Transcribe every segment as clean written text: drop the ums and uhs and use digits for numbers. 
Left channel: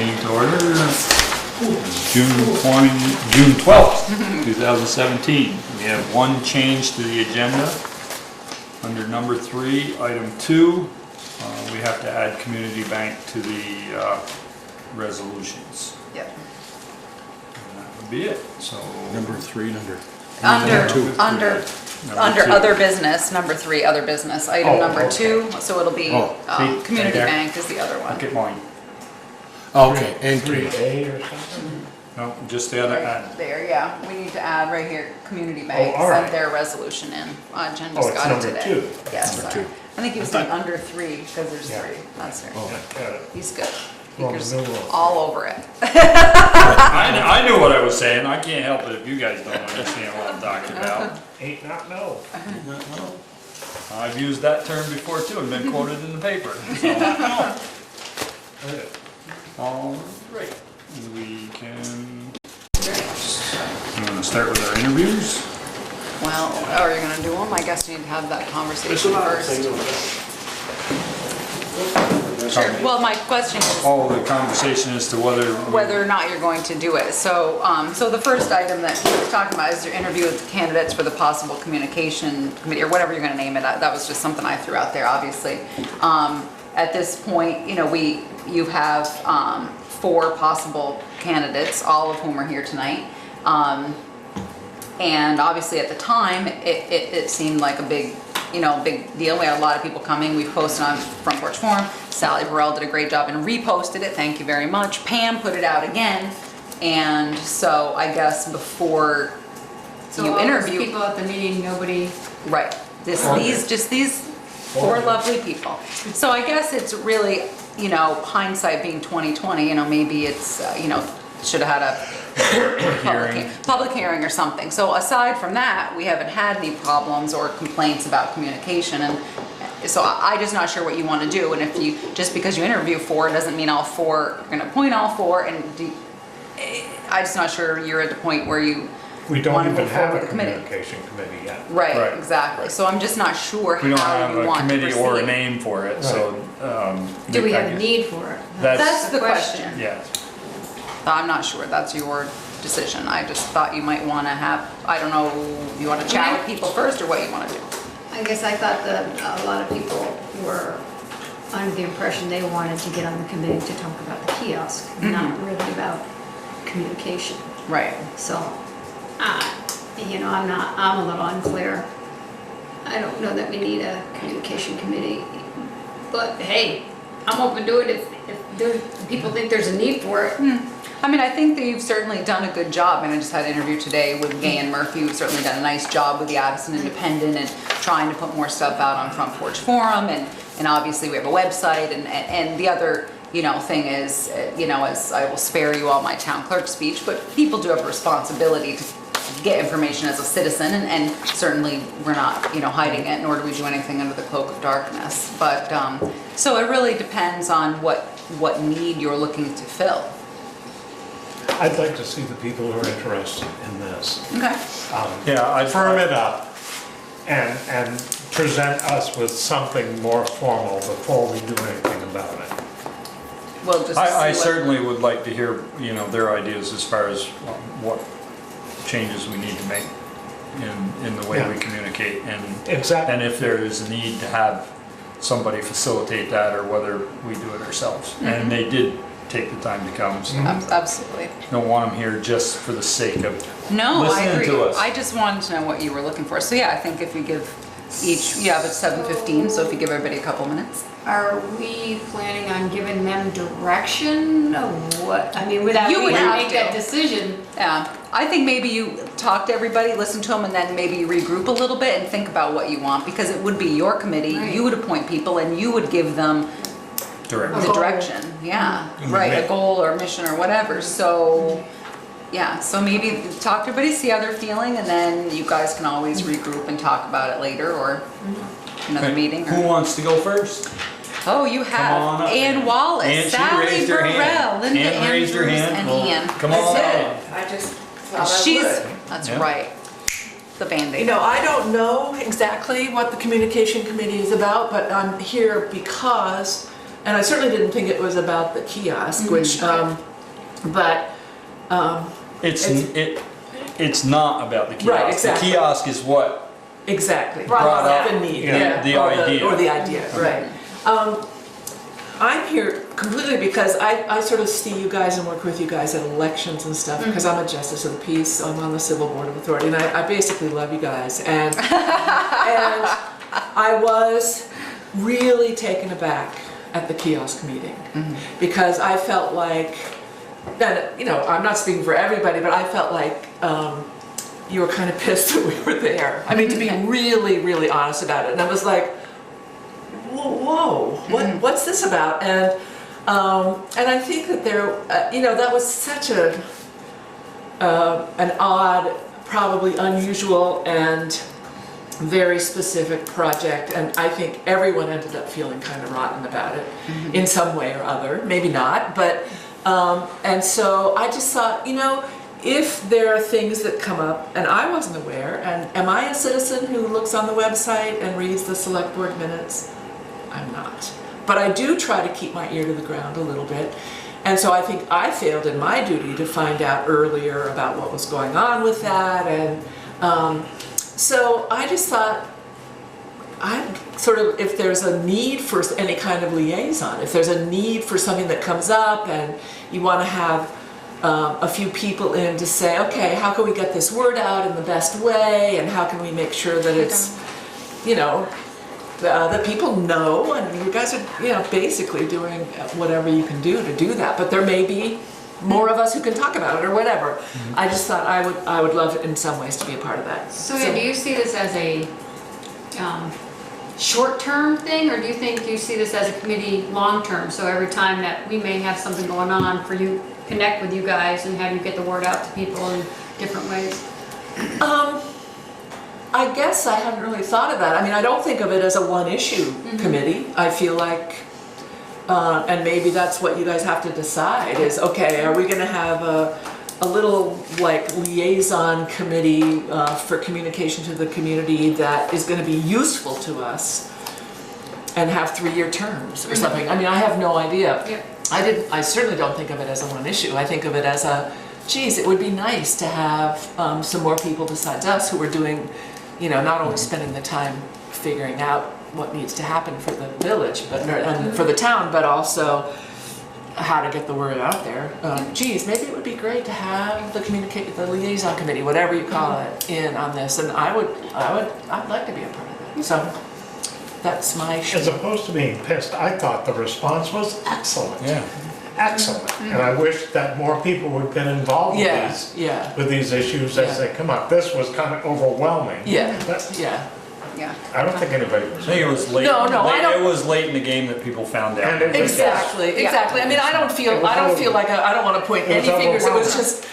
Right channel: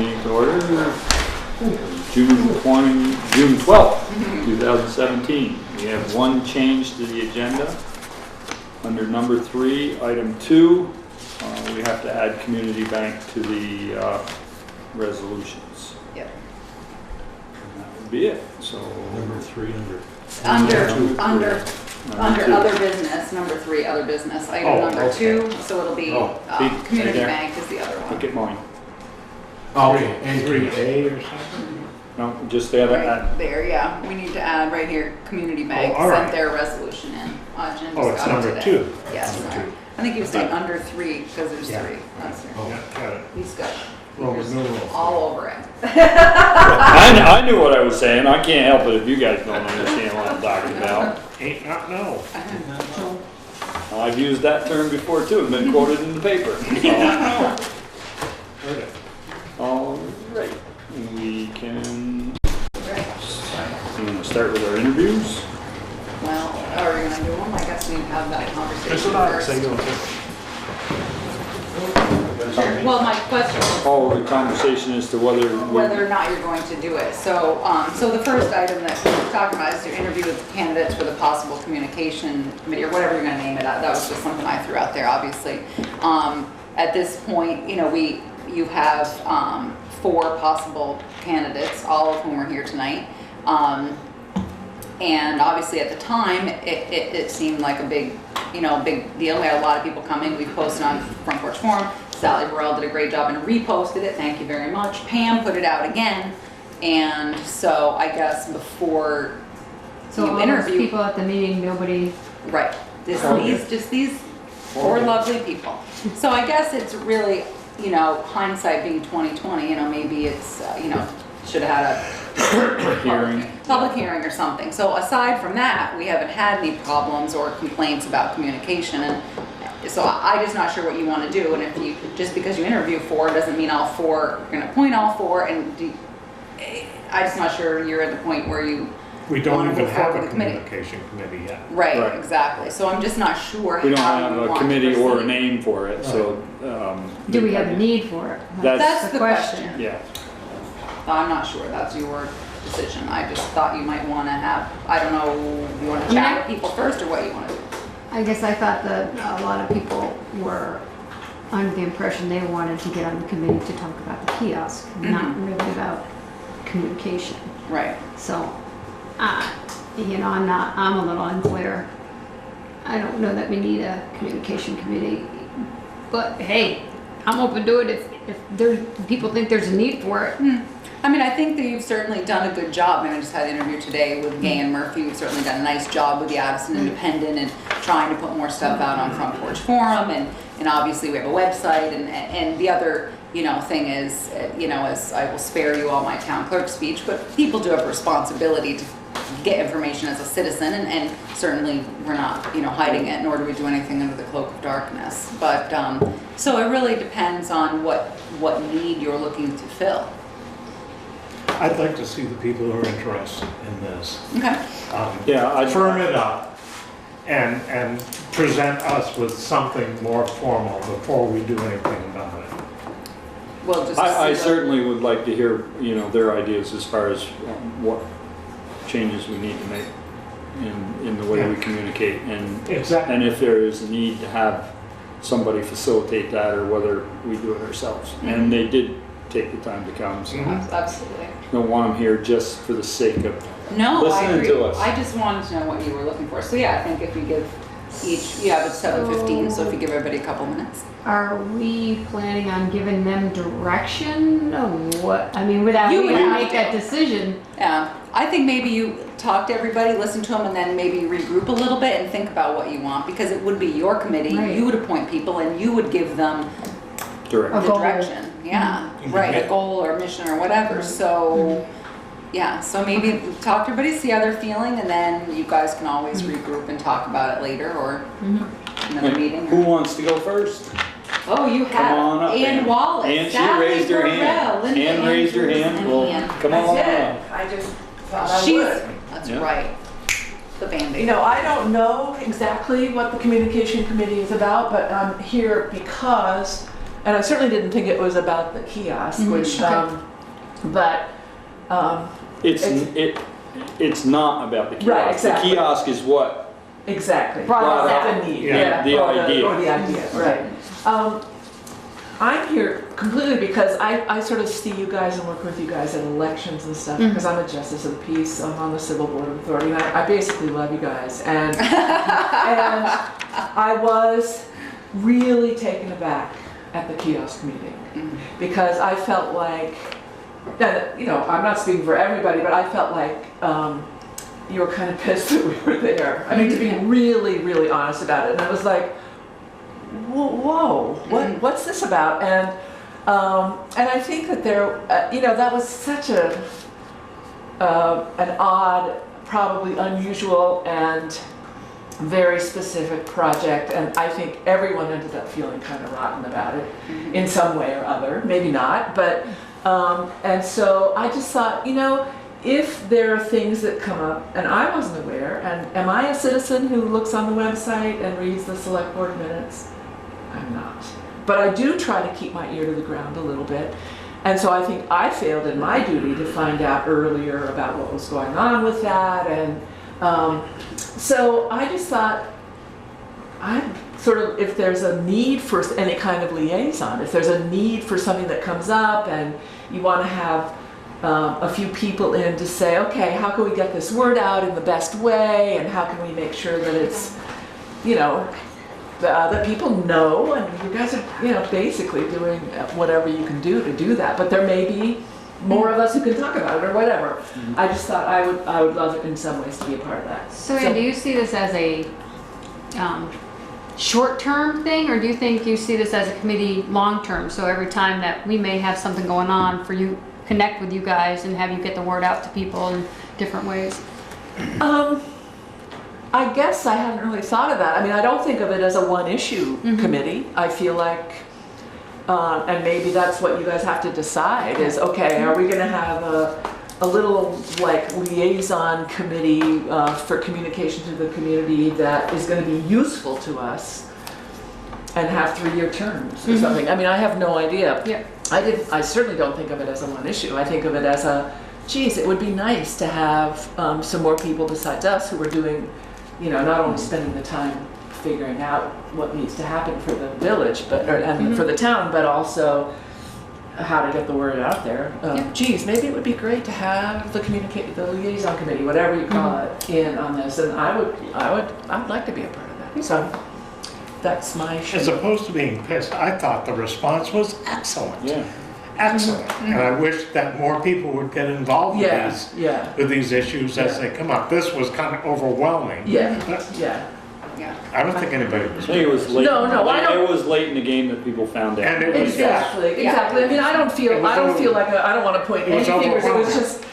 Meeting to order. June 12th, 2017. We have one change to the agenda. Under number 3, item 2, we have to add community bank to the resolutions. Yep. And that would be it. So Number 3 Under other business, number 3, other business, item number okay. 2, so it'll be see, community right there. bank is the other one. look at mine. Okay, and 3A or something? No, just the other. Right there, yeah, we need to add right here, community bank, all sent right. their resolution in. Jen Oh, just it's got it number today. 2. Yes, Number sorry. 2. I think he was saying under 3, because there's Yeah. 3, that's right. Oh. Yeah, got it. He's good. Roman Fingers numeral. all over it. I knew what I was saying. I can't help it if you guys don't understand what I'm talking about. Ain't not no. I've used that term before too, and been quoted in the paper. So, Heard it. all right, we can. Right. You want to start with our interviews? Well, are you gonna do them? I guess we'd have that It's conversation not first. single thing. Sure. Well, my question is Oh, the conversation as to whether. whether or not you're going to do it. So, so the first item that he was talking about is to interview with the candidates for the possible communication committee, or whatever you're gonna name it. That was just something I threw out there, obviously. At this point, you know, you have 4 possible candidates, all of whom are here tonight. And obviously at the time, it seemed like a big deal. We had a lot of people coming. We posted on Front Porch Forum. Sally Burrell did a great job and reposted it. Thank you very much. Pam put it out again. And so I guess before So you all those interview, people at the meeting, nobody, right? These 4 lovely people. So I guess it's really, hindsight being 2020. Maybe it's should have had a public hearing or something. So aside from that, we haven't had any problems or complaints about communication, and so I'm just not sure what you want to do. And if you, just because you interview 4 doesn't mean all 4 are going to appoint all 4. And I'm just not sure you're at the point where you We don't wanna even move have forward a with the committee. communication committee yet. Right, Right. exactly. So I'm just not sure We don't how have you a want to committee or a proceed. name for it, so. do we have a need for it? That's the question. Yeah. I'm not sure, that's your decision. I just thought you might want to have, I don't know, you want to chat with people first or what you want to do? I guess I thought that a lot of people were under the impression they wanted to get on the committee to talk about the kiosk, not really about communication. Right. So, I'm a little unclear. I don't know that we need a communication committee, but hey, I'm open to it if people think there's a need for it. I mean, I think that you've certainly done a good job, and I just had an interview today with Gay and Murphy, who've certainly done a nice job with the Addison Independent and trying to put more stuff out on Front Porch Forum, and obviously we have a website, and the other, thing is, as I will spare you all my town clerk speech, but people do have a responsibility to get information as a citizen, and certainly we're not, hiding it, nor do we do anything under the cloak of darkness. But, so it really depends on what need you're looking to fill. I'd like to see the people who are interested in this. Okay. Firm it up and present us with something more formal before we do anything about it. We'll just I see what- certainly would like to hear, their ideas as far as what changes we need to make in the way we communicate, and Exactly. and if there is a need to have somebody facilitate that, or whether we do it ourselves. And they did take the time to come, so Absolutely. don't want them here just for the sake of No, I listening agree. to us. I just wanted to know what you were looking for. So yeah, I think if you give each, it's 7:15, so if you give everybody a couple minutes. Are we planning on giving them direction of what, without You we would have to have make to. that decision? Yeah, I think maybe you talk to everybody, listen to them, and then maybe regroup a little bit and think about what you want, because it would be your committee. Right. You would appoint people, and you would give them direct. the goal. direction. Yeah, right, a goal or mission or whatever. So, yeah, so maybe talk to everybody, see how they're feeling, and then you guys can always regroup and talk about it later, or another meeting. Who Or, wants to go first? oh, you on have up, Ann Ann. Wallace, Ann, she Sally raised her hand. Burrell, Linda Ann raised her Andrews, hand. and Cool. Ian. Come on That's up. it. I just thought I She's, would. that's Yeah. right, the Band-Aid. I don't know exactly what the communication committee is about, but I'm here because and I certainly didn't think it was about the kiosk, which, okay. but, It's not about the kiosk. Right, exactly. The kiosk is what exactly. brought up The need, the or idea. Or the idea, right. I'm here completely because I sort of see you guys and work with you guys at elections and stuff, because I'm a justice of the peace, so I'm on the Civil Board of Authority, and I basically love you guys. And I was really taken aback at the kiosk meeting, because I felt like, and, you know, I'm not speaking for everybody, but I felt like you were kind of pissed that we were there. I mean, to be really, really honest about it. And I was like, whoa, what's this about? And I think that there, you know, that was such an odd, probably unusual and very specific project, and I think everyone ended up feeling kind of rotten about it in some way or other. Maybe not, but and so I just thought, you know, if there are things that come up and I wasn't aware, and am I a citizen who looks on the website and reads the select board minutes? I'm not. But I do try to keep my ear to the ground a little bit. And so I think I failed in my duty to find out earlier about what was going on with that. And so I just thought, I'm sort of, if there's a need for any kind of liaison, if there's a need for something that comes up and you want to have a few people in to say, okay, how can we get this word out in the best way, and how can we make sure that it's, you know, that people know, and you guys are, you know, basically doing whatever you can do to do that. But there may be more of us who can talk about it or whatever. I just thought I would love in some ways to be a part of that. So do you see this as a short-term thing, or do you think you see this as a committee long-term? So every time that we may have something going on, for you, connect with you guys and have you get the word out to people in different ways? I guess I haven't really thought of that. I mean, I don't think of it as a one-issue committee. I feel like, and maybe that's what you guys have to decide is, okay, are we going to have a little like liaison committee for communication to the community that is going to be useful to us and have 3-year terms or something? I mean, I have no idea. Yeah. I certainly don't think of it as a one issue. I think of it as a, geez, it would be nice to have some more people besides us who are doing, you know, not only spending the time figuring out what needs to happen for the village, but and for the town, but also how to get the word out there. Geez, maybe it would be great to have the liaison committee, whatever you call it, in on this, and I'd like to be a part of that. So that's my As show. opposed to being pissed, I thought the response was excellent. Yeah. Excellent. And I wish that more people would get involved Yeah, yeah, with these issues as they come up. This was kind of overwhelming. yeah, But yeah. Yeah. I don't think anybody was. I think it was late. No, I It don't- was late in the game that people found out. And it was- Exactly. I mean, I don't feel like I don't want to point It was any fingers. It was overwhelming. just,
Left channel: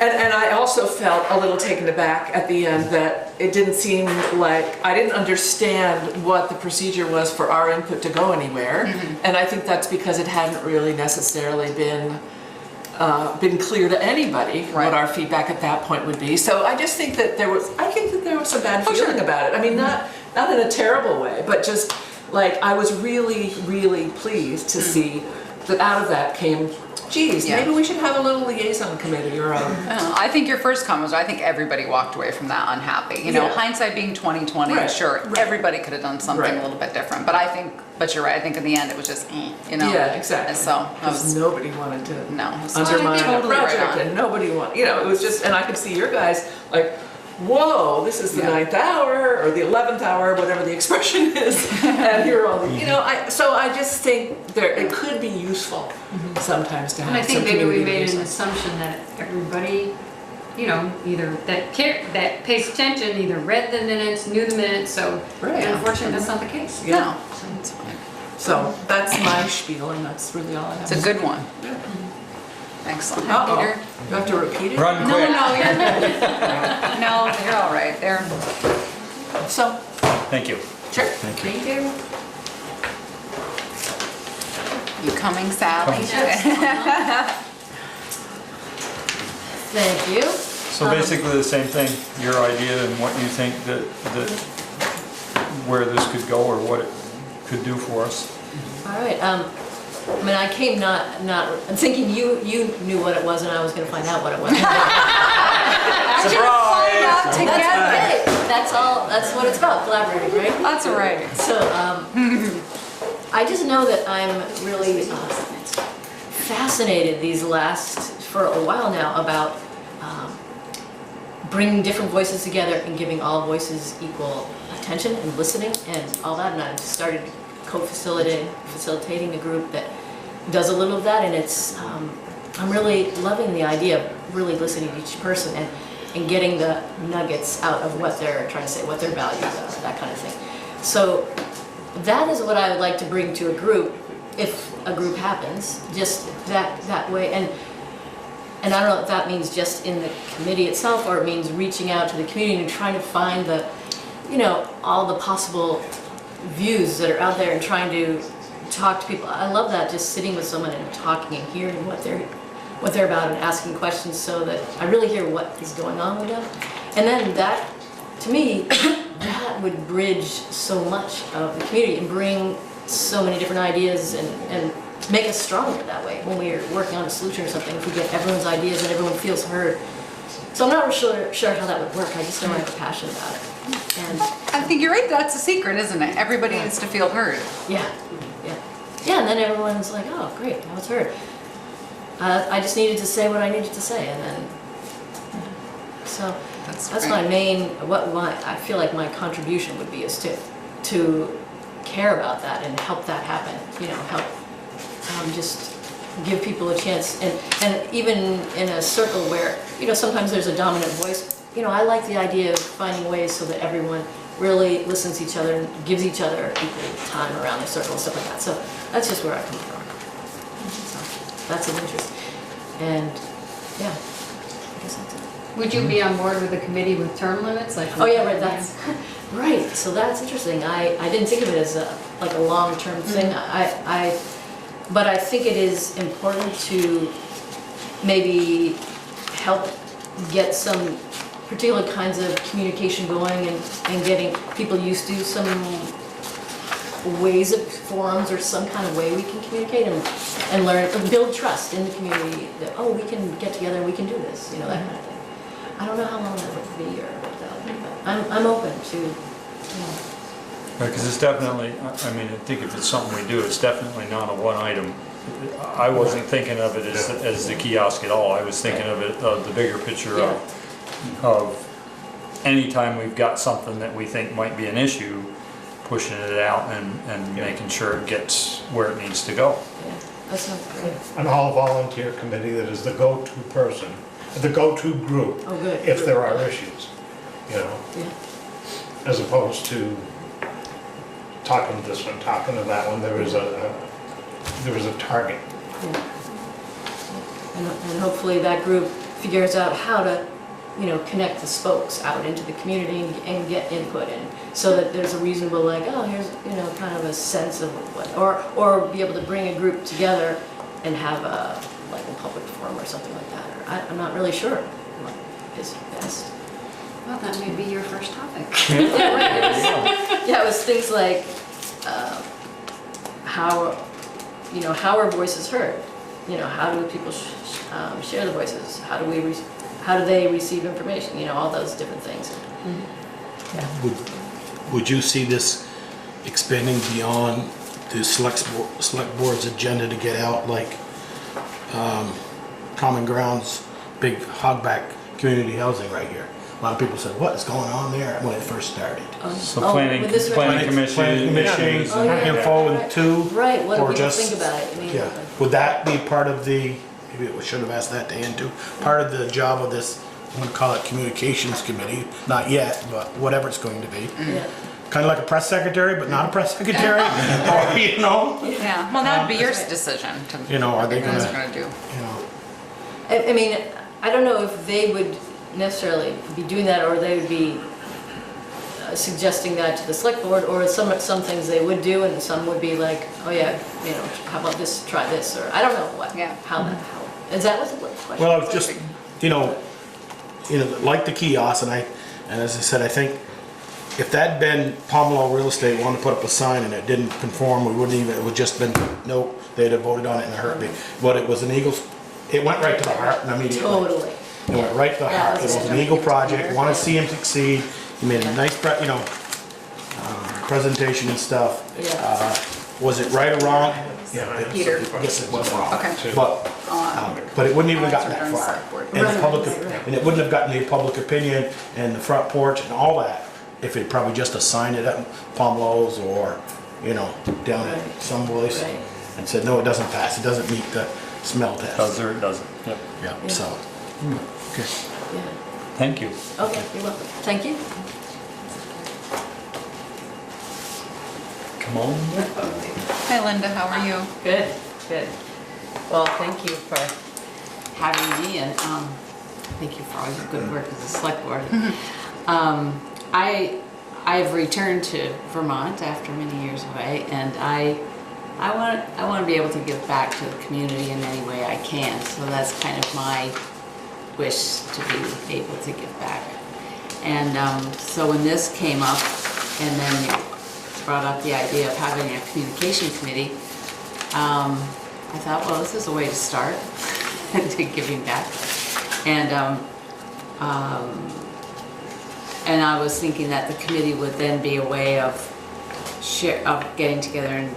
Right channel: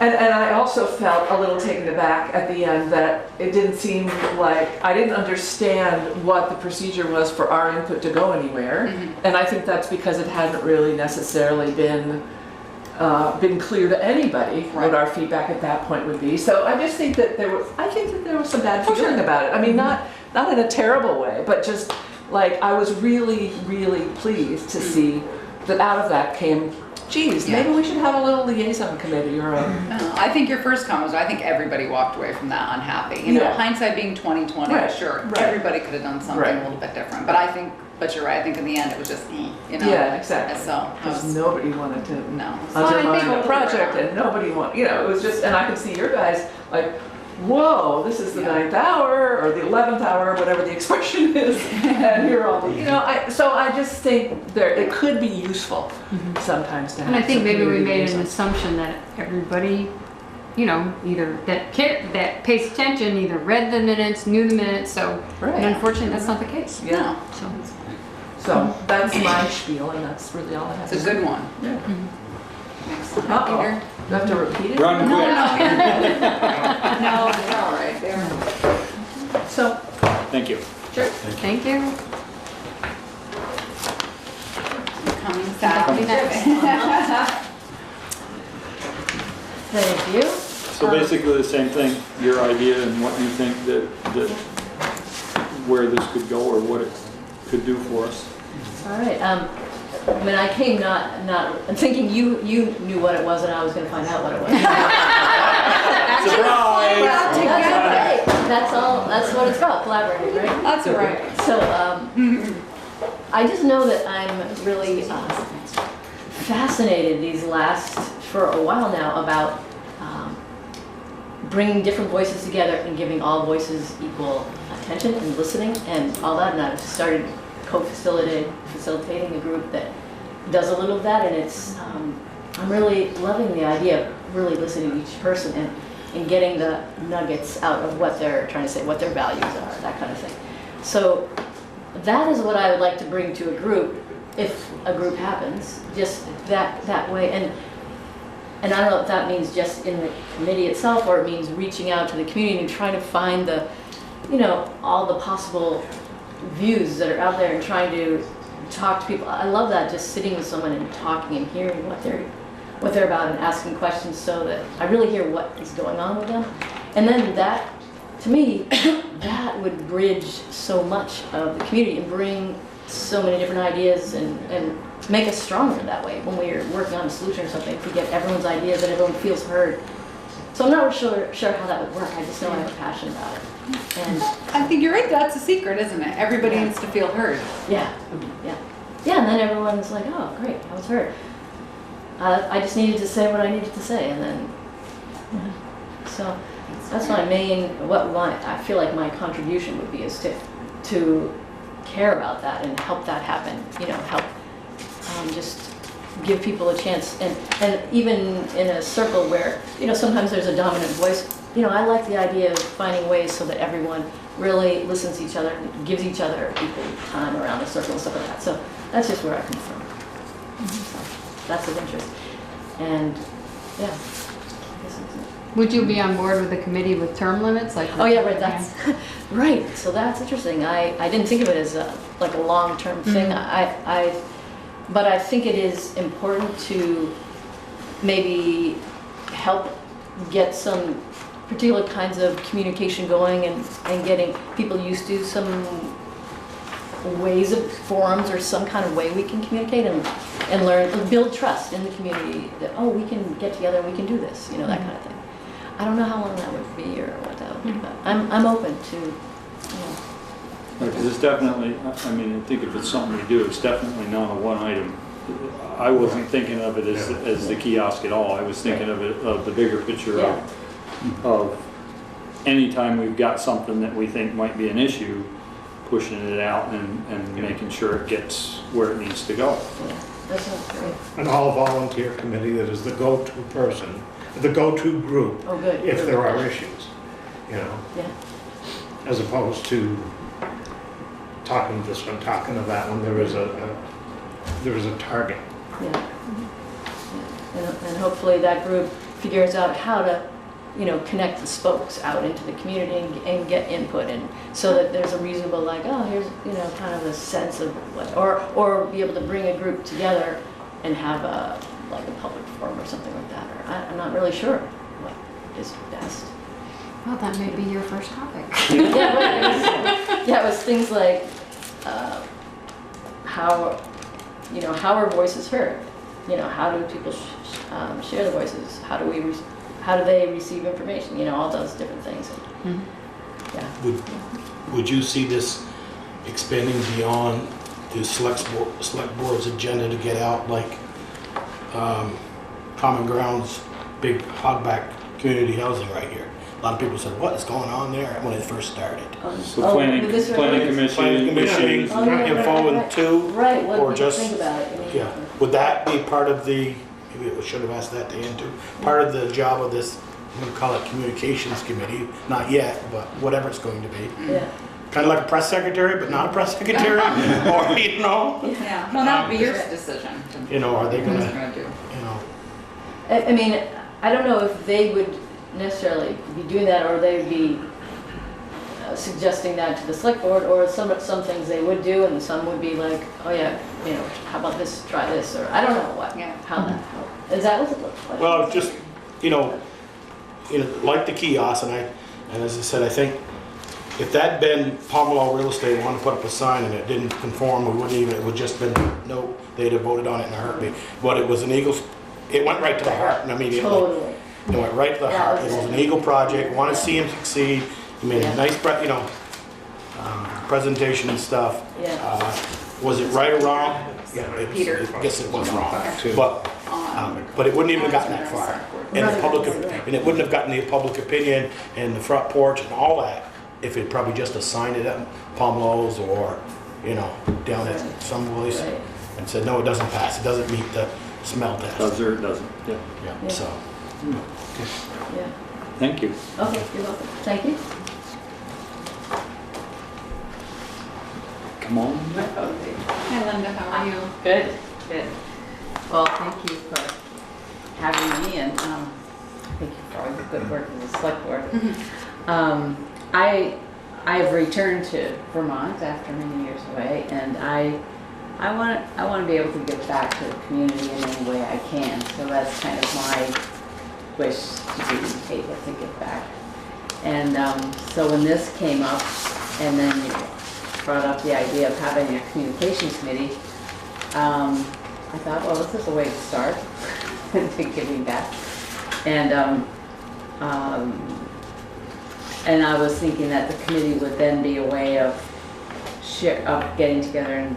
and I also felt a little taken aback at the end that it didn't seem like, I didn't understand what the procedure was for our input to go anywhere. And I think that's because it hadn't really necessarily been clear to anybody Right. what our feedback at that point would be. So I just think that there was some bad feeling about it. I mean, not in a terrible way, but just like I was really, really pleased to see that out of that came, geez, Yeah. maybe we should have a little liaison committee or a. I don't know. I think your first comment was, I think everybody walked away from that unhappy. You know, Yeah. hindsight being 2020, Right, sure, right. everybody could have done something Right. a little bit different. But but you're right. I think in the end it was just, you know. Yeah, exactly. So I Because was, nobody wanted to no. it was- undermine totally a right project, on. and nobody wanted, you know, it was just, and I could see your guys like, whoa, this is the Yeah. 9th hour or the 11th hour, whatever the expression is, and here all, you know, so I just think it could be useful sometimes to have And I think some maybe we community made an liaison. assumption that everybody, you know, either that pays attention, either read the minutes, knew the minutes, so Right. unfortunately, that's not the case. Yeah. No. So that's my spiel, and that's really all I have. It's a good one. Yeah. Excellent. Uh-oh. Peter? Do I have to repeat it? Run No, quick. no, you're good. No, you're all right. There. So, Thank you. sure. Thank you. You coming, Sally? Thank you. So basically the same thing, your idea and what you think that where this could go or what it could do for us. All right, I mean, I came not I'm thinking you knew what it was and I was gonna find out what it was. Surprise! That's okay. That's what it's about, collaborating, right? That's right. So, I just know that I'm really fascinated for a while now about bringing different voices together and giving all voices equal attention and listening and all that. And I've started facilitating the group that does a little of that, and it's I'm really loving the idea of really listening to each person and getting the nuggets out of what they're trying to say, what their values are, that kind of thing. So that is what I would like to bring to a group, if a group happens, just that way. And I don't know if that means just in the committee itself, or it means reaching out to the community and trying to find all the possible views that are out there and trying to talk to people. I love that, just sitting with someone and talking and hearing what they're about and asking questions so that I really hear what is going on with them. And then that, to me, that would bridge so much of the community and bring so many different ideas and make us stronger that way when we are working on a solution or something, if we get everyone's ideas and everyone feels heard. So I'm not sure how that would work. I just know I have a passion about it. And I think you're right, that's a secret, isn't it? Everybody Yeah. needs to feel heard. yeah, and then everyone's like, oh, great, now it's heard. I just needed to say what I needed to say, and then, so that's my main, I feel like my contribution would be is to care about that and help that happen, help just give people a chance, and even in a circle where, sometimes there's a dominant voice, I like the idea of finding ways so that everyone really listens to each other and gives each other equal time around the circle and stuff like that. So that's just where I come from. So that's of interest. And yeah, I guess that's it. Would you be on board with the committee with term limits? Oh yeah, right, that's, right, so that's interesting. I didn't think of it as like a long-term thing. But I think it is important to maybe help get some particular kinds of communication going and getting people used to some ways of forums or some kind of way we can communicate and learn, build trust in the community that, oh, we can get together and we can do this, that kind of thing. I don't know how long that would be or what that would be, but I'm open to, Because it's definitely, I think if it's something to do, it's definitely not a one item. I wasn't thinking of it as the kiosk at all. I was thinking of it, of the bigger picture of anytime we've got something that we think might be an issue, pushing it out and making sure it gets where it needs to go. that sounds great. An all-volunteer committee that is the go-to person, the go-to group, Oh, good. if there are issues, Yeah. as opposed to talking to this one, talking to that one. There is a target. Yeah. And hopefully that group figures out how to, connect the spokes out into the community and get input, and so that there's a reasonable, like, oh, here's, kind of a sense of what, or be able to bring a group together and have a public forum or something like that. Or I'm not really sure what is best. Well, that may be your first topic. Yeah, right. It was things like how are voices heard? How do people share the voices? How do they receive information? All those different things. Yeah. Would you see this expanding beyond the select board's agenda to get out like Common Ground's big hogback community housing right here? A lot of people said, what is going on there when it first started? So planning commission issues. Oh, yeah, Info and two? Right, what or do you just- think about it? Yeah. Would that be part of the, maybe we should have asked that to Ann too, part of the job of this, I'm gonna call it communications committee, not yet, but whatever it's going to be. Yeah. Kind of like a press secretary, but not a press secretary, or, Yeah, well, that would be your decision to, are they what you guys gonna, are gonna do. I don't know if they would necessarily be doing that, or they would be suggesting that to the select board, or some things they would do, and some would be like, oh yeah, how about this, try this, or I don't know what, how that, is that what the question? well, it's just, like the kiosk, and as I said, I think if that'd been Pomelo Real Estate wanted to put up a sign and it didn't conform, we wouldn't even, it would just been, nope, they'd have voted on it in a heartbeat. But it was an Eagles, it went right to the heart and immediately. Totally. It went right to the heart. It was an Eagle project, want to see him succeed. He made a nice, presentation and stuff. Yeah. Was it right or wrong? Peter. Yes, it was wrong. Okay. But it wouldn't even have gotten that far. And the public, and it wouldn't have gotten the public opinion and the front porch and all that if it probably just assigned it at Pomelo's or, down at some place Right. and said, no, it doesn't pass. It doesn't meet the smell Does test. or it doesn't? Yeah. Yeah, so. Okay. Yeah. Thank you. Okay, you're welcome. Thank you. Come on. Hi Linda, how are you? Good, good. Well, thank you for having me and thank you for all your good work as a select board. I've returned to Vermont after many years away, and I want to be able to give back to the community in any way I can. So that's kind of my wish, to be able to give back. And so when this came up, and then you brought up the idea of having a communication committee, I thought, well, this is a way to start to giving back. And I was thinking that the committee would then be a way of getting together and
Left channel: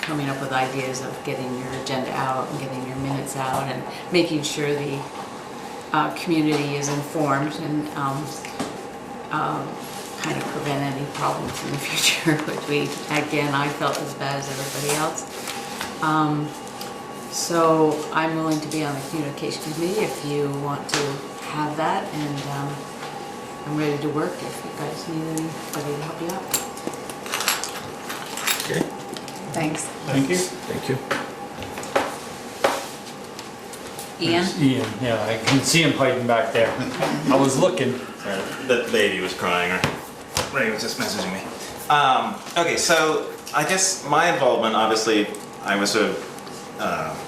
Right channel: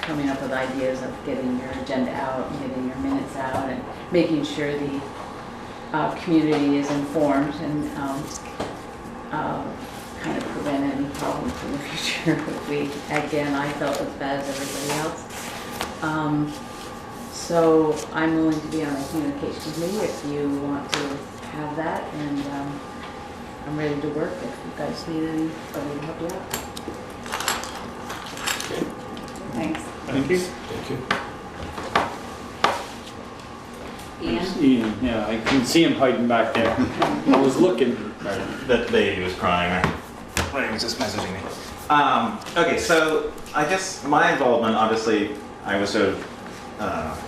coming up with ideas of getting your agenda out and getting your minutes out and making sure the community is informed and kind of prevent any problems in the future, which I felt as bad as everybody else. So I'm willing to be on the communication committee if you want to have that, and I'm ready to work if you guys need anybody to help you out. Okay. Thanks. Thank you. Thank you. Ian? Ian, yeah, I can see him hiding back there. I was looking. The baby was crying. Ray was just messaging me. Okay, so I guess my involvement, obviously, I was sort of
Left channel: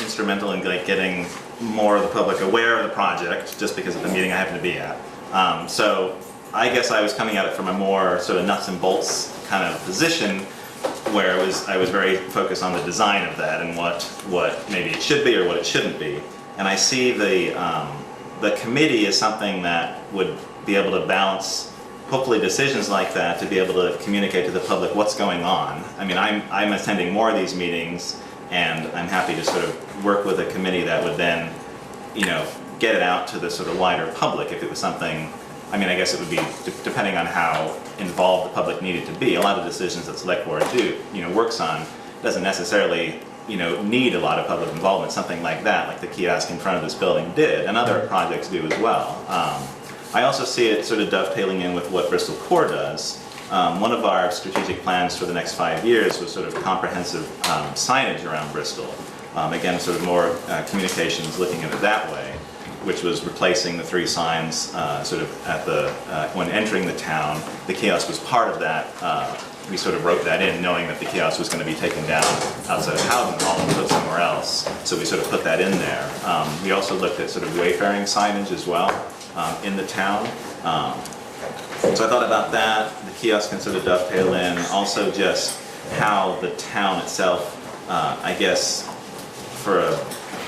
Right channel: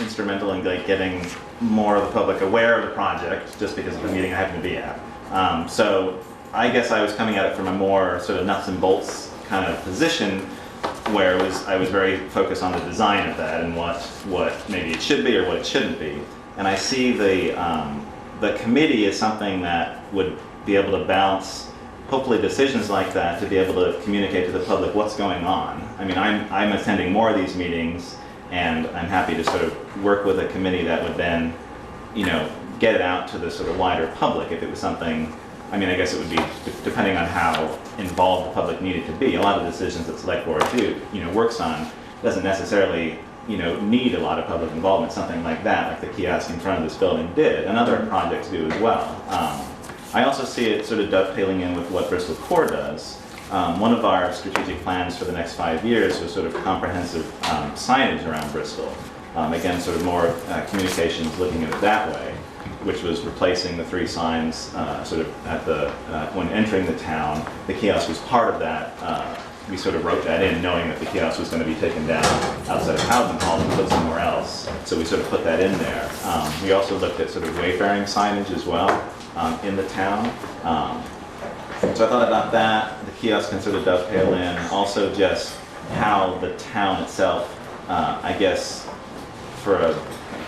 instrumental in getting more of the public aware of the project, just because of the meeting I happened to be at. So I guess I was coming at it from a more sort of nuts and bolts kind of position, where I was very focused on the design of that and what maybe it should be or what it shouldn't be. And I see the committee as something that would be able to balance, hopefully, decisions like that, to be able to communicate to the public what's going on. I mean, I'm attending more of these meetings, and I'm happy to sort of work with a committee that would then, get it out to the sort of wider public if it was something. I mean, I guess it would be depending on how involved the public needed to be. A lot of decisions that Selectboard works on doesn't necessarily need a lot of public involvement. Something like that, like the kiosk in front of this building did, and other projects do as well. I also see it sort of dovetailing in with what Bristol Core does. One of our strategic plans for the next 5 years was sort of comprehensive signage around Bristol. Again, sort of more communications, looking at it that way, which was replacing the 3 signs sort of at when entering the town. The kiosk was part of that. We sort of wrote that in, knowing that the kiosk was going to be taken down outside of Howden Hall and put somewhere else. So we sort of put that in there. We also looked at sort of wayfaring signage as well in the town. So I thought about that. The kiosk can sort of dovetail in. Also just how the town itself, I guess,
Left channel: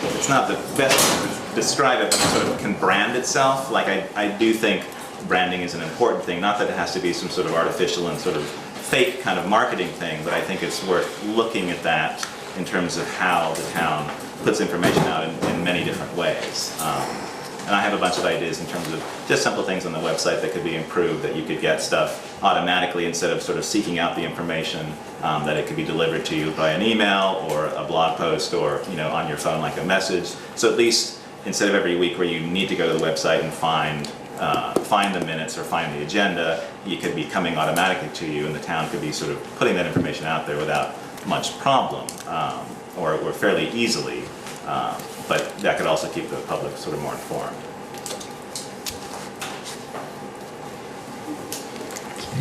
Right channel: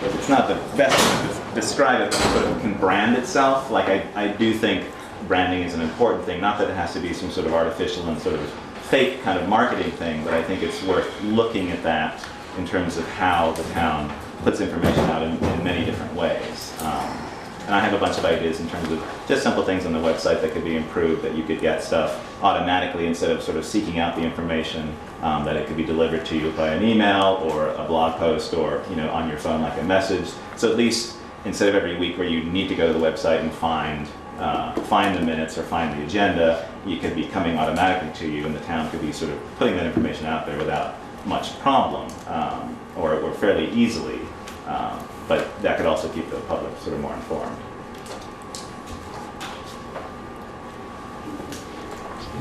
it's not the best way to describe it, but it sort of can brand itself. Like I do think branding is an important thing. Not that it has to be some sort of artificial and sort of fake kind of marketing thing, but I think it's worth looking at that in terms of how the town puts information out in many different ways. And I have a bunch of ideas in terms of just simple things on the website that could be improved, that you could get stuff automatically instead of sort of seeking out the information, that it could be delivered to you by an email or a blog post or on your phone like a message. So at least instead of every week where you need to go to the website and find the minutes or find the agenda, it could be coming automatically to you, and the town could be sort of putting that information out there without much problem, or fairly easily. But that could also keep the public sort of more informed.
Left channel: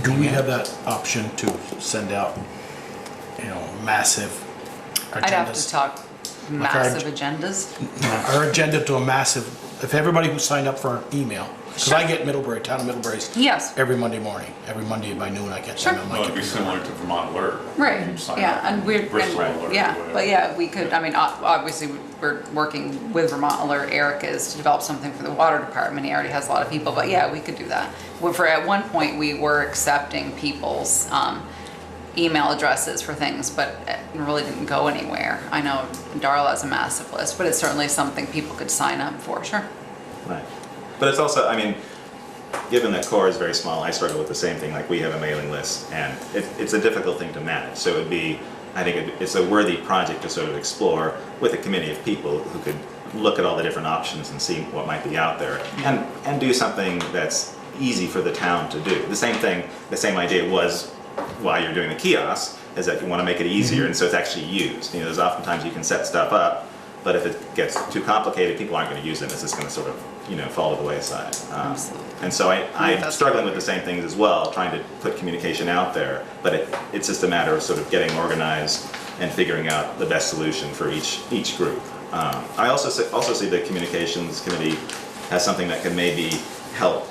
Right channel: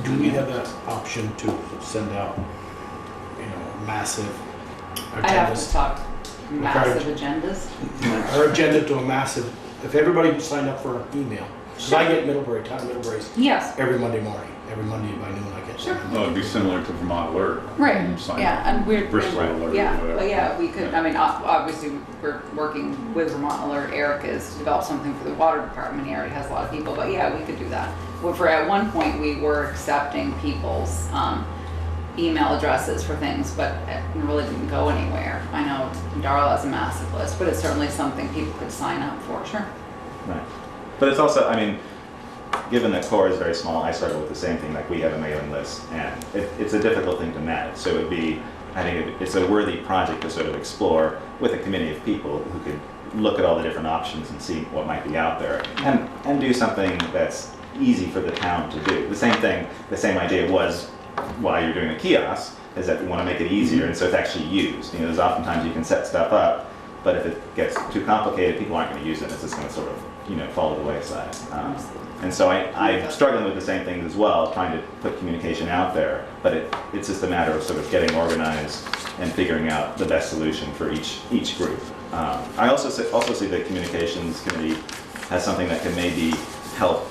Do we have that option to send out, massive I'd have to agendas? talk massive agendas. Our agenda to a massive, if everybody who signed up for an email, because I get Middlebury, town of Middlebury's Yes. every Monday morning, every Monday by noon I get Sure. them. No, it'd be similar to Vermont Alert. Right, You sign yeah, up. and we're, Bristol and- Alert or yeah, whatever. but yeah, we could, I mean, obviously, we're working with Vermont Alert, Eric is to develop something for the water department, he already has a lot of people, but yeah, we could do that. Well, at one point, we were accepting people's, email addresses for things, but it really didn't go anywhere. I know Darla has a massive list, but it's certainly something people could sign up for, sure. Right. But it's also, I mean, given the core is very small, I struggle with the same thing. Like we have a mailing list, and it's a difficult thing to manage. So it would be, I think it's a worthy project to sort of explore with a committee of people who could look at all the different options and see what might be out there, and do something that's easy for the town to do. The same thing, the same idea was why you're doing the kiosk, is that you want to make it easier, and so it's actually used. You know, there's oftentimes you can set stuff up, but if it gets too complicated, people aren't going to use it. It's just going to sort of, you know, fall to the wayside. And so I'm struggling with the same things as well, trying to put communication out there, but it's just a matter of sort of getting organized and figuring out the best solution for each group. I also see the communications committee as something that can maybe help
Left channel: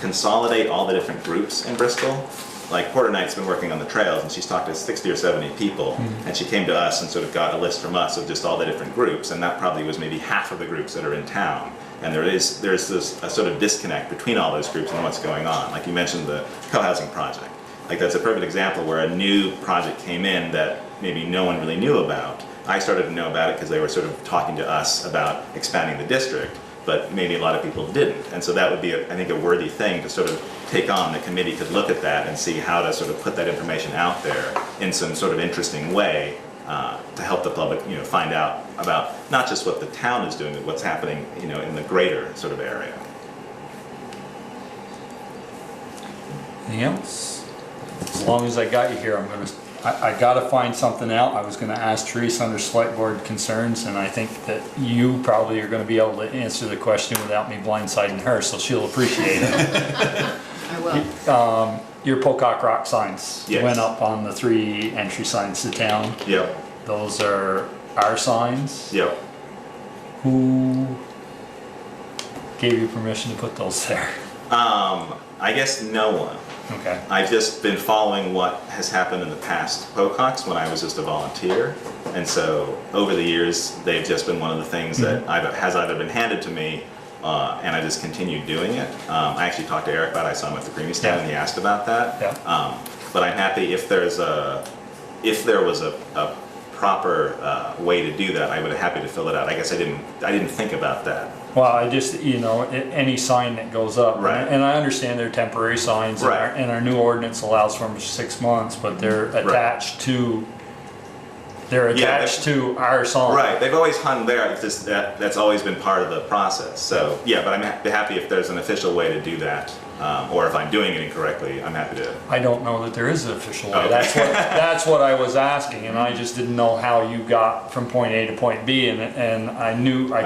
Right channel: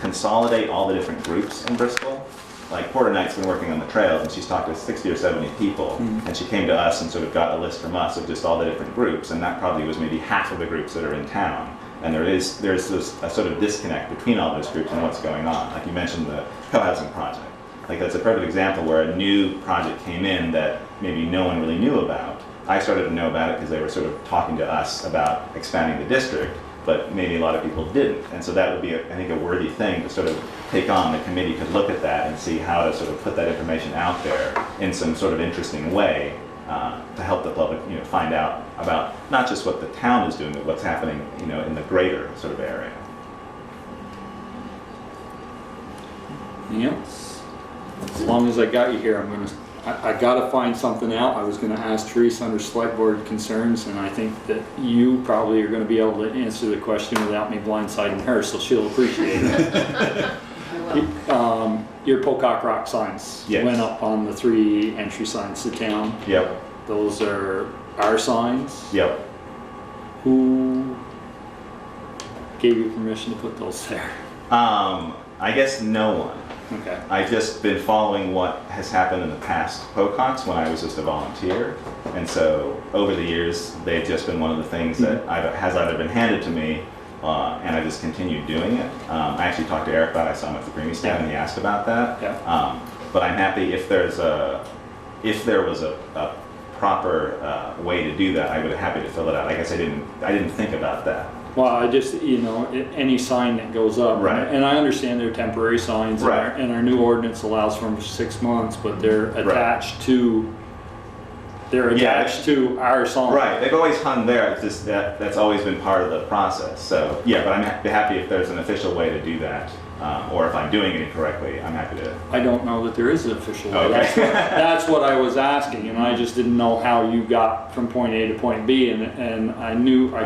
consolidate all the different groups in Bristol. Like Porter Knight's been working on the trails, and she's talked to 60 or 70 people, and she came to us and sort of got a list from us of just all the different groups, and that probably was maybe half of the groups that are in town. And there's this a sort of disconnect between all those groups and what's going on. Like you mentioned the co-housing project. Like that's a perfect example where a new project came in that maybe no one really knew about. I started to know about it because they were sort of talking to us about expanding the district, but maybe a lot of people didn't. And so that would be, I think, a worthy thing to sort of take on. The committee could look at that and see how to sort of put that information out there in some sort of interesting way to help the public, you know, find out about not just what the town is doing, but what's happening, you know, in the greater sort of area. Anything else? As long as I got you here, I gotta find something out. I was gonna ask Teresa under select board concerns, and I think that you probably are gonna be able to answer the question without me blindsiding her, so she'll appreciate it. I will. Your Pocock Rock signs Yes. went up on the 3 entry signs to town. Yep. Those are our signs. Yep. Who gave you permission to put those there? I guess no one. Okay. I've just been following what has happened in the past Pococks when I was just a volunteer. And so over the years, they've just been one of the things that has either been handed to me and I just continued doing it. I actually talked to Eric about it. I saw him at the Creamy stand and he asked about that. Yeah. But I'm happy if there was a proper way to do that, I would be happy to fill it out. I guess I didn't think about that. Well, I just, you know, any sign that goes up, Right. and I understand they're temporary signs, Right. and our new ordinance allows for them 6 months, but they're attached to, to our sign. Right, they've always hung there. It's just that's always been part of the process. So yeah, but I'm happy if there's an official way to do that, or if I'm doing it incorrectly, I'm happy to. I don't know that there is an official way. Okay. That's what I was asking, and I just didn't know how you got from point A to point B, and I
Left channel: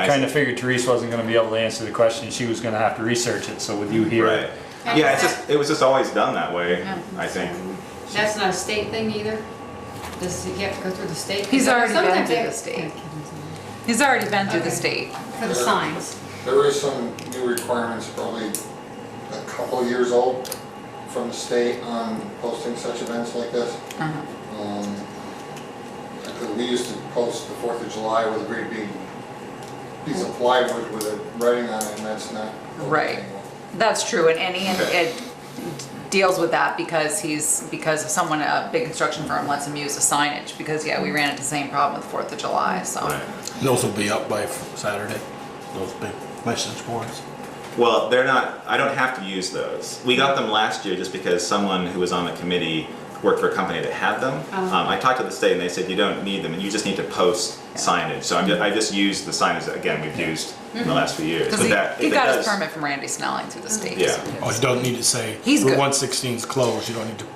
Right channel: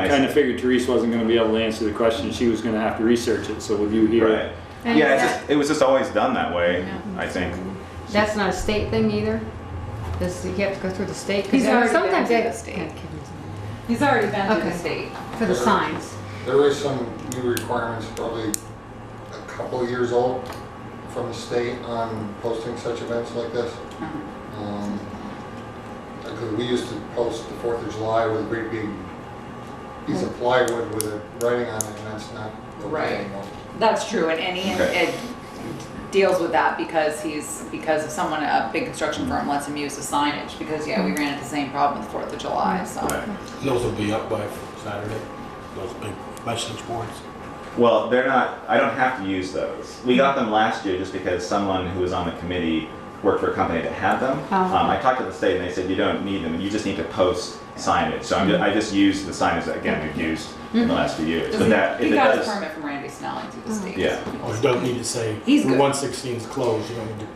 kind of figured Teresa wasn't going to be able to answer the question. She was going to have to research it. So with you here, Right. And Yeah, it was just always done that way. Yeah. I think. That's not a state thing either? You have to go through the state? 'Cause He's already been sometimes through they- the state. He's already been through the Okay. state. For the signs. There is some new requirements, probably a couple of years old, from the state on posting such events like this. Because we used to post the 4th of July with a great big piece of plywood with a writing on it, and that's not going Right. anymore. That's true, and Okay. it deals with that because of someone, a big construction firm lets him use the signage, because yeah, we ran into the same problem with 4th of July, so. Right. Those will be up by Saturday, those big message boards. Well, they're not. I don't have to use those. We got them last year just because someone who was on the committee worked for a company that had them. Oh. I talked to the state and they said you don't need them. You just need to post signage. So I just used the signage that again we've used in the last few years. Because he got his permit from Randy Snelling through the state. Yeah. so Oh, you don't need to say, He's Route good. 116 is closed, you don't need to.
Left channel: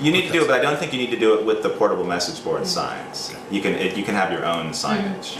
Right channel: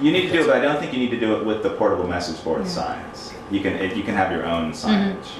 You need to do it, but I don't think you need to do it with the portable message board signs. You can have your own signage.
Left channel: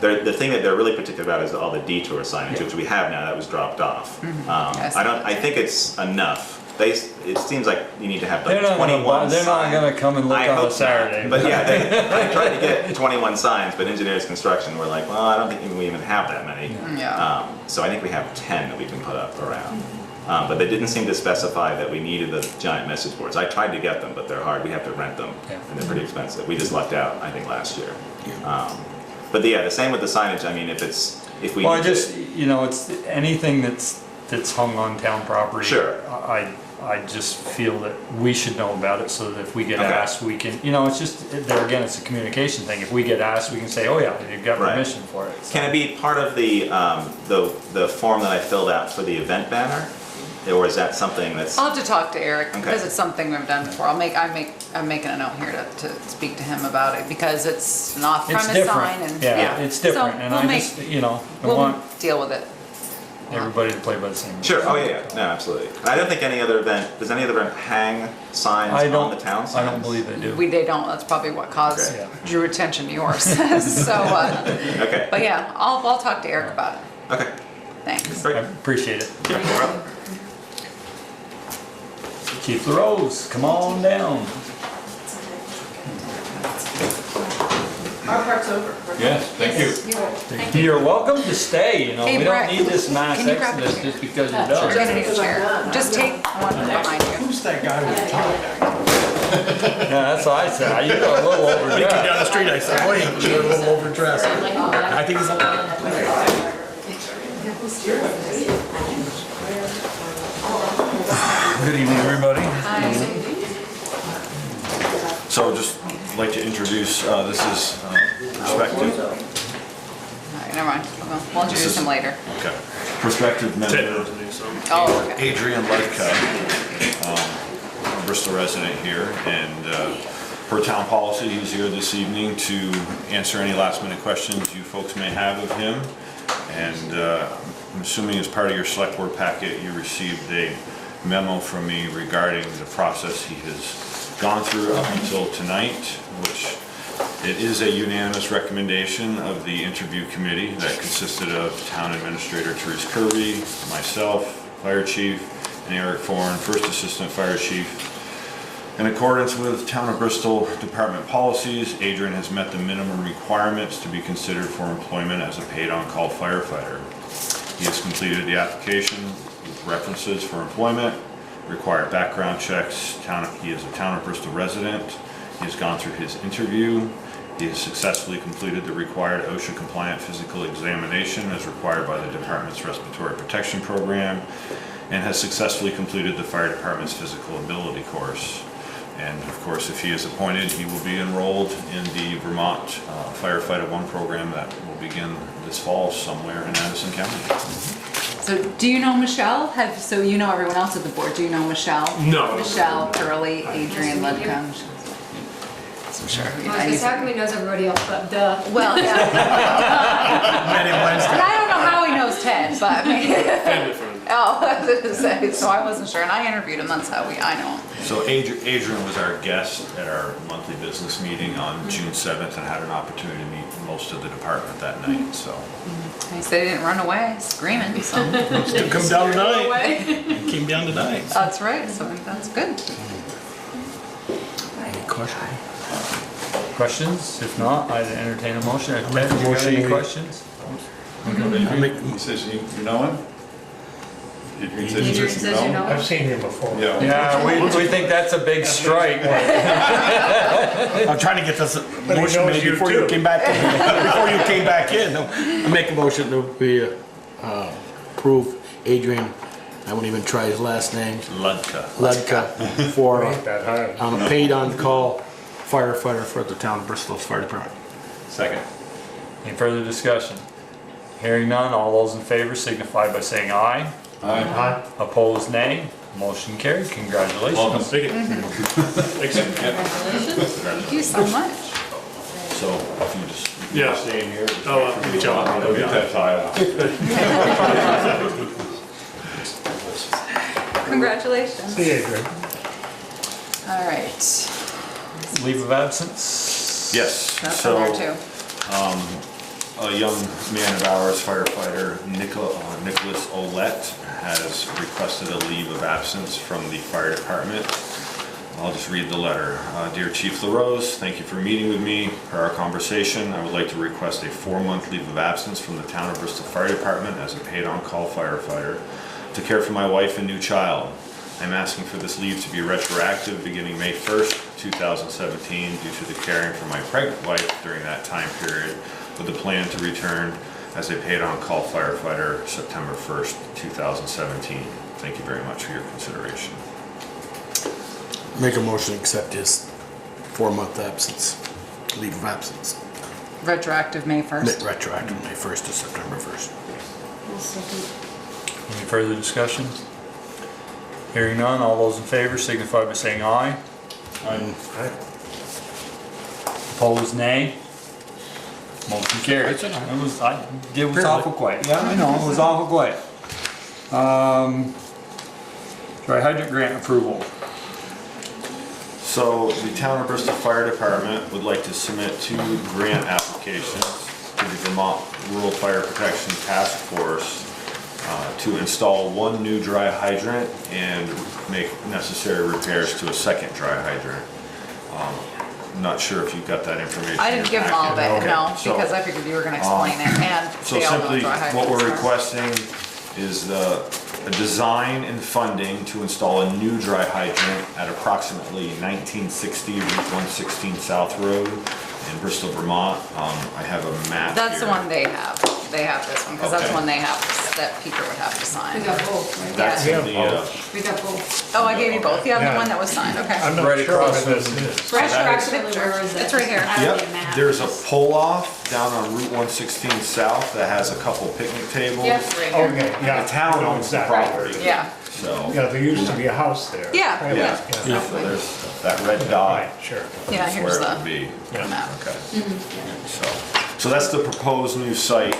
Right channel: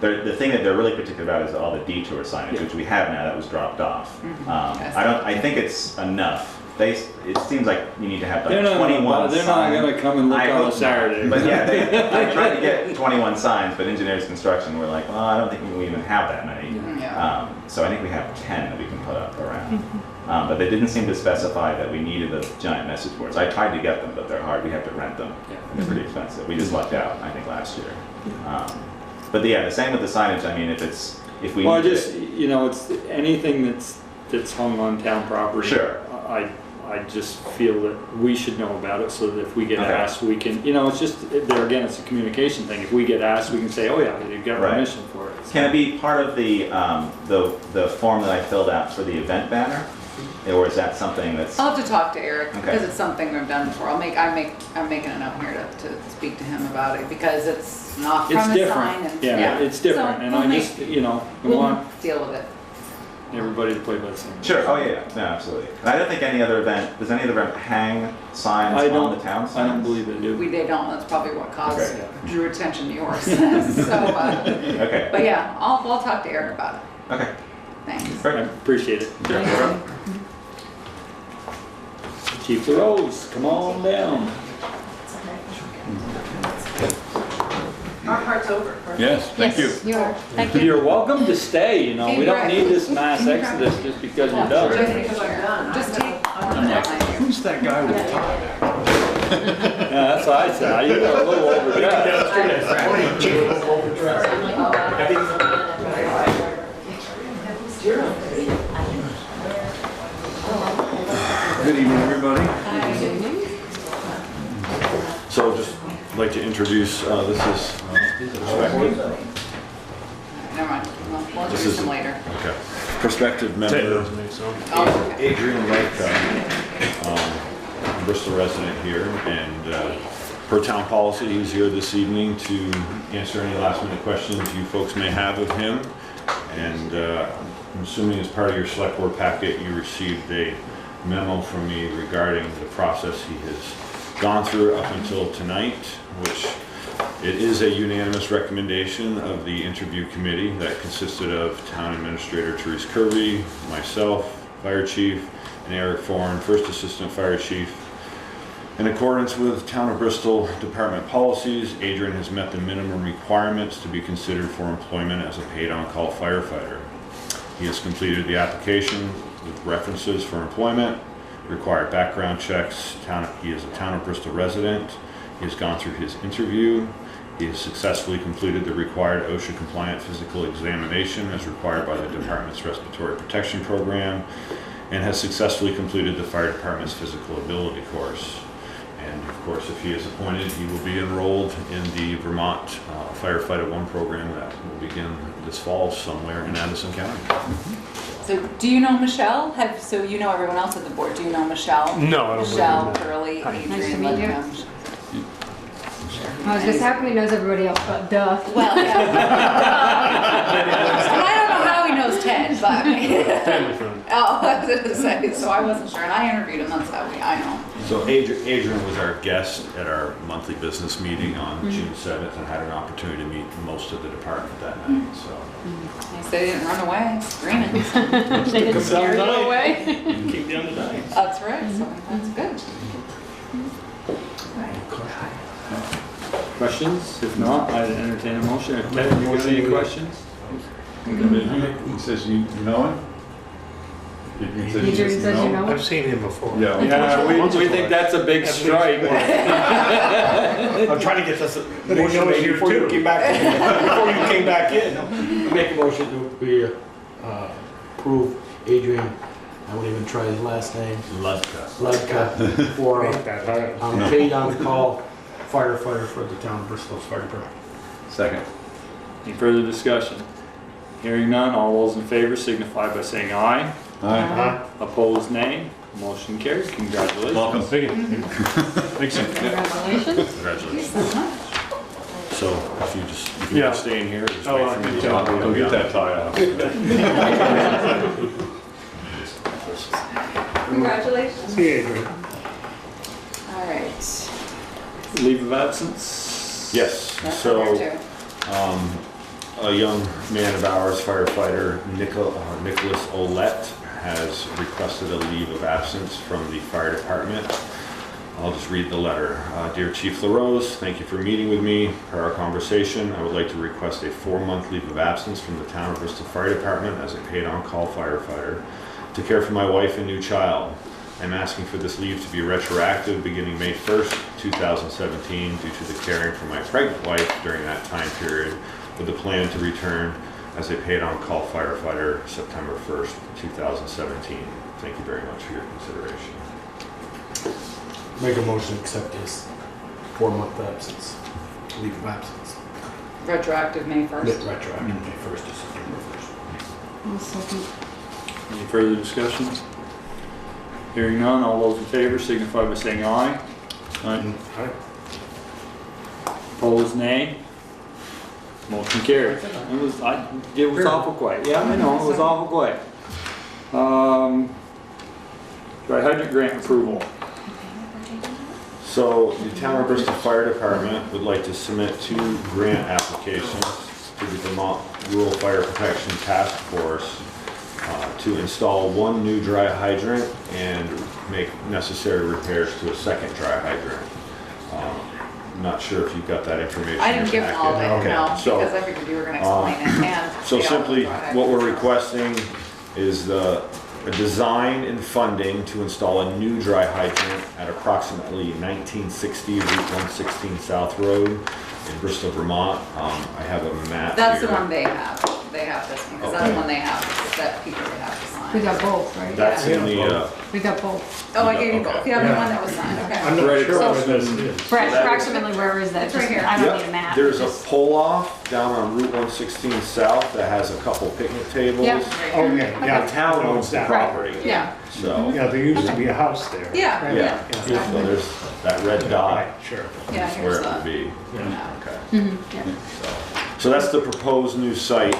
The thing that they're really particular about is all the detour signage, which we have now that was dropped off. Yes. I think it's enough it seems like you need to have like They're not 21 they're not signs. gonna come and look I on hope a Saturday. not. But yeah, I tried to get 21 signs, but engineers construction were like, well, I don't think we even have that many. Yeah. So I think we have 10 that we can put up around. But they didn't seem to specify that we needed the giant message boards. I tried to get them, but they're hard. We have to rent them, and they're pretty expensive. We just lucked out, I think, last year. But yeah, the same with the signage. I mean, if we Well, need I just, you know, it's anything that's hung on town property. Sure. I just feel that we should know about it so that if we get Okay. asked, we can, you know, it's just, there again, it's a communication thing. If we get asked, we can say, oh yeah, you've got Right. permission for it. Can it be part of the form that I filled out for the event banner? Or is that something that's, I'll have to talk to Eric Okay. because it's something we've done before. I'm making a note here to speak to him about it because it's an It's off-premise sign different, and yeah, it's different, So and we'll I make- just, you know, I we'll want deal with it. everybody to play by the same rules. sure, oh yeah, no, absolutely. I don't think does any other event hang signs I on don't, the town signs? I don't believe they do. They don't. That's probably what caused Okay. drew attention to yours. So, Okay, but yeah, I'll talk to Eric about it. okay, Thanks. I very good. appreciate it. Chief LaRose, come on down. Our part's over. Yes, thank you. Thank you. You're welcome to stay, you know, Hey, we don't Brett, need this mass can you grab exodus it? just because you're Just done. take a chair. Just take one behind you. Who's that guy with the tie? Yeah, that's what I said, you got a little Speaking down the overdressed. street, I said, wait, you're a little overdressed. I think he's Good evening, everybody. So just like to introduce, this is Perspective. All right, never mind. We'll introduce him later. Okay. Prospective member Oh, okay. Adrian Letka, Bristol resident here, and per town policy, he's here this evening to answer any last minute questions you folks may have of him. And I'm assuming as part of your select board packet, you received a memo from me regarding the process he has gone through up until tonight, which it is a unanimous recommendation of the interview committee that consisted of Town Administrator Therese Kirby, myself, Fire Chief, and Eric Foran, First Assistant Fire Chief. In accordance with Town of Bristol Department policies, Adrian has met the minimum requirements to be considered for employment as a paid on-call firefighter. He has completed the application with references for employment, required background checks. He is a Town of Bristol resident. He has gone through his interview. He has successfully completed the required OSHA compliant physical examination as required by the department's respiratory protection program, and has successfully completed the fire department's physical ability course. And of course, if he is appointed, he will be enrolled in the Vermont Firefighter 1 program that will begin this fall somewhere in Addison County. So do you know Michelle? So you know everyone else at the board. Do you know Michelle? No, I don't Michelle, know. Curly, Adrian, Nice to meet you. Ludcom. So sure. Because how come he knows everybody else, but duh. Well, yeah. And I don't know how he knows Ted, but I mean. Oh, I was gonna say, so I wasn't sure, and I interviewed him, that's how I know him. So Adrian was our guest at our monthly business meeting on June 7th and had an opportunity to meet most of the department that night, so. He said he didn't run away screaming, so. Still come down tonight. Away. Came down tonight. That's right, so that's good. Any question? Questions? If not, I'd entertain a motion. Ted, do you have any questions? He says you know him? Adrian says Adrian says you know him? I've seen him before. Yeah. Yeah, we think that's a big strike. I'm trying to get this But he motion knows made you before you too. came back, before you came back in. I make a motion that we approve Adrian, I won't even try his last name, Ludka, for Ain't that hard. paid on-call firefighter for the town of Bristol's fire department. Second. Any further discussion? Hearing none, all those in favor signify by saying aye. Aye. Opposed, nay. Motion carried. Congratulations. Welcome. Thank you. Congratulations. Thank you so much. So if you just, Yeah. stay in here, just Oh, wait for me to tell come him. out. Go get that tie out. Congratulations. See you, Adrian. All right. Leave of absence? Yes, That's in there so too. a young man of ours, firefighter Nicholas Olette, has requested a leave of absence from the fire department. I'll just read the letter. Dear Chief LaRose, thank you for meeting with me. Per our conversation, I would like to request a 4-month leave of absence from the Town of Bristol Fire Department as a paid on-call firefighter to care for my wife and new child. I'm asking for this leave to be retroactive beginning May 1st, 2017 due to the caring for my pregnant wife during that time period, with a plan to return as a paid on-call firefighter September 1st, 2017. Thank you very much for your consideration. Make a motion to accept his 4-month absence, leave of absence. Retroactive May 1st. Retroactive May 1st to September 1st. I'll second. Any further discussion? Hearing none, all those in favor signify by saying aye. Aye. Opposed, nay. Motion carries. It was awful quiet. Yeah, I know, it was awful quiet. Dry hydrant grant approval. So the Town of Bristol Fire Department would like to submit 2 grant applications to the Vermont Rural Fire Protection Task Force to install 1 new dry hydrant and make necessary repairs to a 2nd dry hydrant. Not sure if you've got that information. I didn't give them all of it, Okay. no, So, because I figured you were gonna explain it, and So they all know simply, dry hydrants what we're are. requesting is a design and funding to install a new dry hydrant at approximately 1960 Route 116 South Road in Bristol, Vermont. I have a map That's the here. one they have. They have this one, because that's the Okay. one they have, that Peter would have to We sign. got both, right? That's in the, We got both. Oh, I gave you both. You have the Yeah. one that was signed, okay. I'm not Right sure across what this from- is. Retroactively, where is it? It's right here. I don't Yep, need a map. there's a pull-off down on Route 116 South that has a couple picnic tables. Yep. Right here. Okay, yeah. The town I know owns the exactly. property, Yeah, so, Yeah, there used to be a house there. Yeah, Right, yeah. so there's that red dot. Right, sure. yeah, Is here's where it the would be. map. Okay. So that's the proposed new site.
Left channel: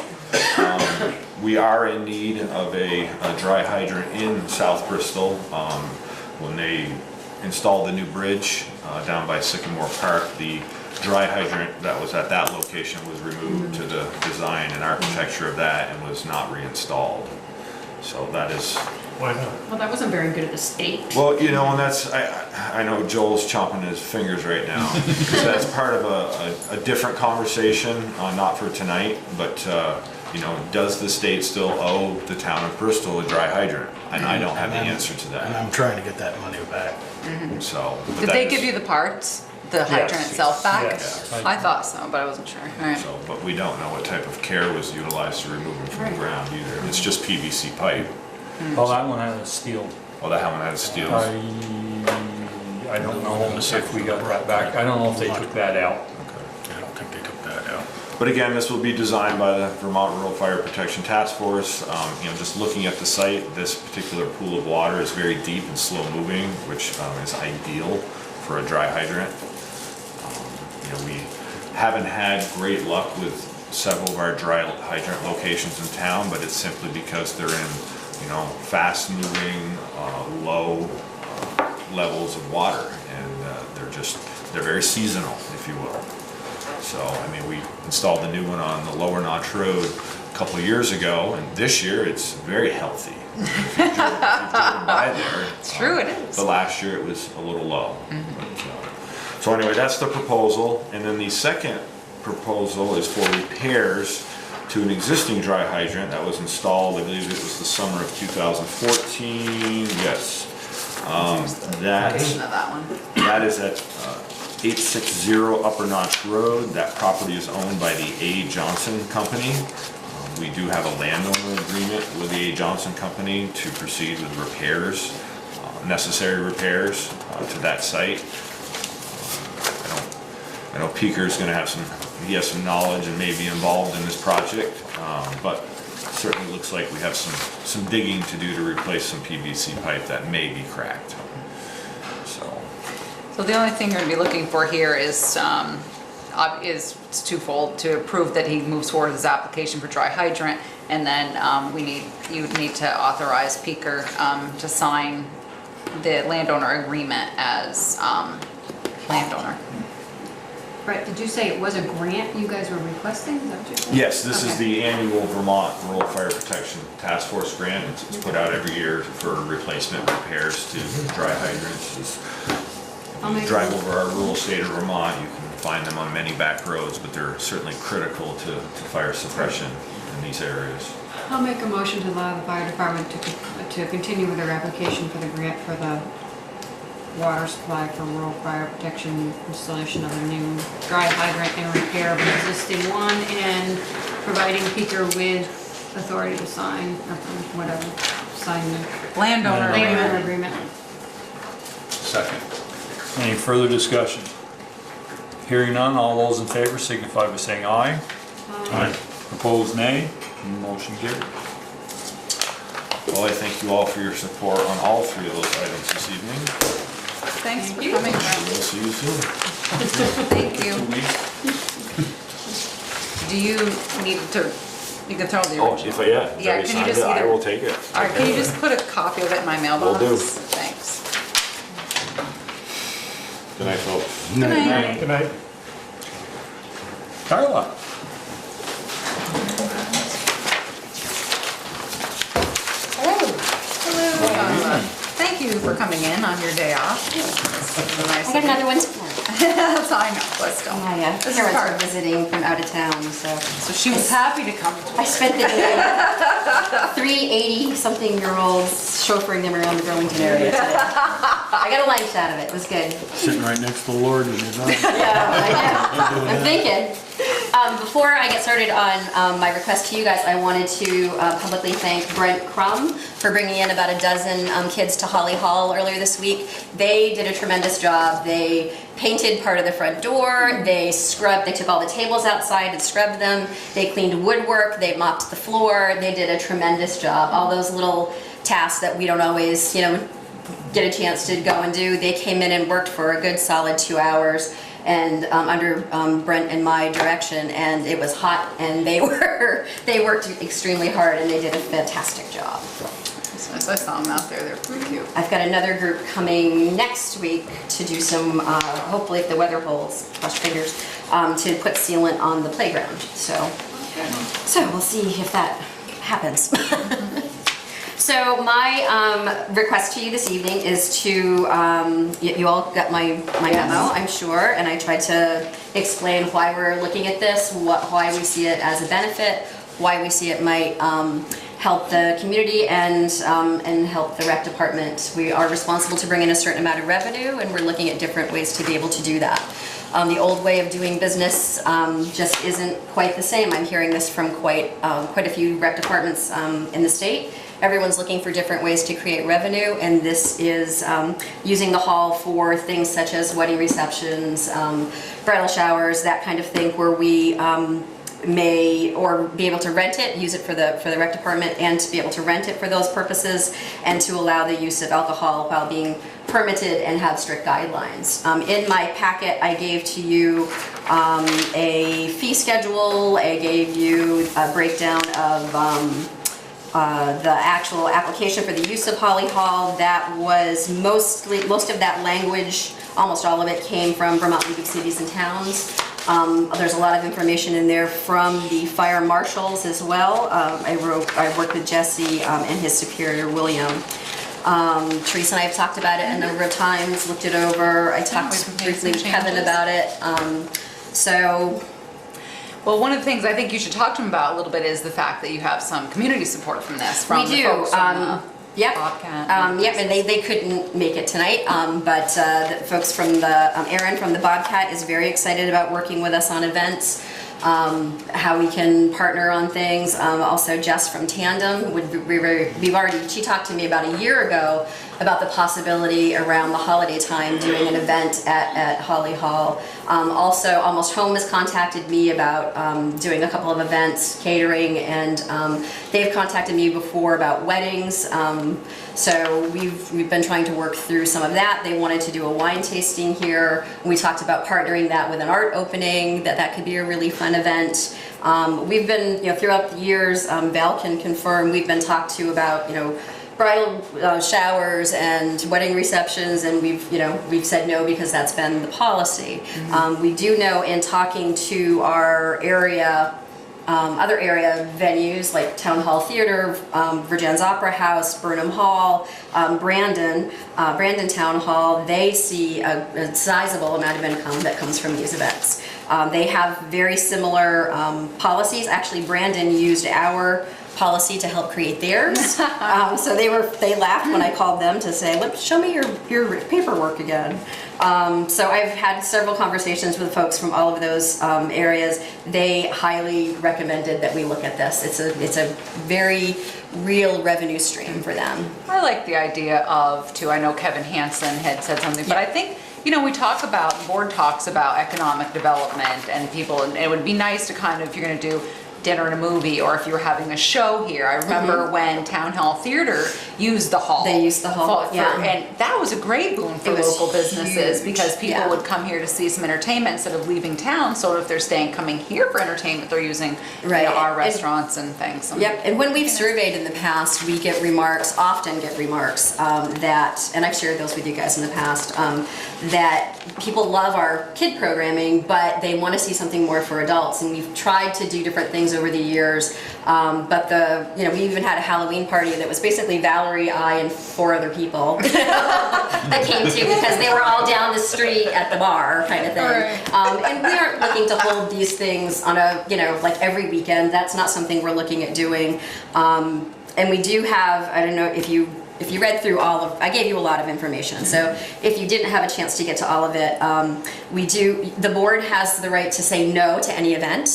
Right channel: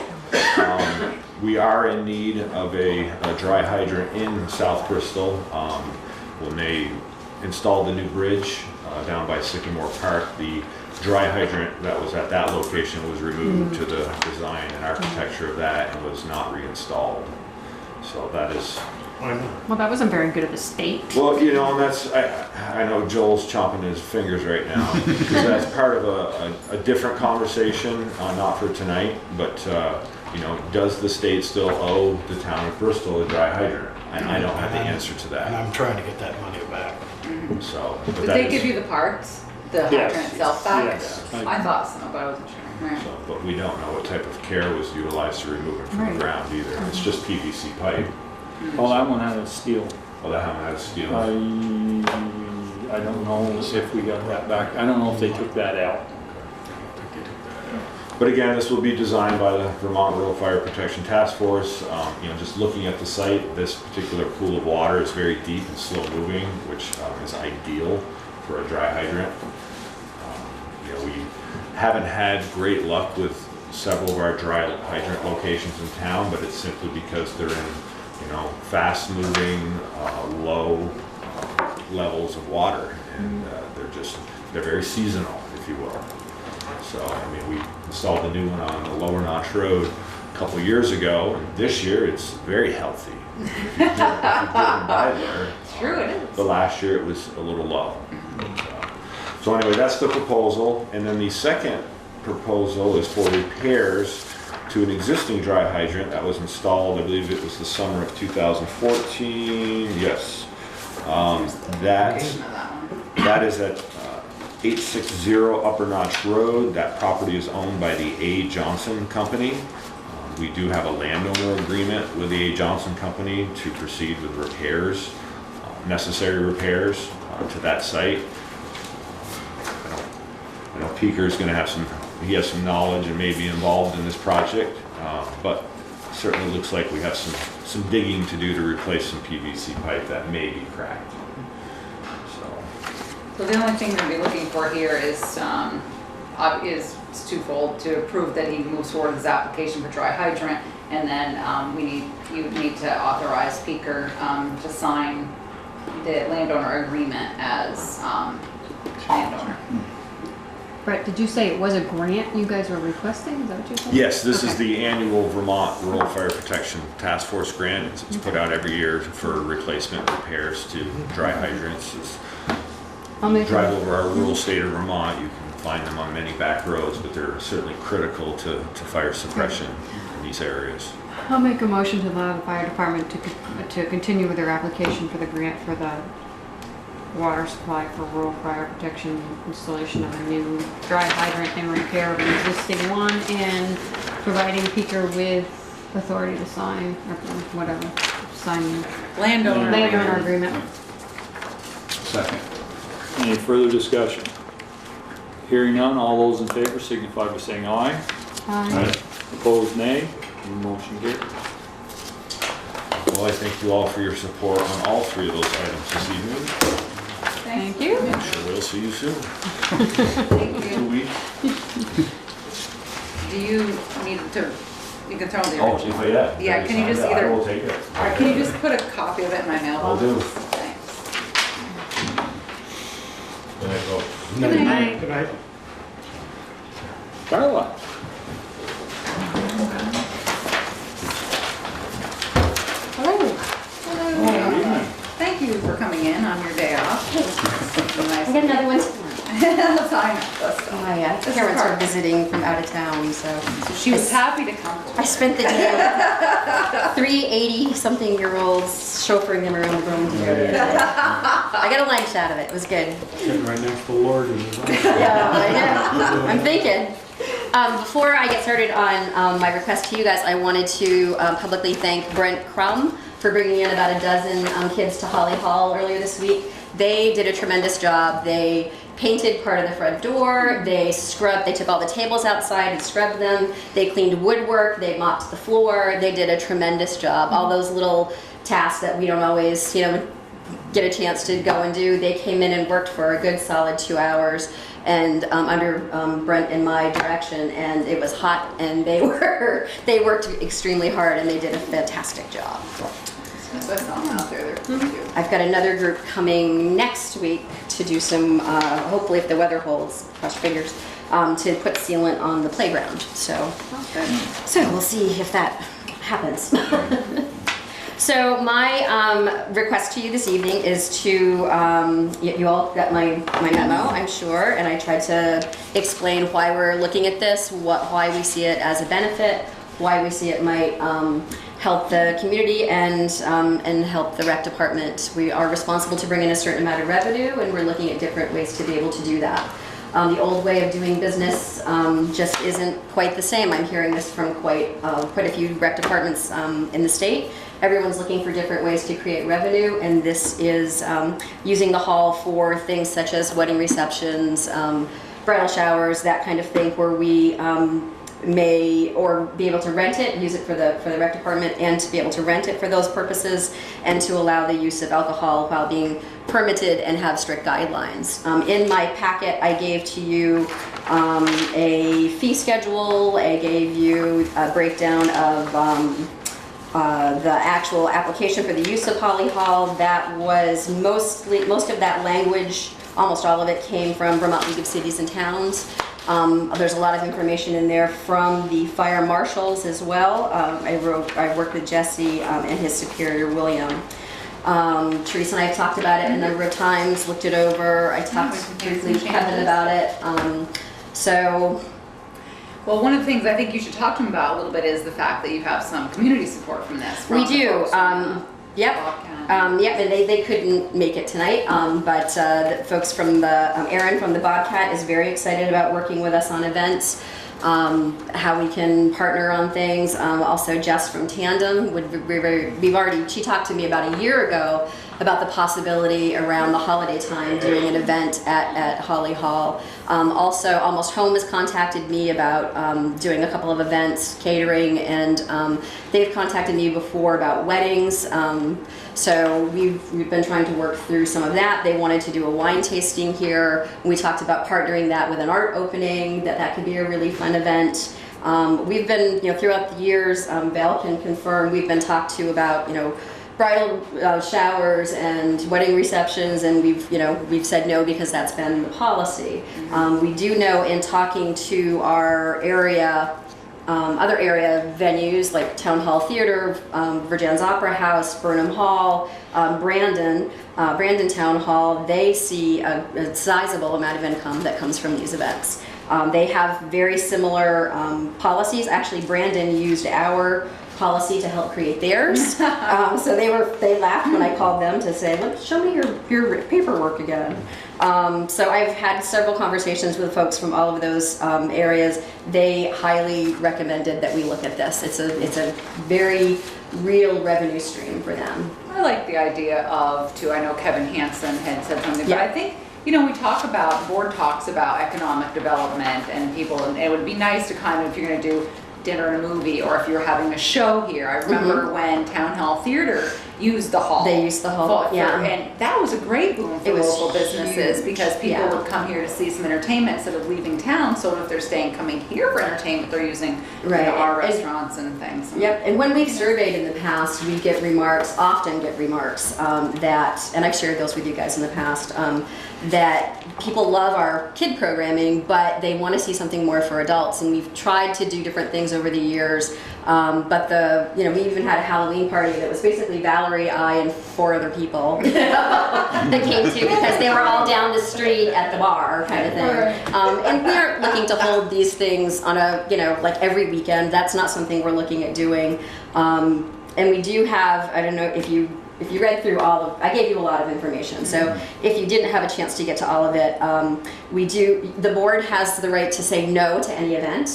We are in need of a dry hydrant in South Bristol. When they installed the new bridge down by Sycamore Park, the dry hydrant that was at that location was removed to the design and architecture of that and was not reinstalled. So that is, Why not? Well, that wasn't very good of a state. well, you know, and that's, I know Joel's chomping his fingers right now, because that's part of a different conversation, not for tonight, but, you know, does the state still owe the town of Bristol a dry hydrant? And I don't have the answer to And that, I'm trying to get that money back. so. but Did that they is- give you the parts, the Yes. hydrant itself back? Yes. I thought so, but I wasn't sure. All right. So, but we don't know what type of care was utilized to remove it from the Right. ground either. It's just PVC pipe. Well, that one had a steel. Well, that one had steel. I don't know if we got that back. I don't know if they took that out. I don't think they took that out. But again, this will be designed by the Vermont Rural Fire Protection Task Force. You know, just looking at the site, this particular pool of water is very deep and slow moving, which is ideal for a dry hydrant. You know, we haven't had great luck with several of our dry hydrant locations in town, but it's simply because they're in, you know, fast moving, low levels of water, and they're very seasonal, if you will. So, I mean, we installed the new one on the Lower Notch Road a couple of years ago, and this year it's very healthy. If you've driven by there. It's true, it is. The last year it was a little low. So anyway, that's the proposal, and then the second proposal is for repairs to an existing dry hydrant that was installed, I believe it was the summer of 2014, yes. That Version of that one. that is at 860 Upper Notch Road. That property is owned by the A. Johnson Company. We do have a landowner agreement with the A. Johnson Company to proceed with repairs, necessary repairs to that site. I know Peaker's gonna have he has some knowledge and may be involved in this project, but certainly looks like we have some digging to do to replace some PVC pipe that may be cracked. So the only thing we're gonna be looking for here is twofold, to prove that he moves forward with his application for dry hydrant, and then you would need to authorize Peaker to sign the landowner agreement as landowner. Brett, did you say it was a grant you guys were requesting? Is that what you said? Yes, this is Okay. the annual Vermont Rural Fire Protection Task Force grant. It's put out every year for replacement repairs to dry hydrants. I'll If you make drive a- over our rural state of Vermont, you can find them on many back roads, but they're certainly critical to fire suppression in these areas. I'll make a motion to allow the fire department to continue with their application for the grant for the water supply for rural fire protection, installation of a new dry hydrant and repair of an existing one, and providing Peter with authority to sign, or whatever, sign the Landowner. landowner agreement. Second. Any further discussion? Hearing none, all those in favor signify by saying aye. Aye. Opposed, nay. Motion carried. Well, I thank you all for your support on all three of those items this evening. Thanks for Thank you. coming. We'll see you soon. Thank 2 you. weeks. Do you need to, you can throw the Oh, original. if I, Yeah, can you sign just it, I either- will take it. All right, can you just put a copy of it in my mailbox? Will do. Thanks. Good night, folks. Good night. Good night. Carla? Hello. Thank you for coming in on your day off. Nice I got of you. another one tomorrow. That's all I know. Let's go. My This is parents hard. were visiting from out of town, so. So she was happy to come to I spent the day, 3 80-something-year-olds chauffeuring them around the Burlington area. I got a lunch out of it, it was good. Sitting right next to the Lord and his eyes. Yeah, I know, I'm thinking. Before I get started on my request to you guys, I wanted to publicly thank Brent Crum for bringing in about a dozen kids to Holly Hall earlier this week. They did a tremendous job. They painted part of the front door, they took all the tables outside and scrubbed them, they cleaned woodwork, they mopped the floor, they did a tremendous job. All those little tasks that we don't always, get a chance to go and do, they came in and worked for a good solid 2 hours and under Brent and my direction, and it was hot, and they worked extremely hard, and they did a fantastic job. I saw them out there, they're pretty cute. I've got another group coming next week to do some, hopefully if the weather holds, cross fingers, to put sealant on the playground. So we'll see if that happens. So my request to you this evening is to, you all got my memo, I'm sure, and I tried to explain why we're looking at this, why we see it as a benefit, why we see it might help the community and help the rec department. We are responsible to bring in a certain amount of revenue, and we're looking at different ways to be able to do that. The old way of doing business just isn't quite the same. I'm hearing this from quite a few rec departments in the state. Everyone's looking for different ways to create revenue, and this is using the hall for things such as wedding receptions, bridal showers, that kind of thing, where we may or be able to rent it, use it for the rec department, and to be able to rent it for those purposes, and to allow the use of alcohol while being permitted and have strict guidelines. In my packet, I gave to you a fee schedule. I gave you a breakdown of the actual application for the use of Holly Hall. That was most of that language, almost all of it came from Vermont League of Cities and Towns. There's a lot of information in there from the fire marshals as well. I worked with Jesse and his superior, William. Teresa and I have talked about it a number of times, looked it over. I talked briefly with Kevin about it. Well, one of the things I think you should talk to him about a little bit is the fact that you have some community support from this. From We the do. folks from the Yep. Bobcat. Yep, and they couldn't make it tonight, but the folks from Erin from the Bobcat is very excited about working with us on events, how we can partner on things. Also Jess from Tandem, she talked to me about a year ago about the possibility around the holiday time doing an event at Holly Hall. Also, Almost Home has contacted me about doing a couple of events, catering, and they've contacted me before about weddings. So we've been trying to work through some of that. They wanted to do a wine tasting here. We talked about partnering that with an art opening, that could be a really fun event. We've been, throughout the years, Val can confirm, we've been talked to about, bridal showers and wedding receptions, and we've said no because that's been the policy. We do know in talking to our area, other area venues like Town Hall Theater, Virgin's Opera House, Burnham Hall, Brandon Town Hall, they see a sizable amount of income that comes from these events. They have very similar policies. Actually, Brandon used our policy to help create theirs. So they laughed when I called them to say, "Look, show me your paperwork again." So I've had several conversations with folks from all of those areas. They highly recommended that we look at this. It's a very real revenue stream for them. I like the idea of, too, I know Kevin Hansen had said something, but I think, we talk about, the board talks about economic development and people, and it would be nice to kind of, if you're gonna do dinner and a movie, or if you were having a show here. I remember when Town Hall Theater used the hall. They used the hall, yeah. And that was a great boom for local businesses, because people would come here to see some entertainment instead of leaving town. So if they're coming here for entertainment, they're using our restaurants and things. Yep, and when we've surveyed in the past, we often get remarks that, and I've shared those with you guys in the past, that people love our kid programming, but they want to see something more for adults. And we've tried to do different things over the years, but we even had a Halloween party that was basically Valerie, I, and 4 other people that came to, because they were all down the street at the bar kind of thing. And we aren't looking to hold these things on a, like every weekend. That's not something we're looking at doing. And we do have, I don't know if you read through I gave you a lot of information, so if you didn't have a chance to get to all of it, the board has the right to say no to any event.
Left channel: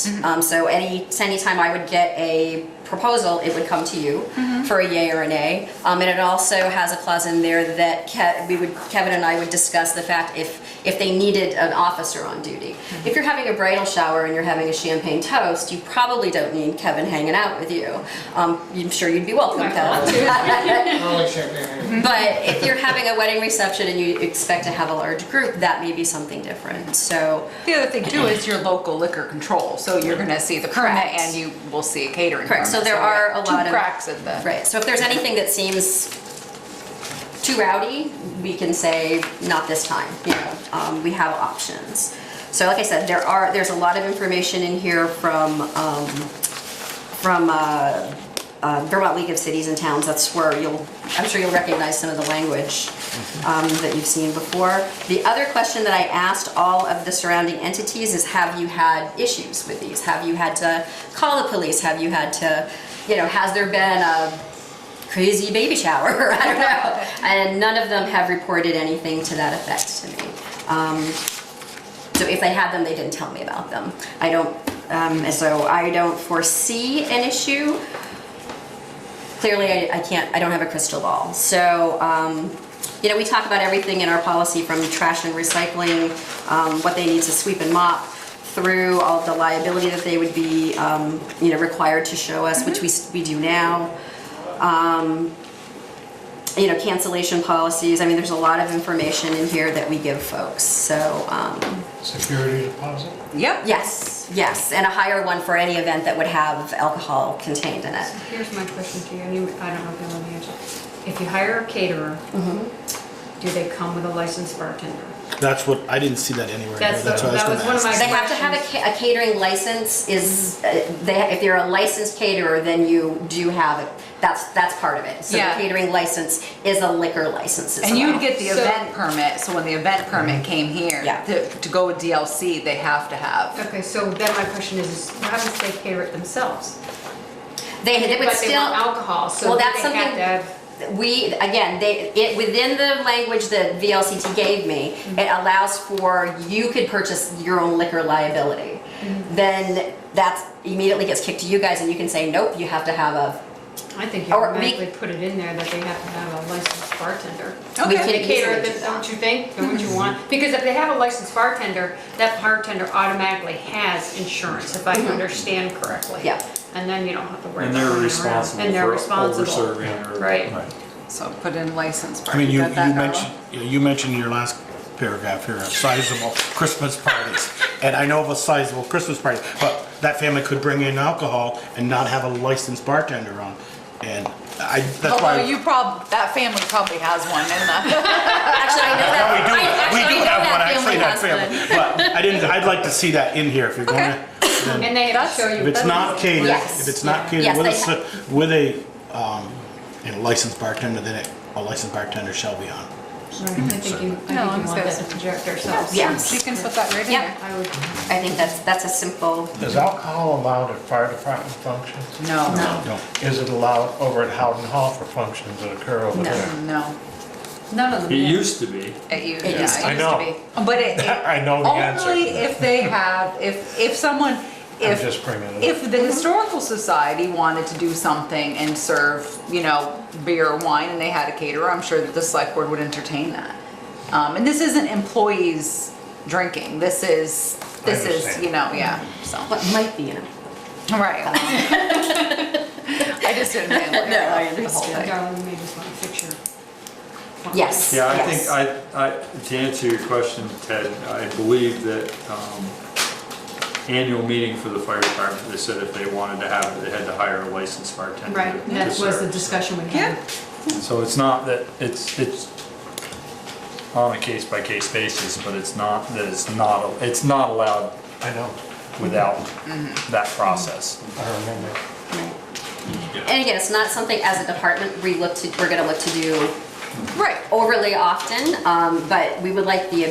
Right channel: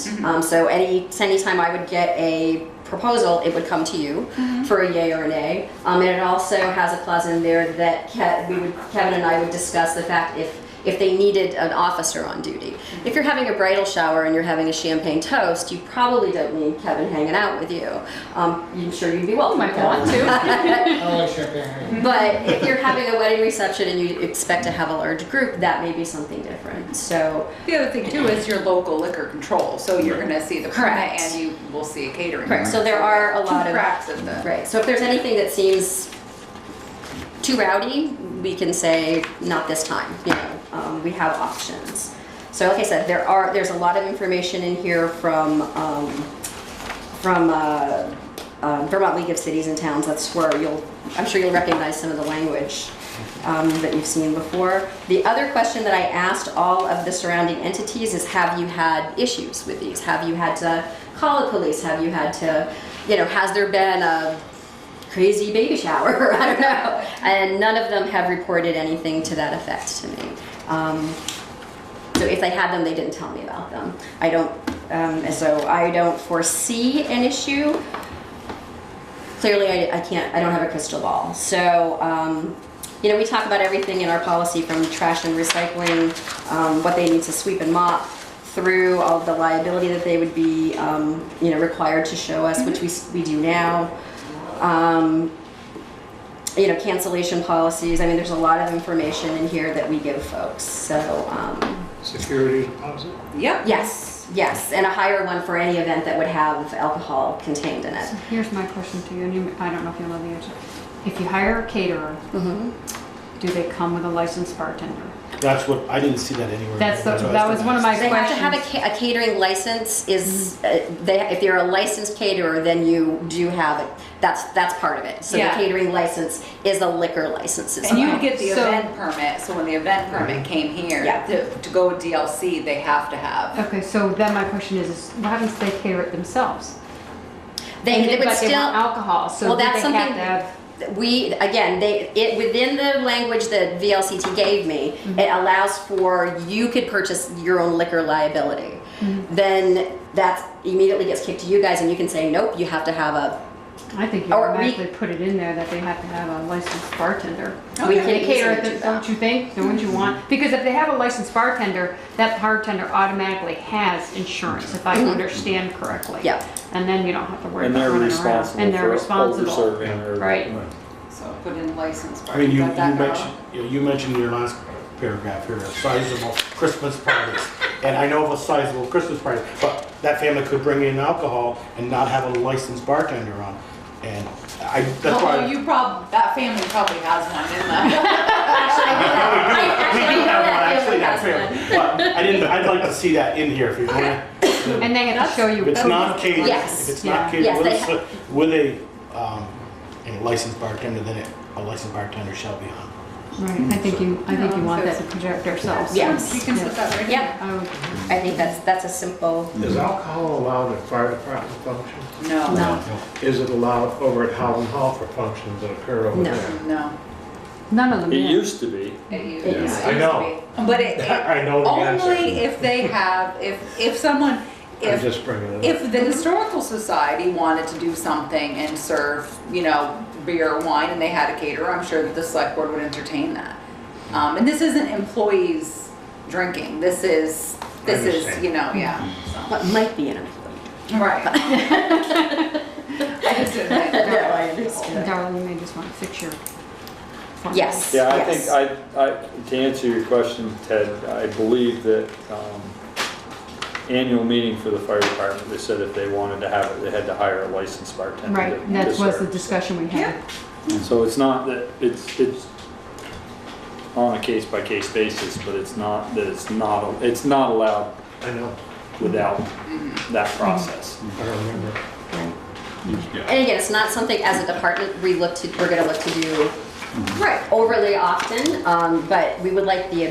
So anytime I would get a proposal, it would come to you for a yay or a nay. And it also has a clause in there that Kevin and I would discuss the fact if they needed an officer on duty. If you're having a bridal shower and you're having a champagne toast, you probably don't need Kevin hanging out with you. I'm sure you'd be welcome, Kevin. I like champagne. But if you're having a wedding reception and you expect to have a large group, that may be something different. So the other thing too is your local liquor control. So you're going to see the permit, Correct. and you will see a catering. Correct. permit. So there are a lot of cracks in the. Right. So if there's anything that seems too rowdy, we can say not this time. We have options. So like I said, there's a lot of information in here from Vermont League of Cities and Towns. That's where I'm sure you'll recognize some of the language that you've seen before. The other question that I asked all of the surrounding entities is, have you had issues with these? Have you had to call the police? Have you had to, has there been a crazy baby shower? I don't know. And none of them have reported anything to that effect to me. So if they had them, they didn't tell me about them. So I don't foresee an issue. Clearly, I don't have a crystal ball. So, we talk about everything in our policy, from trash and recycling, what they need to sweep and mop, through all of the liability that they would be, required to show us, which we do now. Cancellation policies. I mean, there's a lot of information in here that we give folks. So, Security deposit? Yep. Yes, and a higher one for any event that would have alcohol contained in it. So here's my question to you, and I don't know if you know the answer. If you hire a caterer, do they come with a licensed bartender? That's what, I didn't see that anywhere. That what I was gonna one of ask. my They have to have a catering license. If you're a licensed caterer, then you do have it. That's part of it. So Yeah. the catering license is a liquor license as And well. you'd get the event permit. So when the event permit came here, Yeah. to go with DLC, they have to have. Okay, so then my question is what happens if they cater it themselves? They would But they want still. alcohol, so Well, do that's they have something- to have. Within the language that VLCT gave me, it allows for, you could purchase your own liquor liability. Then that immediately gets kicked to you guys, and you can say, nope, you have to have a. I think you Or automatically put it in there that they have to have a licensed bartender. We If could they cater easily it, do that. don't you think? Don't you want? Because if they have a licensed bartender, that bartender automatically has insurance, if I understand correctly. Yeah. And then you don't have to worry And about they're running around. responsible And they're for responsible. over-serving or. Right. So put in license. I mean, you got that, Carl? mentioned, you mentioned in your last paragraph here, sizable Christmas parties. And I know of a sizable Christmas party, but that family could bring in alcohol and not have a licensed bartender on. And that's why. Although that family probably has one in the. Actually, I know that family. But I'd like to see that in here if you're going to. And they have to show you. If it's not catered, Yes. if it's not catered Yes, with a licensed bartender, then a licensed bartender shall be on. Right, I think you want that to project ourselves. Yes. She can put that right in Yep. there. I would, I think that's a simple. Is alcohol allowed at fire department functions? No, No. Is it allowed over at Howden Hall for functions that occur over No. there? no. none of them. It used to be. It used It to used be. to I know. But it, I know the answer. only if they have, if someone, I'm if, just bringing it up. if the Historical Society wanted to do something and serve, beer or wine and they had a caterer, I'm sure that the select board would entertain that. And this isn't employees drinking, this is, understand. so. What might be in it. Right. I just didn't think we were gonna like the whole thing. Darling, you may just want to fix your. Yes. Yeah, I yes. think, to answer your question, Ted, I believe that annual meeting for the fire department, they said if they wanted to have it, they had to hire a licensed bartender. Right, to that was the serve. discussion we Yeah. had. So it's not that, it's on a case-by-case basis, but it's not, that it's not allowed I know, without that process. I remember. Right. And again, it's not something as a department we're gonna look to do Right. overly often, but we would like the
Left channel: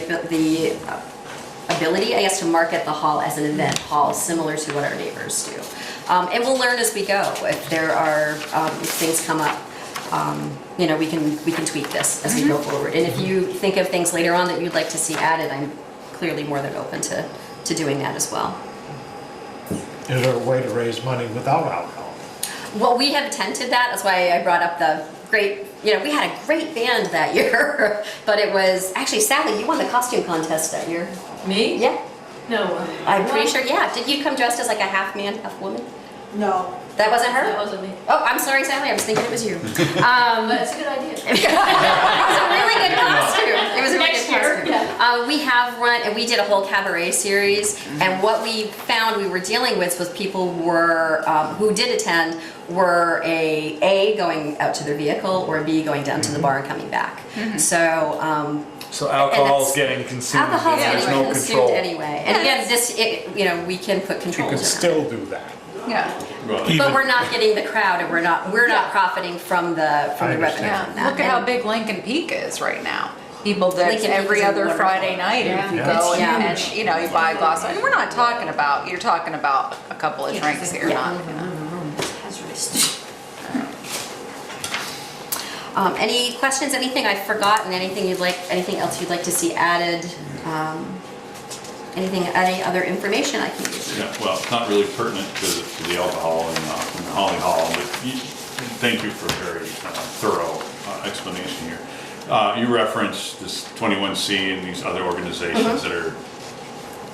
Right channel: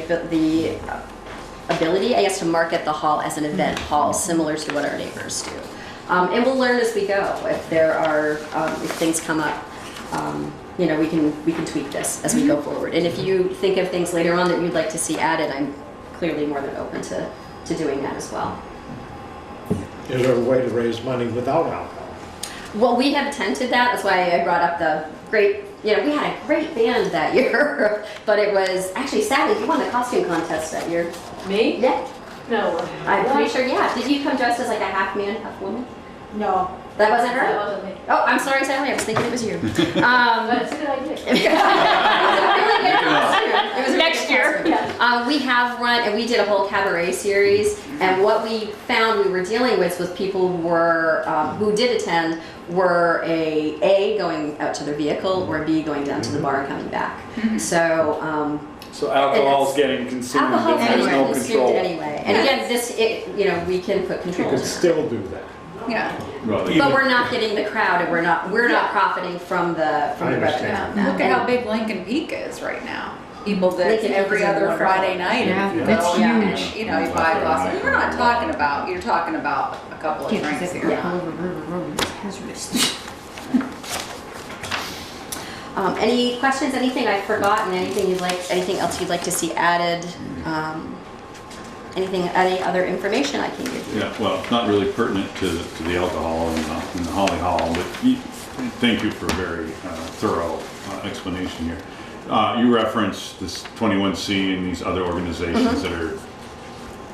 ability, I guess, to market the hall as an event hall, similar to what our neighbors do. And we'll learn as we go. If there are, if things come up, we can tweak this as we go forward. And if you think of things later on that you'd like to see added, I'm clearly more than open to doing that as well. Is there a way to raise money without alcohol? Well, we have attempted that. That's why I brought up the great, we had a great band that year, but it was, actually, sadly, you won the costume contest that year. Me? Yeah, No. I'm pretty sure, yeah. Did you come dressed as like a half man, half woman? No. That wasn't her? That wasn't me. Oh, I'm sorry, Sally, I was thinking it was you. But it's a good idea. It was a really good costume. It was a Next really good year, costume. We have run, and we did a whole cabaret series, and what we found we were dealing with was people were, who did attend, were A, going out to their vehicle, or B, going down to the bar and coming back. So, So alcohol's it's- getting consumed, and alcohol's there's getting no consumed control. anyway. And again, we can put You controls could in it. still do that. Yeah. Well, But we're not getting the crowd, and we're not profiting from the I revenue understand. from that. Look at how big Lincoln Peak is right now. People that Lincoln Peak every is other wonderful. Friday night, and if you Yeah. go Yeah. and, you buy a glass, and we're not talking about, you're talking about a couple of drinks here, Yeah. not, Any questions, anything I've forgotten, anything else you'd like to see added? Any other information I can give you? yeah, well, it's not really pertinent to the alcohol in the Holly Hall, but thank you for a very thorough explanation here. You referenced this 21C and these other organizations that are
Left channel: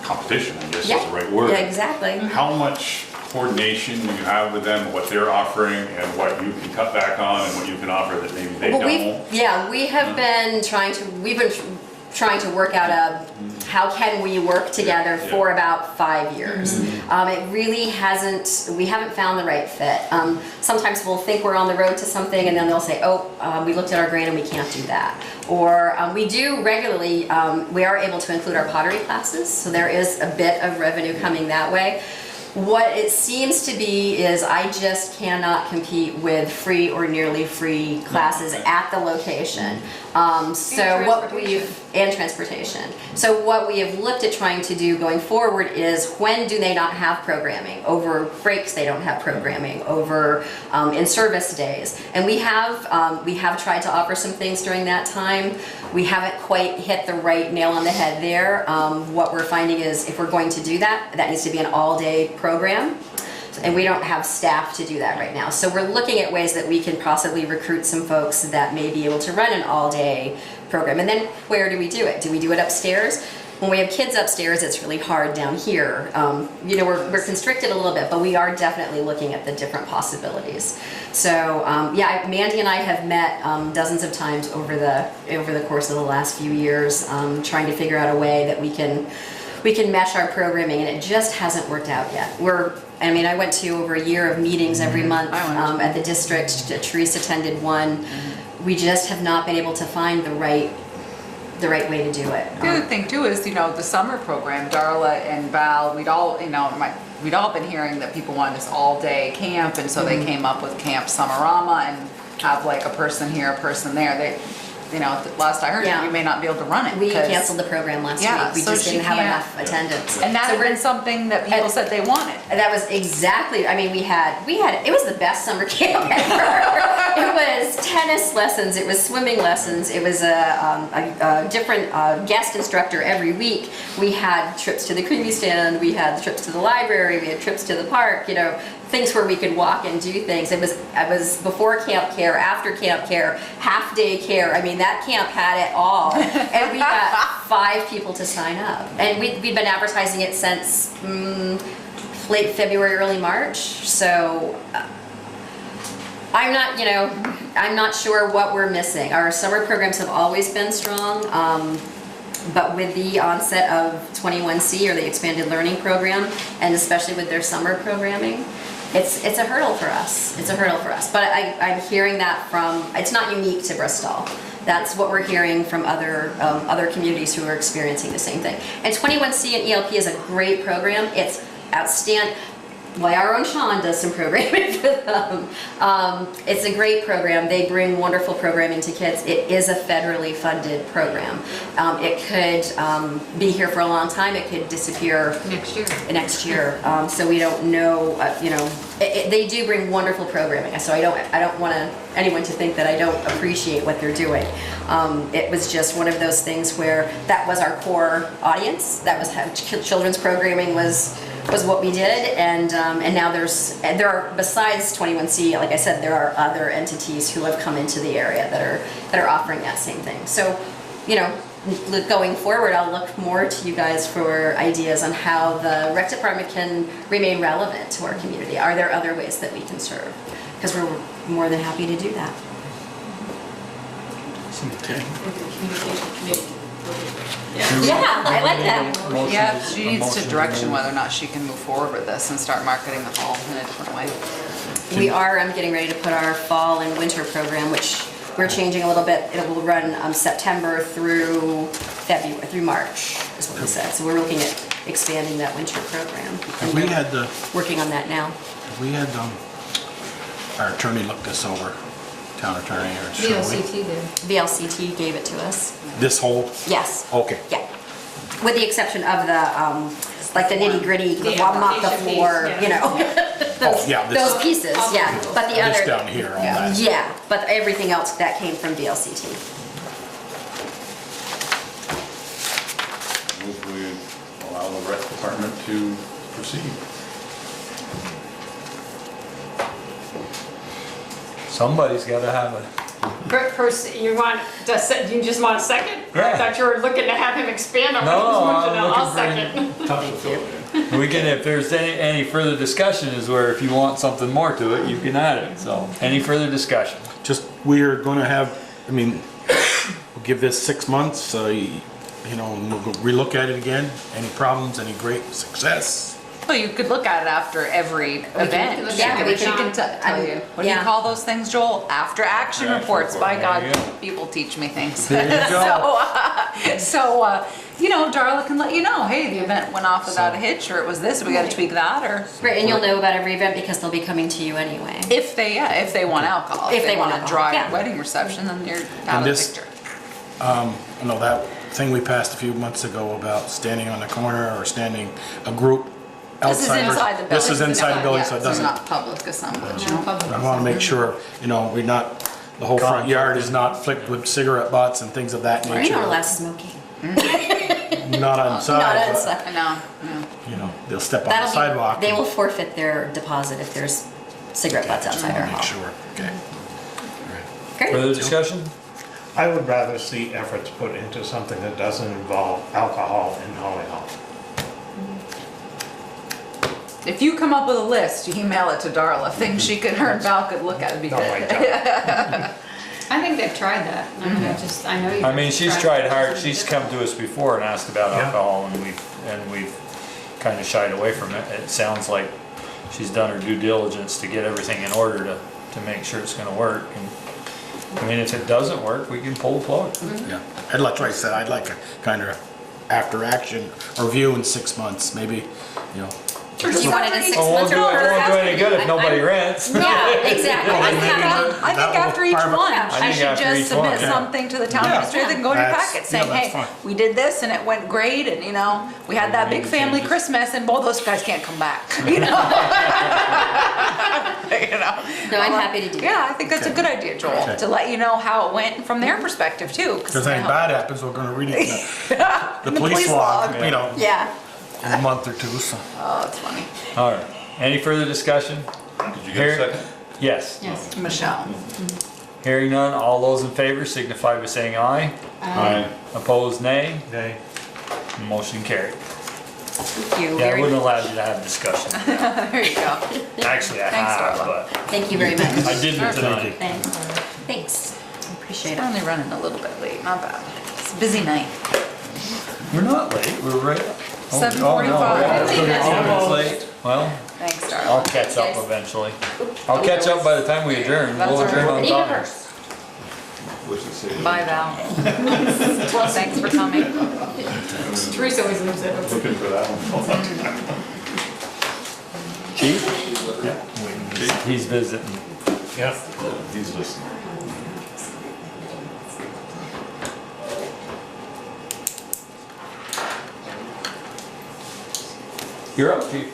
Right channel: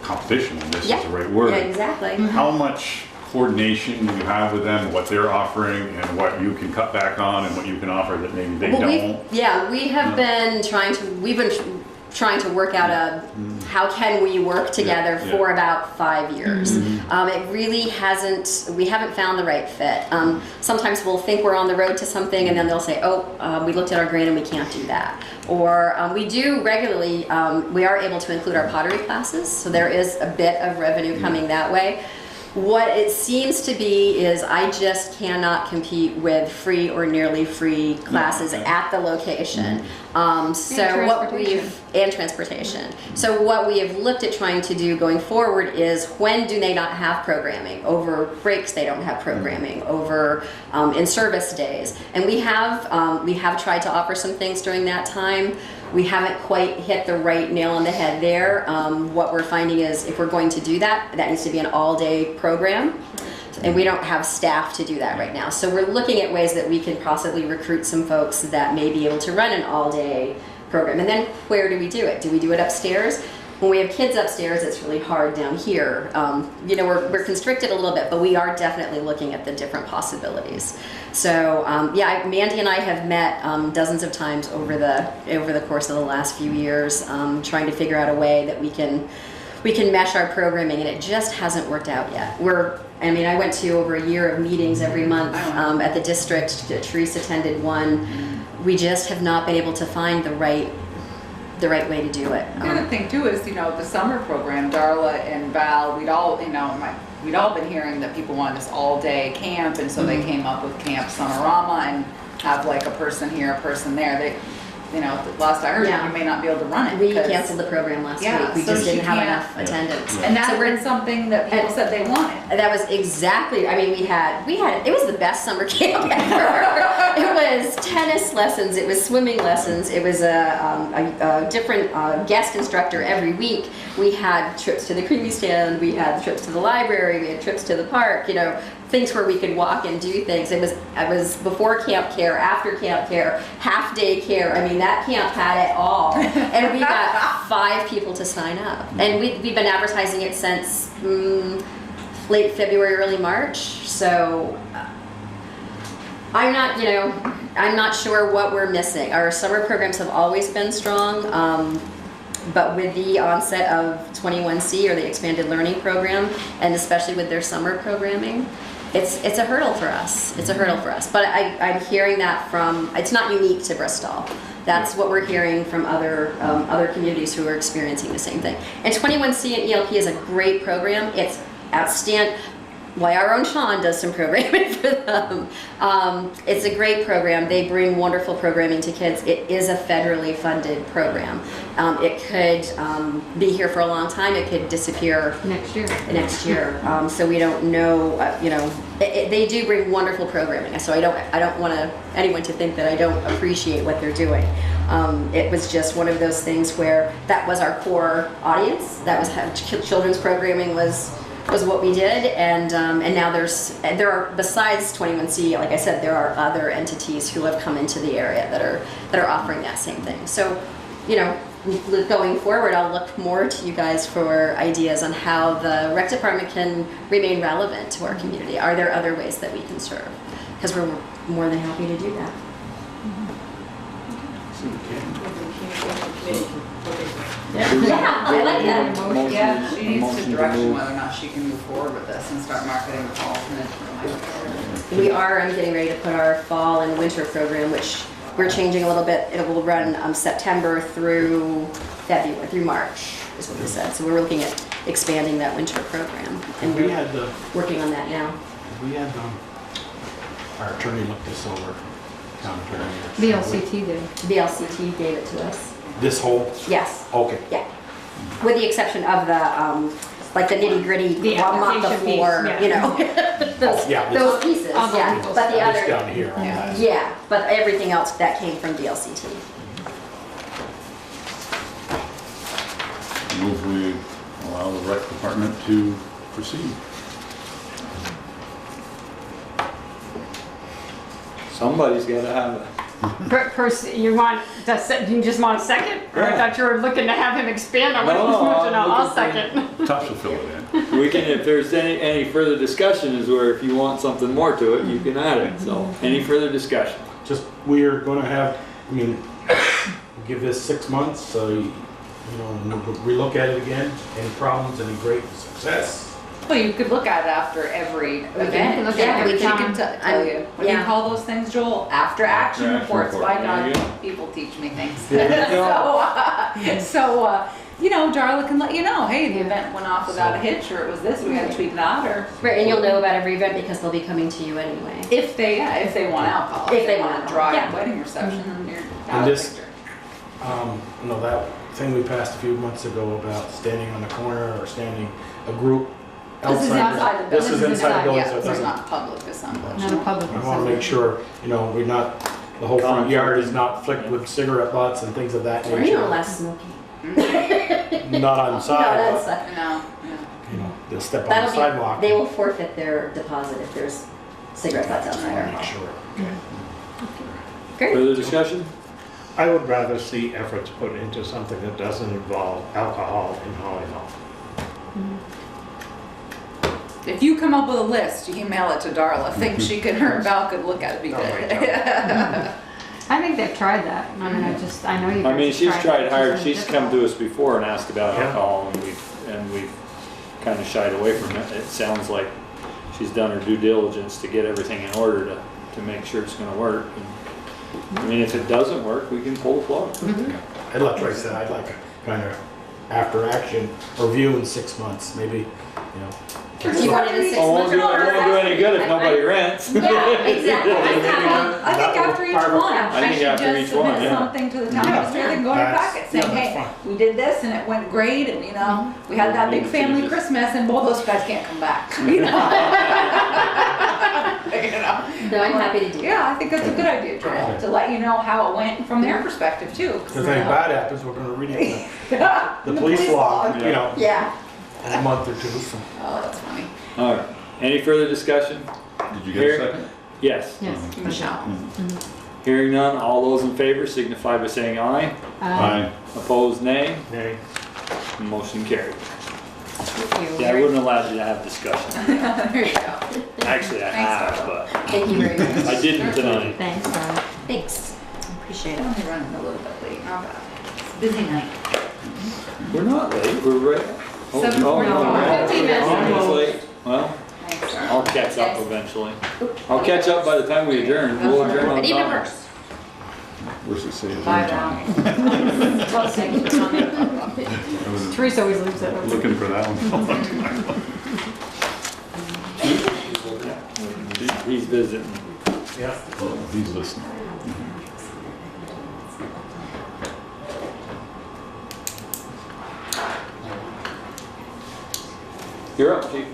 competition, I guess is Yeah. the right word. Yeah, exactly. How much coordination do you have with them, what they're offering, and what you can cut back on, and what you can offer that maybe they Well, don't? we have been trying to work out how can we work together Yeah. for about 5 years. It really we haven't found the right fit. Sometimes we'll think we're on the road to something and then they'll say, we looked at our grant and we can't do that. Or we do regularly, we are able to include our pottery classes, so there is a bit of revenue coming that way. What it seems to be is I just cannot compete with free or nearly free classes at the location. And transportation. So what we have looked at trying to do going forward is when do they not have programming? Over breaks they don't have programming, over in-service days. And we have tried to offer some things during that time. We haven't quite hit the right nail on the head there. What we're finding is if we're going to do that, that needs to be an all-day program. And we don't have staff to do that right now. So we're looking at ways that we can possibly recruit some folks that may be able to run an all-day program. And then where do we do it? Do we do it upstairs? When we have kids upstairs, it's really hard down here. We're constricted a little bit, but we are definitely looking at the different possibilities. So Mandy and I have met dozens of times over the course of the last few years, trying to figure out a way that we can mesh our programming, and it just hasn't worked out yet. I mean, I went to over a year of meetings every month at the district. Teresa attended one. We just have not been able to find the right way to do it. The other thing too is, the summer program, Darla and Val, we'd all been hearing that people wanted this all-day camp, and so they came up with Camp Summerama and have like a person here, a person there. Last I heard, you may not be able to run it. We canceled the program last week. We just didn't have enough attendance. And that had been something that people said they wanted. And that was exactly, I mean, we had, it was the best summer camp ever. It was tennis lessons, it was swimming lessons, it was a different guest instructor every week. We had trips to the creamy stand, we had trips to the library, we had trips to the park, things where we could walk and do things. It was before camp care, after camp care, half day care. I mean, that camp had it all. And we got 5 people to sign up. And we'd been advertising it since late February, early March. So I'm not sure what we're missing. Our summer programs have always been strong. But with the onset of 21C, or the expanded learning program, and especially with their summer programming, it's a hurdle for us. It's a hurdle for us. But I'm hearing that from, it's not unique to Bristol. That's what we're hearing from other communities who are experiencing the same thing. And 21C and ELP is a great program. It's outstanding. Well, our own Sean does some programming for them. It's a great program. They bring wonderful programming to kids. It is a federally funded program. It could be here for a long time. It could disappear Next year. So we don't know. They do bring wonderful programming. So I don't want anyone to think that I don't appreciate what they're doing. It was just one of those things where that was our core audience. That was how children's programming was what we did, and now there are, besides 21C, like I said, there are other entities who have come into the area that are offering that same thing. So, going forward, I'll look more to you guys for ideas on how the rec department can remain relevant to our community. Are there other ways that we can serve? Because we're more than happy to do that. Yeah, I like that. Yeah, she needs to direction whether or not she can move forward with this and start marketing the fall in a different way. We are getting ready to put our fall and winter program, which we're changing a little bit. It will run September through February, through March, is what we said. So we're looking at expanding that winter program. Have we had working on that now. Our attorney looked this over, town attorney. VLCT did. VLCT gave it to us. This whole? Yes. Okay. Yeah. With the exception of the like the nitty gritty, mop the floor, those pieces, yeah. But the other, down here, all that. yeah, but everything else that came from VLCT. Move we allow the rec department to proceed. Somebody's gotta have it. You just want a second? Or Yeah. I thought you were looking to have him expand on what No, he was no, moving I'm on. I'll looking second. Tough to fill it in. We can, if there's any further discussion, is where if you want something more to it, you can add it. So, any further discussion? Just, we're gonna have, we'll give this 6 months, and we'll relook at it again. Any problems, any great success? Well, you could look at it after every event. look Yeah, at we it. can tell you. What do you Yeah. call those things, Joel? After action After action reports. report. By God, There you go. people teach me things. There you go. Darla can let you know, hey, the event went off without a hitch, or it was this, we gotta tweak that, or Right, and you'll know about every event because they'll be coming to you anyway. if they want alcohol. If they want want a dry alcohol, yeah. wedding reception, then you're out And of the this- picture. That thing we passed a few months ago about standing on the corner or standing a group This is outside. inside the building. This is inside the building, so it Yeah, doesn't, not public assemblage. No public. I wanna make sure, we're not, the whole front yard is not flicked with cigarette butts and things of that Or nature. less smoking. Not on Not side, outside. I know, yeah. but, they'll step on the That'll be, sidewalk. they will forfeit their deposit if there's cigarette butts Just outside wanna our make hall. sure, okay. Great. Further discussion? I would rather see efforts put into something that doesn't involve alcohol in Holly Hall. If you come up with a list, you email it to Darla, things she could, her and Val could look at, it'd be No, good. I don't. I think they've tried that. I mean, I know you. I mean, she's tried hard, she's come to us before and asked about Yeah. alcohol, and we've kind of shied away from it. It sounds like she's done her due diligence to get everything in order to make sure it's gonna work. And, I mean, if it doesn't work, we can pull the plug. Yeah. I'd like, like I said, I'd like a kind of after action review in 6 months, maybe, you know. You want it in 6 Well, months? it won't do any good if nobody rents. Yeah, exactly. I think after each one, I she think should after just each one, submit yeah. something to the town Yeah. administrator, they can go in your That's- packet saying, yeah, that's hey, fine. we did this and it went great, and you know, we had that big family changes. Christmas and both those guys can't come back, you know? You know? No, I'm happy to do that. Yeah, I think that's a good idea, Joel, Okay. to let you know how it went from their perspective too. If anything bad happens, we're gonna read it in The the police log, log. you know, Yeah. in a month or two, so. Oh, that's funny. All right, any further discussion? Did you get a second? Yes. Yes. Michelle. Hearing none, all those in favor signify by saying aye. Aye. Opposed, nay. Nay. Motion carried. Thank you. Yeah, I wouldn't allow you to have discussion. There you go. Actually, I Thanks, have, Darla. but Thank you very much. I didn't tonight. Thanks, Darla. Thanks. Appreciate I'm it. only running a little bit late, not bad. It's a busy night. We're not late, we're right. Oh, 7:45. 15 minutes. Almost late. Well, Thanks, I'll Darla. catch up eventually. I'll catch up by the time we adjourn. We'll adjourn on I need my time. purse. What's it say? Bye, Val. Thanks for coming. Teresa always leaves it. Looking for that one. Chief? He's visiting. Yeah. He's listening. You're up, Chief.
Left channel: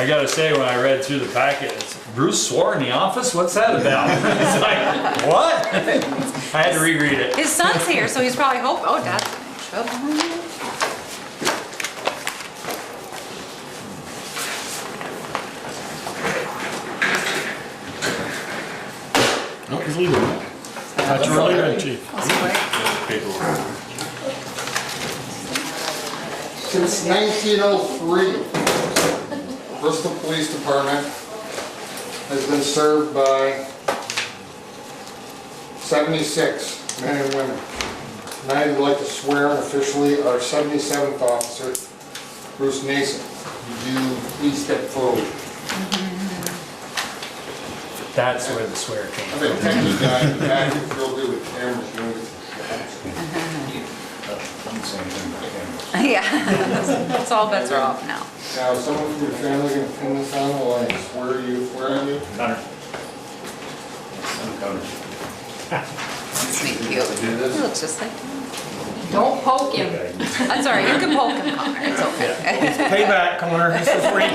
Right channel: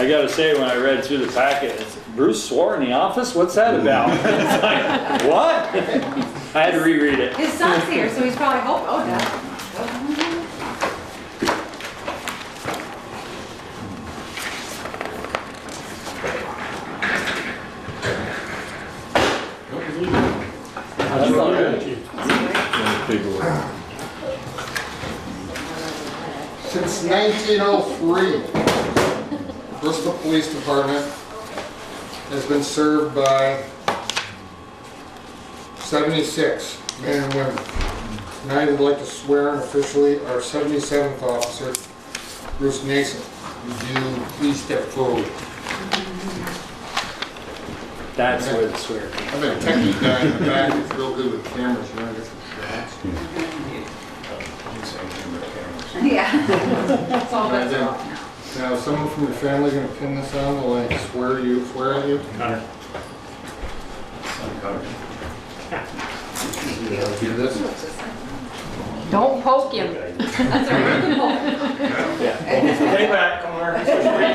I gotta say, when I read through the packet, it's Bruce swore in the office? What's that about? It's like, what? I had to reread it. His son's here, so he's probably hoping, oh, Dad. Oh. No, he's leaving. That's your leaving, chief. Paperwork. Since 1903, the Bristol Police Department has been served by 76 men and women. Tonight I'd like to swear in officially our 77th officer, Bruce Nason. Would you please step forward? That's where the swear came I've been a techie guy in the back, who's real good with cameras, you want to get some shots? Yeah, that's all bets are off now. Now, is someone from your family going to pin this on while I swear on you? Connor. That's neat, cute. Do He this? looks just like him. Don't poke him. That's all right, you can poke him, Connor. It's okay. Payback, Connor. This is free.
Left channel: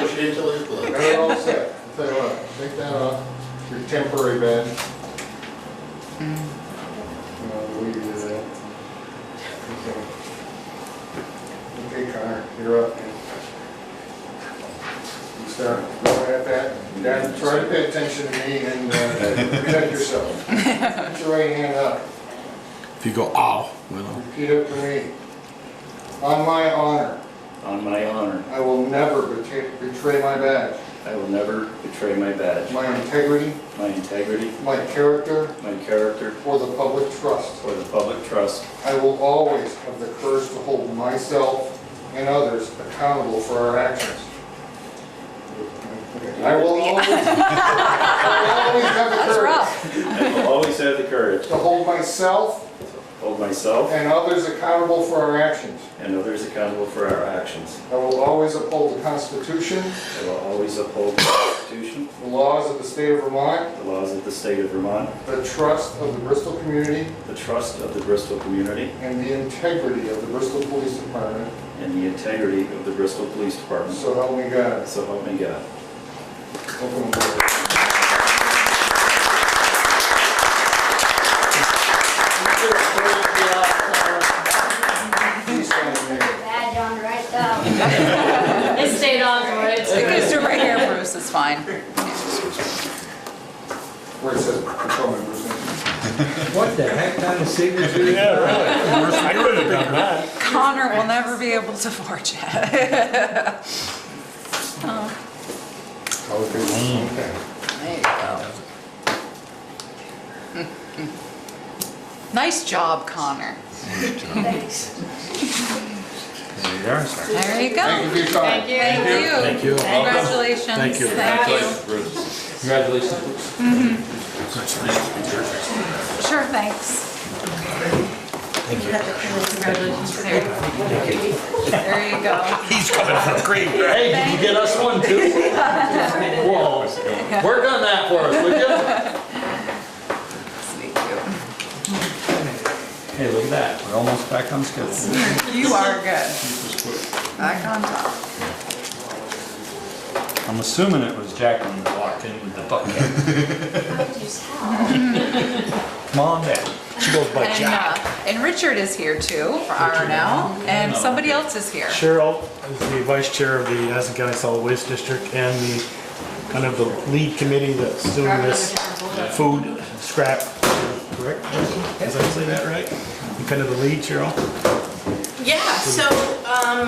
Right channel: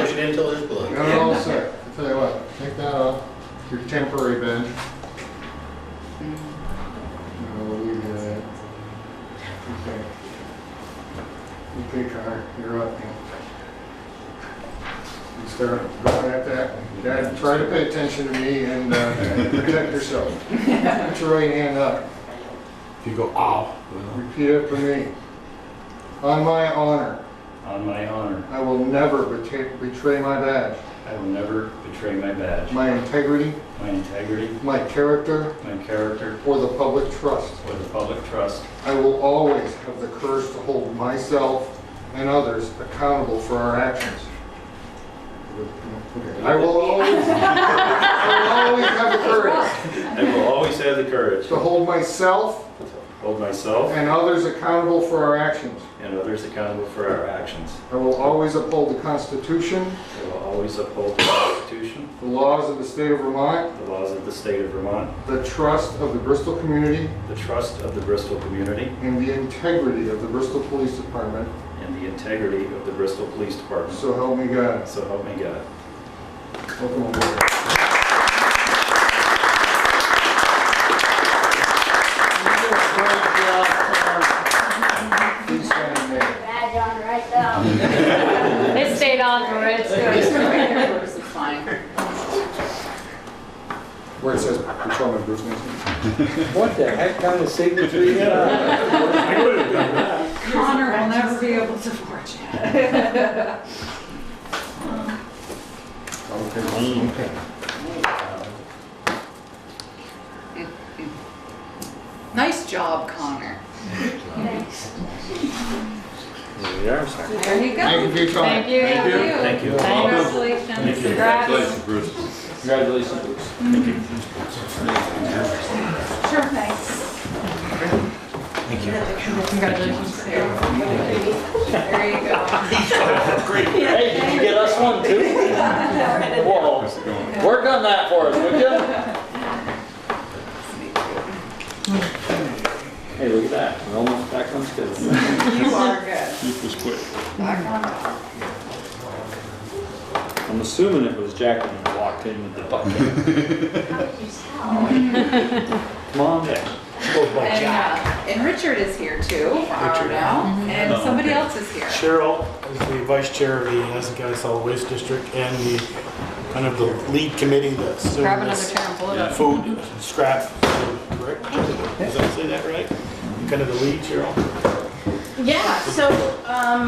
Push it into his blood. They're all set. Tell you what, take that off, your temporary badge. No, we'll leave that. Okay, Connor, you're up, man. You start looking at that. Dad, try to pay attention to me and protect yourself. Put your right hand up. If you go, ow, well, Repeat after me. On my honor, On my honor, I will never betray my badge, I will never betray my badge, my integrity, my integrity, my character, my character, or the public trust. or the public trust. I will always have the courage to hold myself and others accountable for our actions. I will always have the courage I will always have the courage to hold myself to hold myself and others accountable for our actions. and others accountable for our actions. I will always uphold the Constitution, I will always uphold the Constitution, the laws of the state of Vermont, the laws of the state of Vermont, the trust of the Bristol community, the trust of the Bristol community, and the integrity of the Bristol Police Department. and the integrity of the Bristol Police Department. So help me God. So help me God. Welcome aboard. Please sign there. Badge on right down. It stayed on for it. You can just do it right here, Bruce, it's fine. Where it says, call me Bruce Nason. What the heck kind of signature? Yeah, right. I could have done that. Connor will never be able to forge it. Okay. There you go. Nice job, Connor. There you are, sir. There you go. Thank you for your time. Thank you. Thank you. Thank you. Congratulations. Thank you. Bruce. Congratulations. Sure, thanks. Thank you. Congratulations. There you go. Great. Hey, did you get us one too? Whoa, work on that for us, would you? Hey, look at that, we're almost back on schedule. You are good. This was quick. Back on top. I'm assuming it was Jacqueline who walked in with the bucket. Come on down. She goes by Jack. And Richard is here too, for R now, and somebody else is here. Cheryl is the vice chair of the Addison County Solid Waste District and the kind of the lead committee that's doing this food scrap. Correct? Did I say that right? You kind of the lead, Cheryl? Yeah, so I'm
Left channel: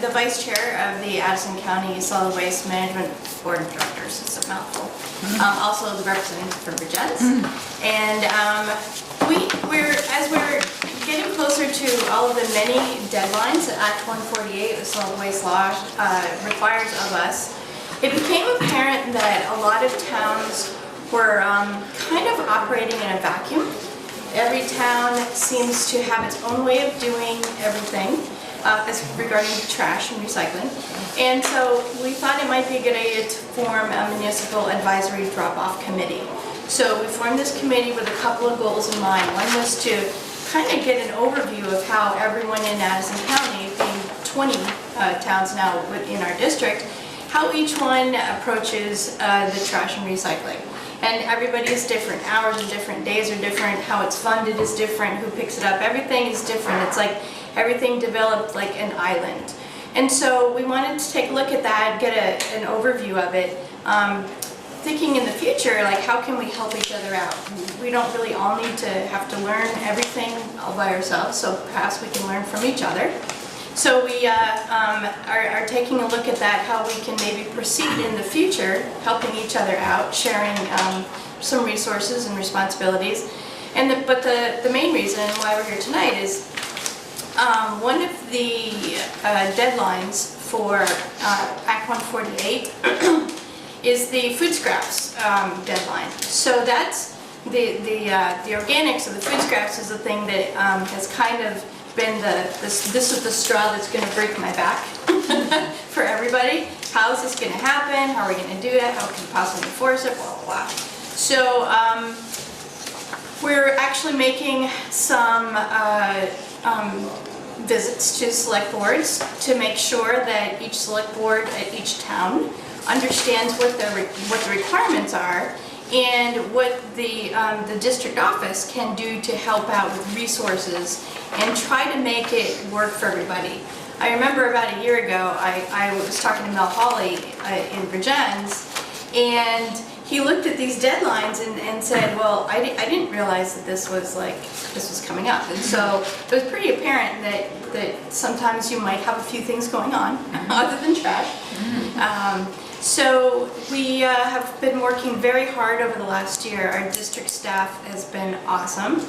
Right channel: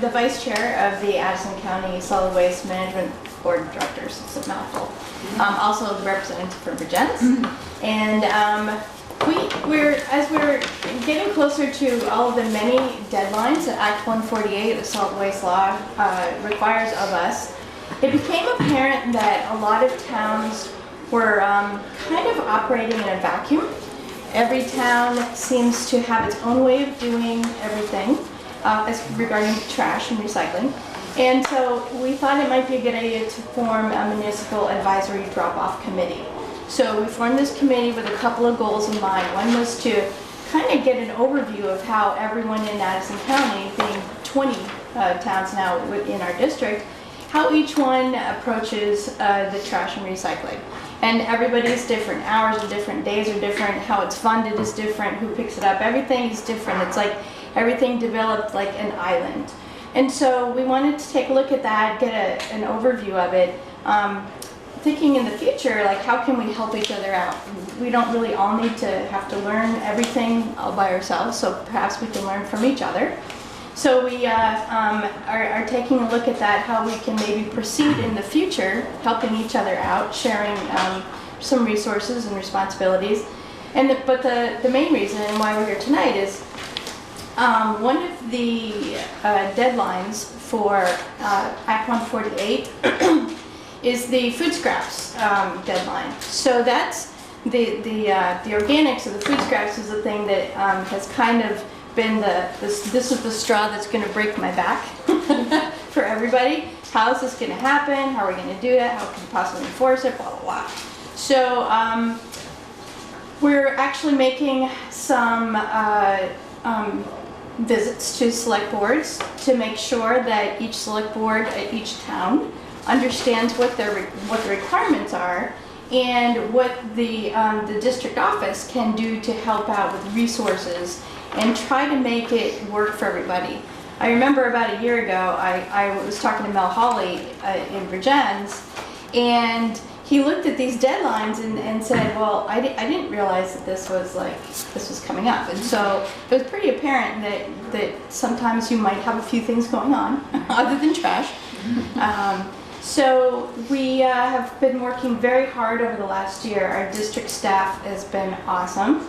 the vice chair of the Addison County Solid Waste Management Board of Directors. It's a mouthful. Also the representative for Virgins. And as we're getting closer to all of the many deadlines that Act 148 of the Solid Waste Law requires of us, it became apparent that a lot of towns were kind of operating in a vacuum. Every town seems to have its own way of doing everything as regarding trash and recycling. And so we thought it might be a good idea to form a municipal advisory drop-off committee. So we formed this committee with a couple of goals in mind. One was to kind of get an overview of how everyone in Addison County, being 20 towns now within our district, how each one approaches the trash and recycling. And everybody is different. Hours are different, days are different, how it's funded is different, who picks it up, everything is different. It's like everything developed like an island. And so we wanted to take a look at that, get an overview of it, thinking in the future, like how can we help each other out? We don't really all need to have to learn everything all by ourselves, so perhaps we can learn from each other. So we are taking a look at that, how we can maybe proceed in the future, helping each other out, sharing some resources and responsibilities. But the main reason why we're here tonight is one of the deadlines for Act 148 is the food scraps deadline. So that's the organics of the food scraps is the thing that has kind of been this is the straw that's going to break my back for everybody. How is this going to happen? How are we going to do it? How can we possibly enforce it? Blah, blah, blah. So we're actually making some visits to select boards to make sure that each select board at each town understands what the requirements are and what the district office can do to help out with resources and try to make it work for everybody. I remember about a year ago, I was talking to Mel Hawley in Virgins, and he looked at these deadlines and said, well, I didn't realize that this was coming up. And so it was pretty apparent that sometimes you might have a few things going on other than trash. So we have been working very hard over the last year. Our district staff has been awesome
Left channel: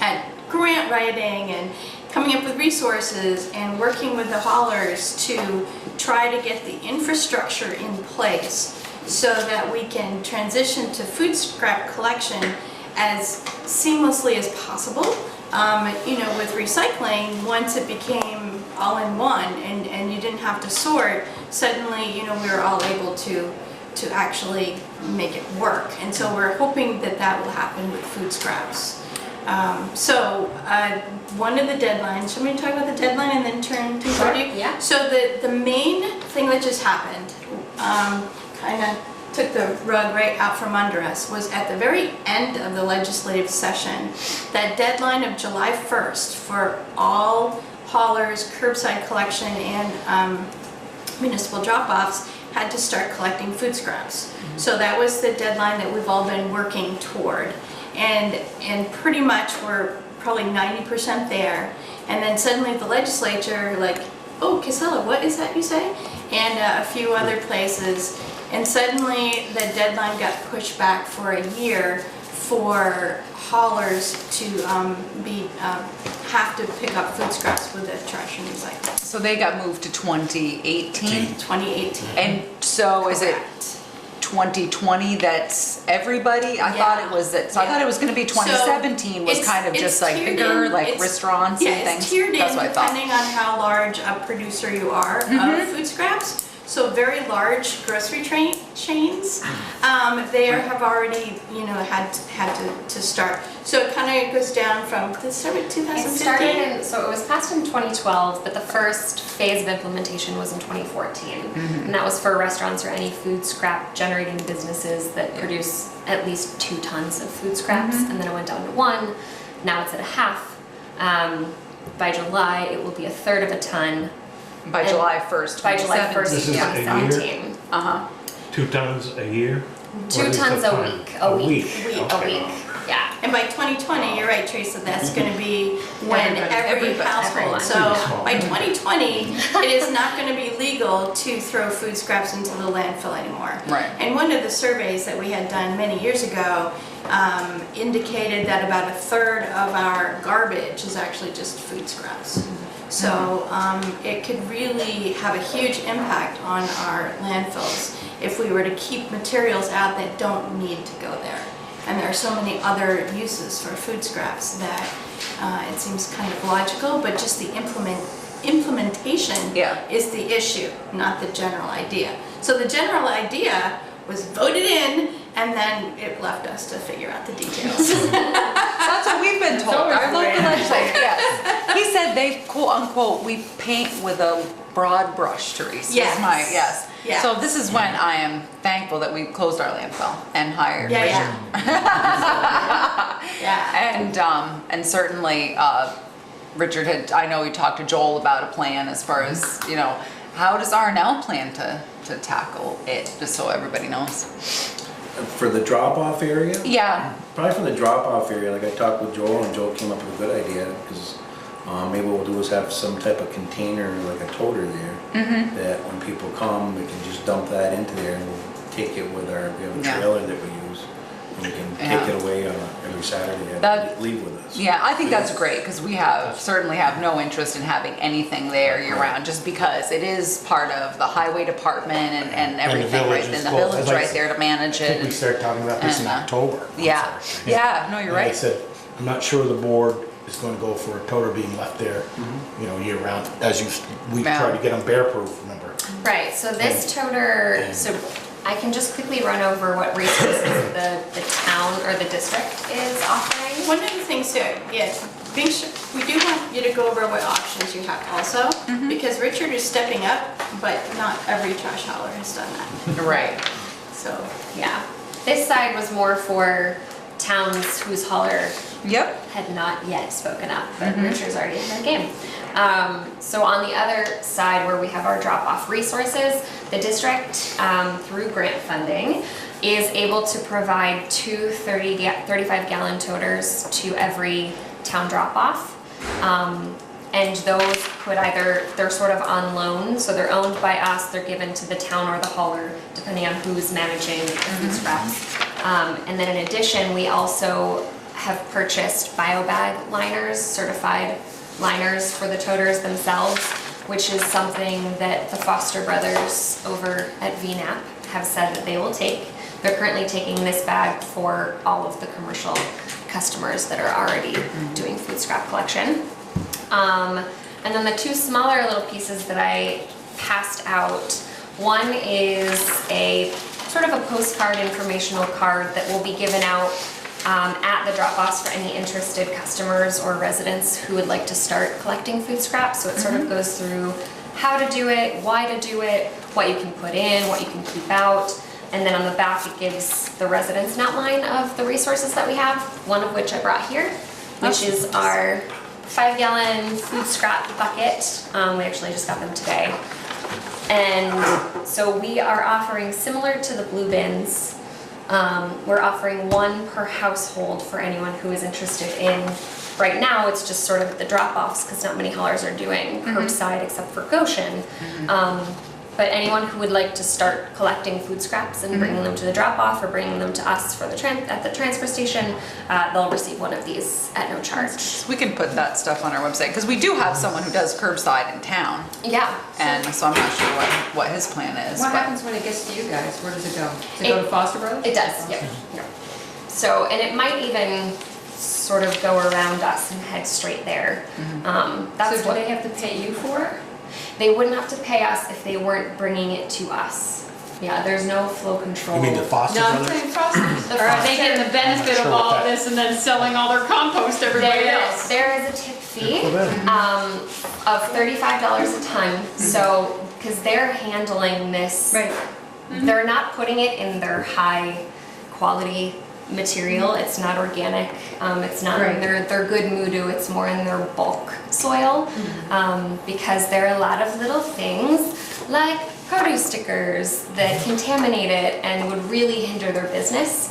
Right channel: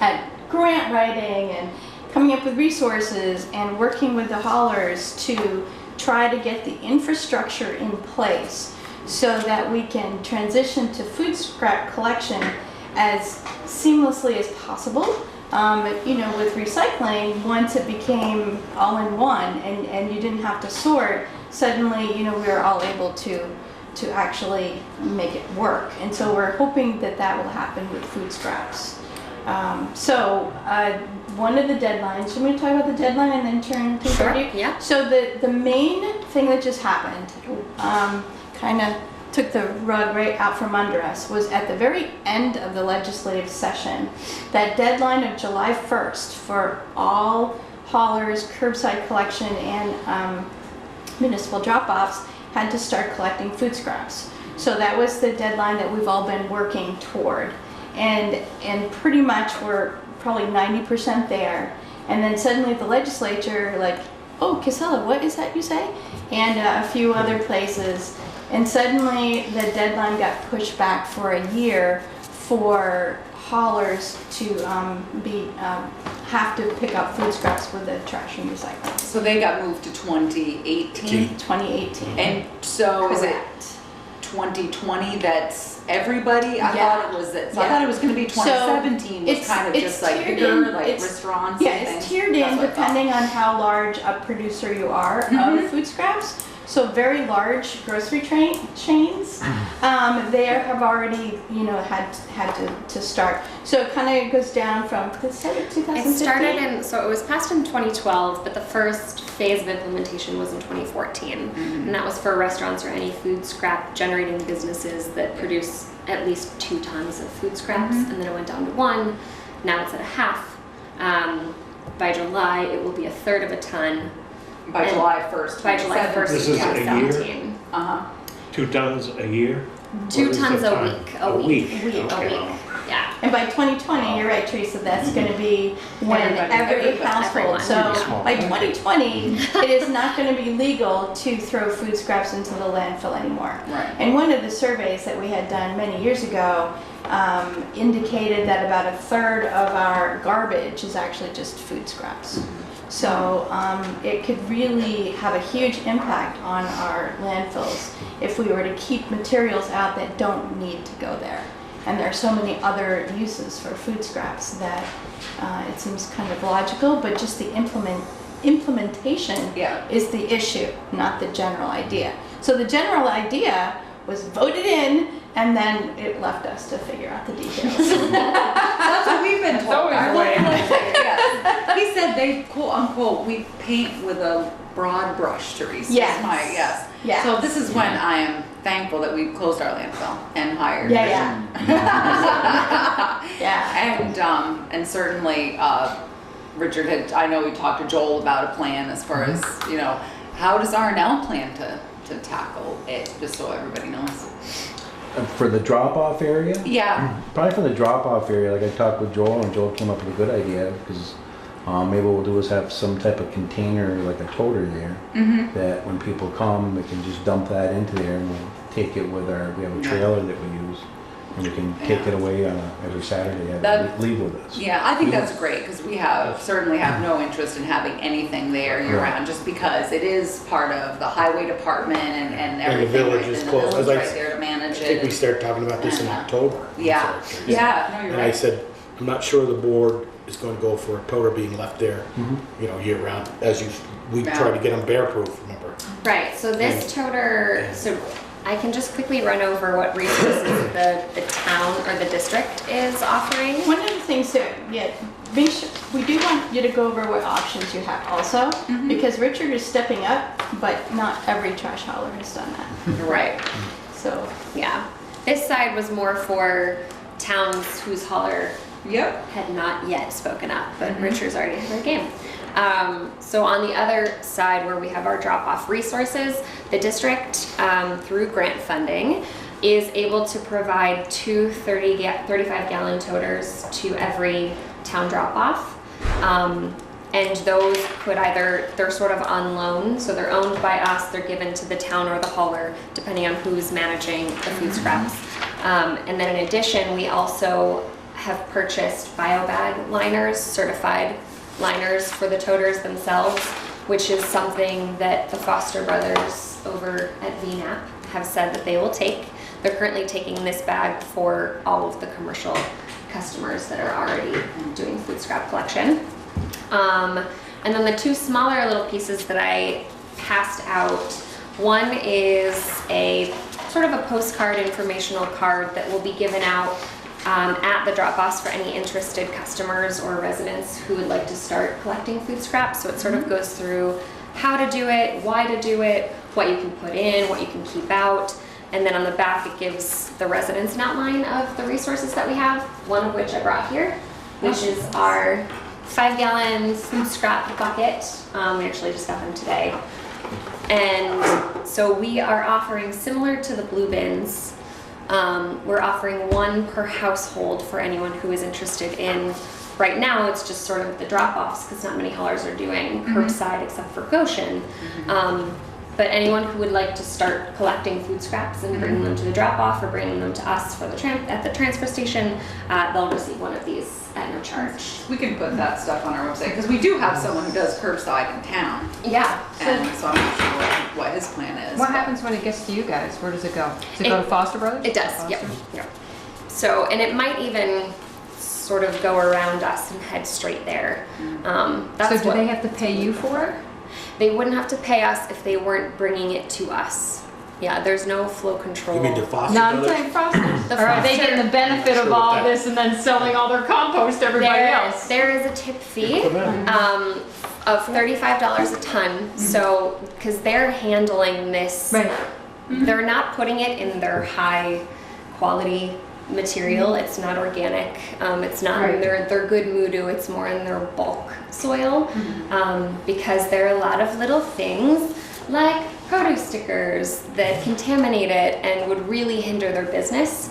at grant writing and coming up with resources and working with the haulers to try to get the infrastructure in place so that we can transition to food scrap collection as seamlessly as possible. You know, with recycling, once it became all in one and you didn't have to sort, suddenly, you know, we were all able to actually make it work. And so we're hoping that that will happen with food scraps. One of the deadlines, should we talk about the deadline and then turn to party? Yeah. So the main thing that just happened, kind of took the rug right out from under us, was at the very end of the legislative session, that deadline of July 1st for all haulers, curbside collection, and municipal drop-offs had to start collecting food scraps. So that was the deadline that we've all been working toward. And pretty much we're probably 90% there. And then suddenly the legislature, like, oh, Casella, what is that you say? And a few other places. And suddenly the deadline got pushed back for a year for haulers to have to pick up food scraps with the trash and recycling. So they got moved to 2018? 2018. And so is it Correct. 2020 that's everybody? I thought it was that, so I Yeah. thought it was gonna be 2017 was it's- kind of it's just like tiered bigger, in. like It's- restaurants Yeah, and things? it's tiered That's in what I thought. depending on how large a producer you are of food scraps. So very large grocery chains, they have already, had to start. So it kind of goes down from, did it start with 2015? It started in, so it was passed in 2012, but the first phase of implementation was in 2014. And that was for restaurants or any food scrap generating businesses that produce at least 2 tons of food scraps. And then it went down to 1. Now it's at a half. By July, it will be 1/3 of a ton. By July 1st, By July 1st, This is a year? 2017. 2 tons a year? 2 What is tons the a ton? week. A week? A Okay. week. Yeah. And by 2020, you're right, Teresa, that's going to be when every Everyone. household. So by 2020, it is not going to be legal to throw food scraps into the landfill anymore. Right. And one of the surveys that we had done many years ago indicated that about 1/3 of our garbage is actually just food scraps. So it could really have a huge impact on our landfills if we were to keep materials out that don't need to go there. And there are so many other uses for food scraps that it seems kind of logical, but just the implementation is the issue, not the general idea. So the general idea was voted in, and then it left us to figure out the details. That's what we've been told. Our local legislator, yes. He said they, quote unquote, we paint with a broad brush, Teresa. Yes. Yes. Yes. So this is when I am thankful that we closed our landfill and hired. Yeah. And certainly, Richard had, I know he talked to Joel about a plan as far as, how does R&L plan to tackle it, just so everybody knows? For the drop-off area? Yeah. Probably for the drop-off area, like I talked with Joel, and Joel came up with a good idea, because maybe what we'll do is have some type of container, like a toter there, that when people come, they can just dump that into there, and we'll take it with we have a trailer that we use, and we can take it away on every Saturday and leave with us. Yeah, I think that's great, because we certainly have no interest in having anything there year-round, just because it is part of the highway department and everything, right, and the village right there to manage I think we it. started talking about this in October. Yeah, no, you're And I right. said, I'm not sure the board is going to go for a toter being left there, year-round, we try to get them bear-proof, remember? Right, so this toner, so I can just quickly run over what resources the town or the district is offering. One of the things here, yes, make sure, we do want you to go over what options you have also, because Richard is stepping up, but not every trash hauler has done that. Right. So, yeah. This side was more for towns whose hauler had not yet spoken up, but Richard's already in the game. So on the other side where we have our drop-off resources, the district, through grant funding, is able to provide 2 35-gallon toters to every town drop-off. And those could they're sort of on loan, so they're owned by us, they're given to the town or the hauler, depending on who's managing the food scraps. And then in addition, we also have purchased biobag liners, certified liners for the toters themselves, which is something that the Foster brothers over at VNAP have said that they will take. They're currently taking this bag for all of the commercial customers that are already doing food scrap collection. And then the 2 smaller little pieces that I passed out, one is a sort of a postcard informational card that will be given out at the drop-offs for any interested customers or residents who would like to start collecting food scraps. So it sort of goes through how to do it, why to do it, what you can put in, what you can keep out. And then on the back it gives the residents an outline of the resources that we have, one of which I brought here, which is our 5-gallon food scrap bucket. We actually just got them today. And so we are offering, similar to the blue bins, we're offering 1 per household for anyone who is interested in. Right now, it's just sort of the drop-offs, because not many haulers are doing curbside except for Goshen. But anyone who would like to start collecting food scraps and bringing them to the drop-off or bringing them to us for the at the transfer station, they'll receive one of these at no charge. We can put that stuff on our website, because we do have someone who does curbside in town, Yeah. and so I'm not sure what his plan is. What but- happens when it gets to you guys? Where does it go? Does it go to Foster Brothers? It does, yep. So, and it might even sort of go around us and head straight there. That's So do what they have to pay you for it? they wouldn't have to pay us if they weren't bringing it to us. Yeah, there's no flow control. You mean the Foster No, I'm Brothers? saying Foster's. Or are they getting the benefit of all of this and then selling all their compost to everybody else? There is a tip fee of $35 a ton. So, because they're handling this, Right. they're not putting it in their high quality material. It's not organic. It's not in their good mudu. It's more in their bulk soil, because there are a lot of little things like produce stickers that contaminate it and would really hinder their business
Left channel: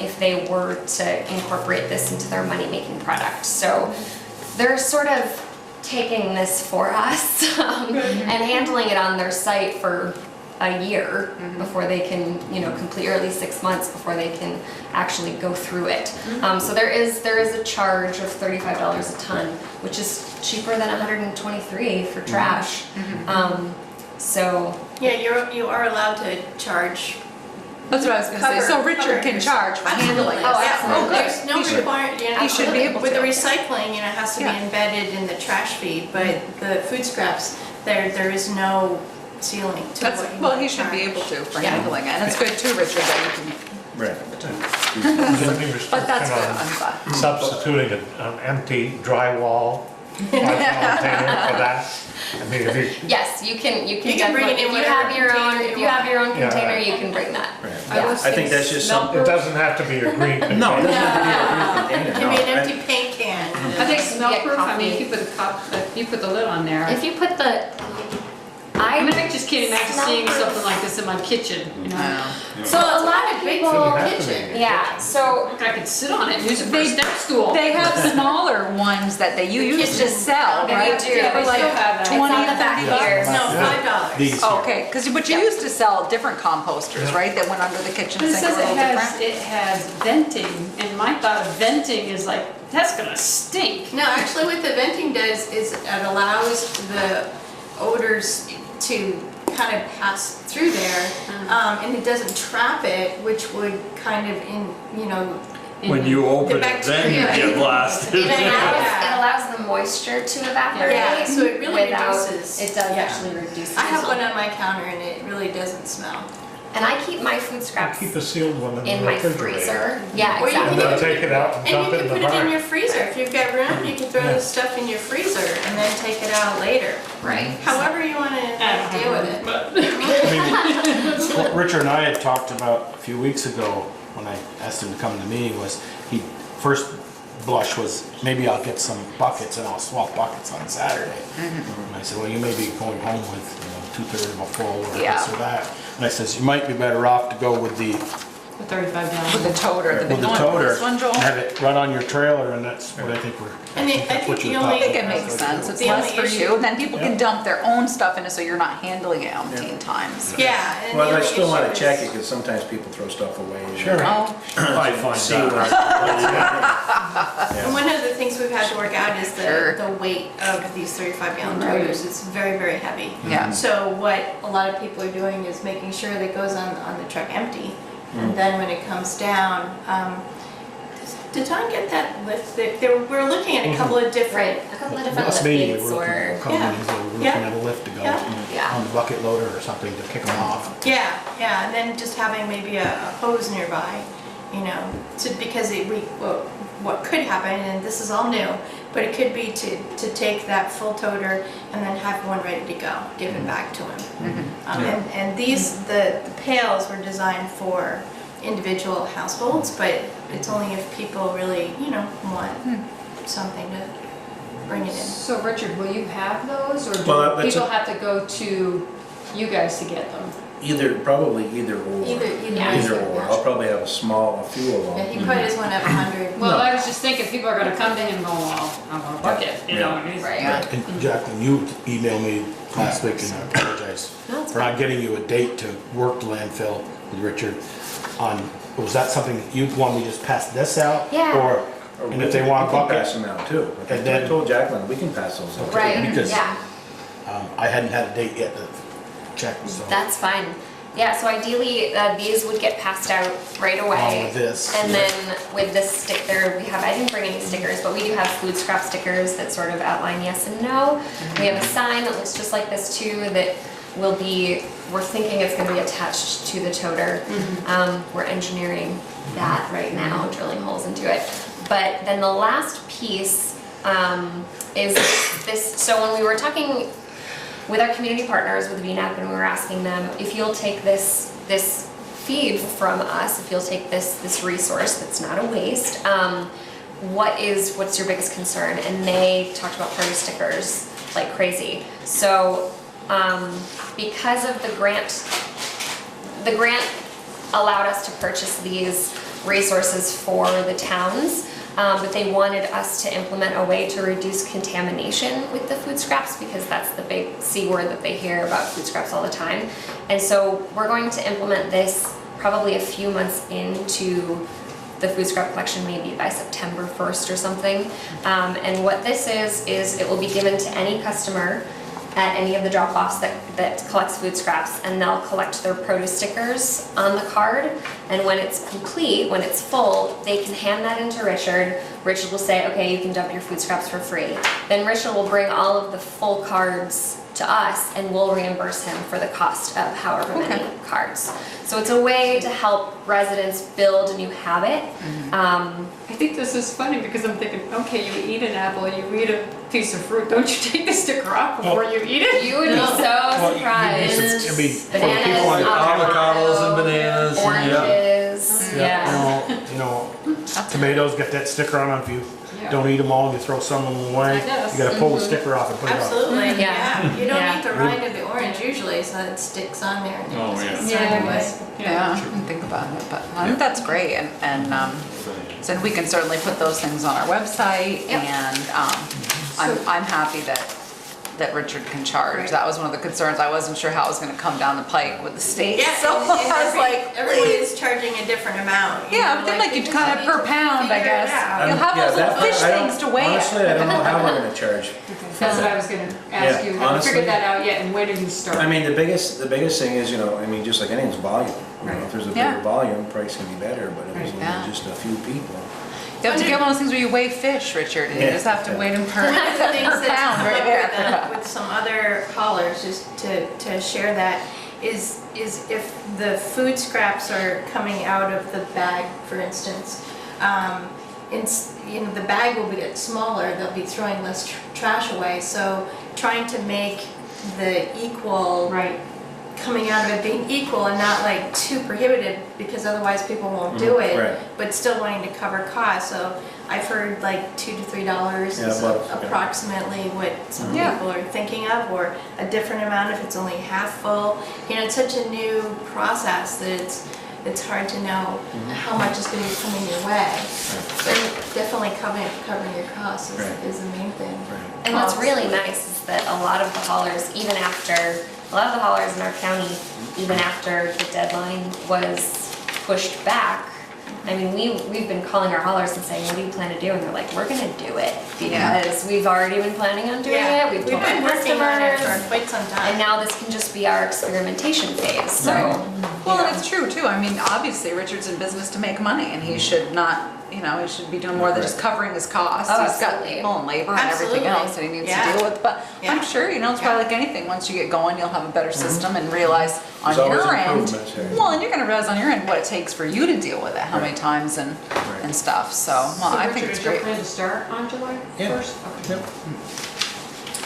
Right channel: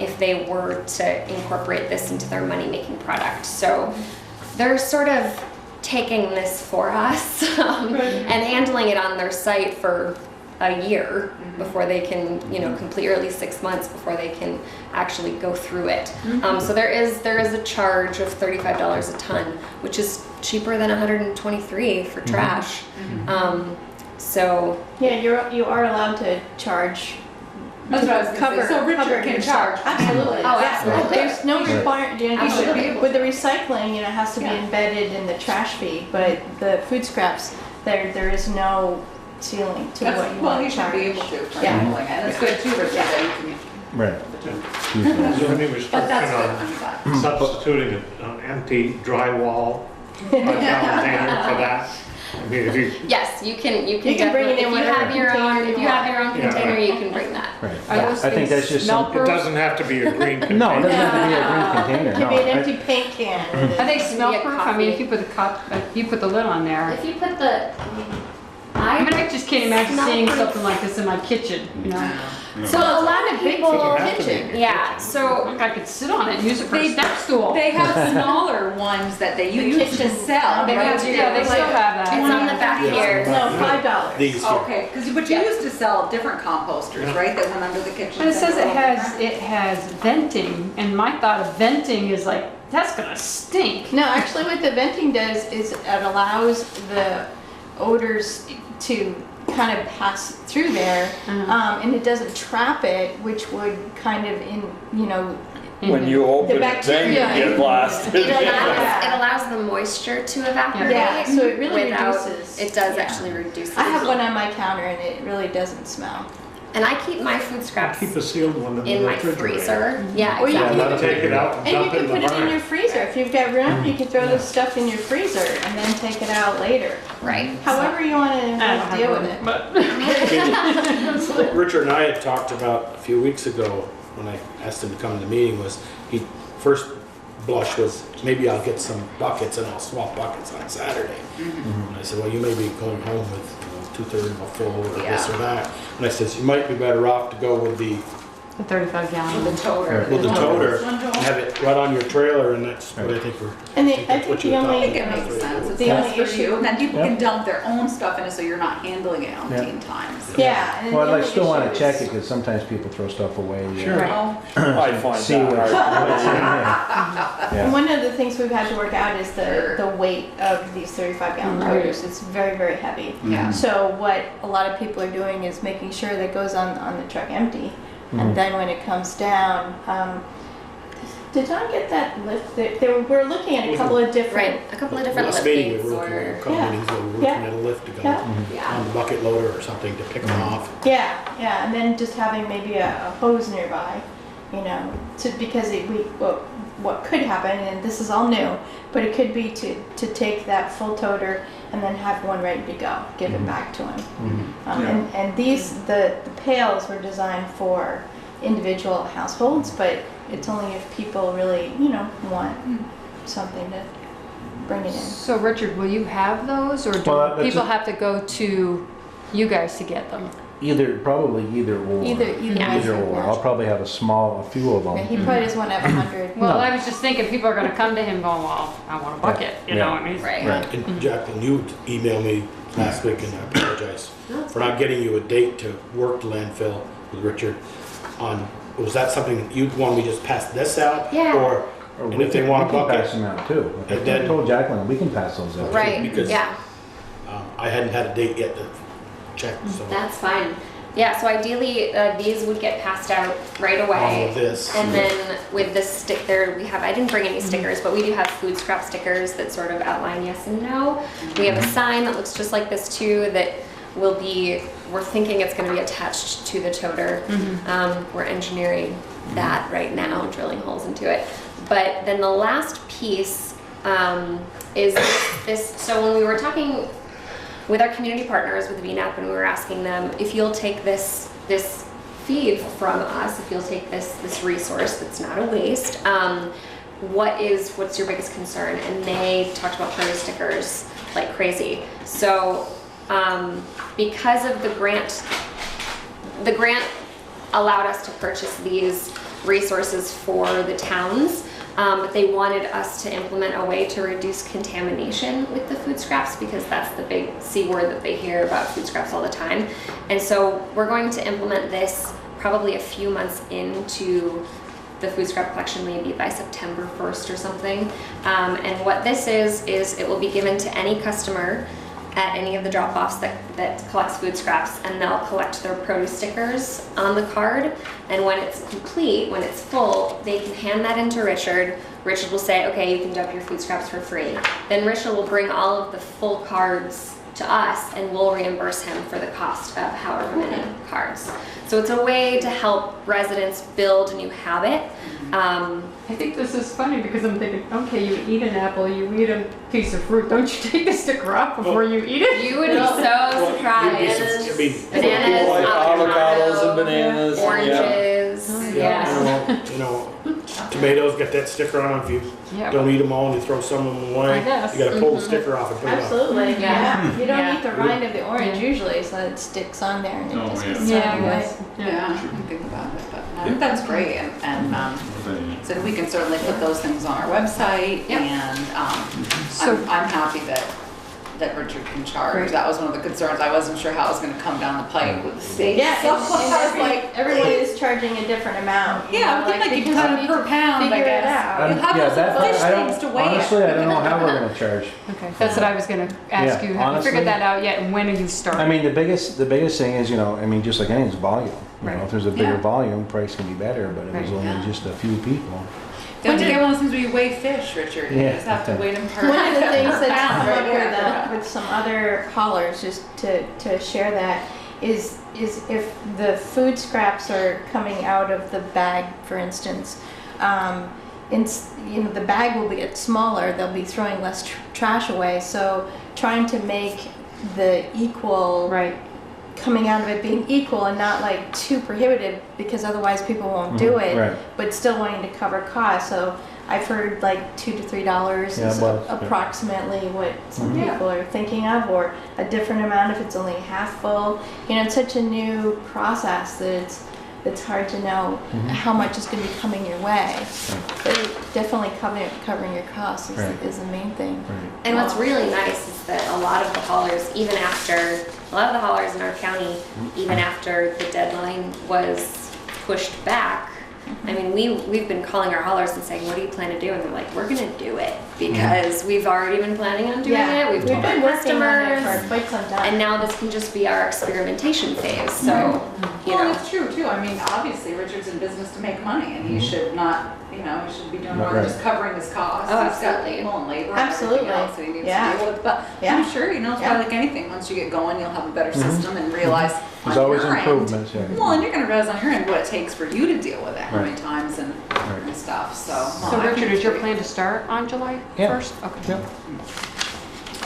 if they were to incorporate this into their money-making product. So they're sort of taking this for us and handling it on their site for a year before they can, complete, or at least 6 months before they can actually go through it. So there is a charge of $35 a ton, which is cheaper than $123 for trash. So Yeah, you are allowed to charge. That's what I was gonna say, so Richard can charge for handling. Oh, Yeah, absolutely. There's no requirement, He should be able with the to. recycling, it has to be embedded in the trash feed, but the food scraps, there is no ceiling to That's, what you well, want he to should be charge. able to for Yeah. handling it, and it's good too, Richard, that you can. Right. Is there any But that's restriction good, on I'm glad. substituting an empty drywall 5-gallon container for that? I mean, if you, yes, you can You can bring it in if you whatever have your own, container you if you have want. your own Yeah, container, right. you can bring that. Right. Yeah. I think that's just it doesn't have to be a green container. No, it doesn't have to be a green container, It no. could be an I- empty paint can. Are they smell Yeah, proof? I mean, coffee. if you put the lid on there. If you put the, I mean, I just can't imagine Smell seeing proof. something like this in my kitchen, you know? so a lot of people, kitchen. yeah, so I could sit on it and use it for a step stool. They have smaller ones that they used to sell, They right? do. Yeah, they still have it's that. on the back Yeah. here. No, $5. These. Okay, but you used to sell different composters, right, that went under the kitchen But it sink a says little different? it has venting, and my thought of venting is like, that's gonna stink. No, actually what the venting does is it allows the odors to kind of pass through there, and it doesn't trap it, which would kind of When you open it, then you bacteria. get blasted. It allows the moisture to evaporate. Yeah, so it really without, reduces. it does yeah. actually reduce. I have the one smell. on my counter and it really doesn't smell. And I keep my food scraps Keep a sealed one in the my refrigerator. freezer. Yeah, Or you And exactly. then take it out and And dump you it in can the put it in barn. your freezer. If you've got room, you can throw this stuff in your freezer and then take it out later. Right. However you want to deal with it. What Richard and I had talked about a few weeks ago when I asked him to come to the meeting was, he first blush was, maybe I'll get some buckets and I'll swap buckets on Saturday. And I said, well, you may be going home with 2/3 of a full or this or that. And I says, you might be better off to go with the 35 gallon. With the toter. with the toter, have it run on your trailer, and that's what I think we're. And I think I that's what think you're the I talking think it about. makes sense, it's The less only for issue- you, and then people Yeah. can dump their own stuff in it, so you're not handling it umpteen times. Yeah. And Well, the I other still want issue to check is- it, because sometimes people throw stuff away. Sure. Oh, I find See that what. And Yeah. one of the things we've had to work out is Sure. the weight of these 35-gallon toters. It's very, very heavy. yeah. So what a lot of people are doing is making sure that it goes on the truck empty. And then when it comes down, did John get that lift? We're looking at a couple of different. Right. A couple of different Last lift meeting, gates we were looking or. at companies that were looking Yeah. at a lift to go Yeah. Yeah. on the bucket loader or something to pick them off. Yeah, and then just having maybe a hose nearby, because what could happen, and this is all new, but it could be to take that full toter and then have one ready to go, give it back to him. And the pails were designed for individual households, but it's only if people really, want something to bring it in. So Richard, will you have those, or Well, do that's people a- have to go to you guys to get them? Probably either or. Yeah. Either or. I'll probably have a few of Yeah, them. he probably doesn't want to have 100. Well, I was just thinking, people are gonna come to him going, well, I want a bucket, you know, I mean. Right. Right. And Jacqueline, you emailed me last week, and I apologize for not getting you a date to work the landfill with Richard on, was that something that you'd want me to just pass this out? Yeah. Or, and if they want we to can book pass it? them out too. Like And I then- told Jacqueline, we can pass those out. Right, Because yeah. I hadn't had a date yet to check, so. That's fine. Yeah, so ideally, these would get passed out right away. Along with this. And then with this sticker, we have, I didn't bring any stickers, but we do have food scrap stickers that sort of outline yes and no. We have a sign that looks just like this too, that will be, we're thinking it's gonna be attached to the toter. We're engineering that right now, drilling holes into it. But then the last piece is this, so when we were talking with our community partners, with VNAP, when we were asking them, if you'll take this feed from us, if you'll take this resource that's not a waste, what's your biggest concern? And they talked about produce stickers like crazy. So because of the grant allowed us to purchase these resources for the towns, but they wanted us to implement a way to reduce contamination with the food scraps, because that's the big C word that they hear about food scraps all the time. And so we're going to implement this probably a few months into the food scrap collection, maybe by September 1st or something. And what this is it will be given to any customer at any of the drop-offs that collects food scraps, and they'll collect their produce stickers on the card, and when it's complete, when it's full, they can hand that into Richard. Richard will say, okay, you can dump your food scraps for free. Then Richard will bring all of the full cards to us, and we'll reimburse him for the cost of however many cards. So it's a way to help residents build a new habit. I think this is funny because I'm thinking, okay, you eat an apple, you eat a piece of fruit, don't you take the sticker off before you eat it? You would be so surprised. Bananas, Like avocados and bananas. oranges, Yeah, you know, tomatoes got that sticker on, if you Yeah. don't eat them all and you throw some of them away, I guess. you gotta pull the sticker off and put it on. Absolutely, Yeah. yeah. You Yeah. don't eat the rind of the orange usually, so it sticks on there and it Oh, just yeah. gets Yeah, thrown away. Yeah, I can think about it, but I think that's great, and so we can certainly put those things on our website, Yep. and I'm happy that Richard can charge. That was one of the concerns. I wasn't sure how it was gonna come down the pike with the state. Yeah, So and I was like, everybody's charging a different amount. you yeah, I know, would think like they you'd just cut it need per to pound, I figure it guess. out. You'll have Yeah, those little that- fish I don't- things to weigh Honestly, it. I don't know how we're gonna charge. Okay, that's what I was gonna ask you, haven't honestly- figured that out yet, and when do you start? I mean, the biggest thing is, I mean, just like anything's volume. You know, if there's a Yeah. bigger volume, price can be better, but if there's Right. only Yeah. just a few people. You have to get one of those things where you weigh fish, Richard, and you Yeah. just have to weigh them per One of the things per that's pound come right up there. with some other haulers, just to share that, is if the food scraps are coming out of the bag, for instance, the bag will get smaller, they'll be throwing less trash away, so trying to make the equal Right. coming out of it being equal and not like too prohibitive, because otherwise people won't do it, Right. but still wanting to cover costs. So I've heard like $2 to $3 Yeah, is about, yeah. approximately what some Yeah. people are thinking of, or a different amount if it's only half full. It's such a new process that it's hard to know how much is going to be coming your way. So definitely covering your costs is the main thing. Right. And what's really nice is that a lot of the haulers, a lot of the haulers in our county, even after the deadline was pushed back, I mean, we've been calling our haulers and saying, what do you plan to do? And they're like, we're gonna do it, because we've already been planning on doing it. We've told our been working on it customers. for quite some time. And now this can just be our experimentation phase, so. Well, and it's true too. I mean, obviously Richard's in business to make money, and he should not, he should be doing more than just covering his costs. Oh, He's got absolutely. people and labor and Absolutely. everything else that he needs Yeah. to deal with. But Yeah. I'm sure, it's probably like anything. Once you get going, you'll have a better system and realize on There's always your end. improvements, yeah. Well, and you're gonna realize on your end what it takes for you to deal with it, how many times and stuff. So, well, So I think Richard, it's is your great. plan to start on July Yeah. 1st? Okay.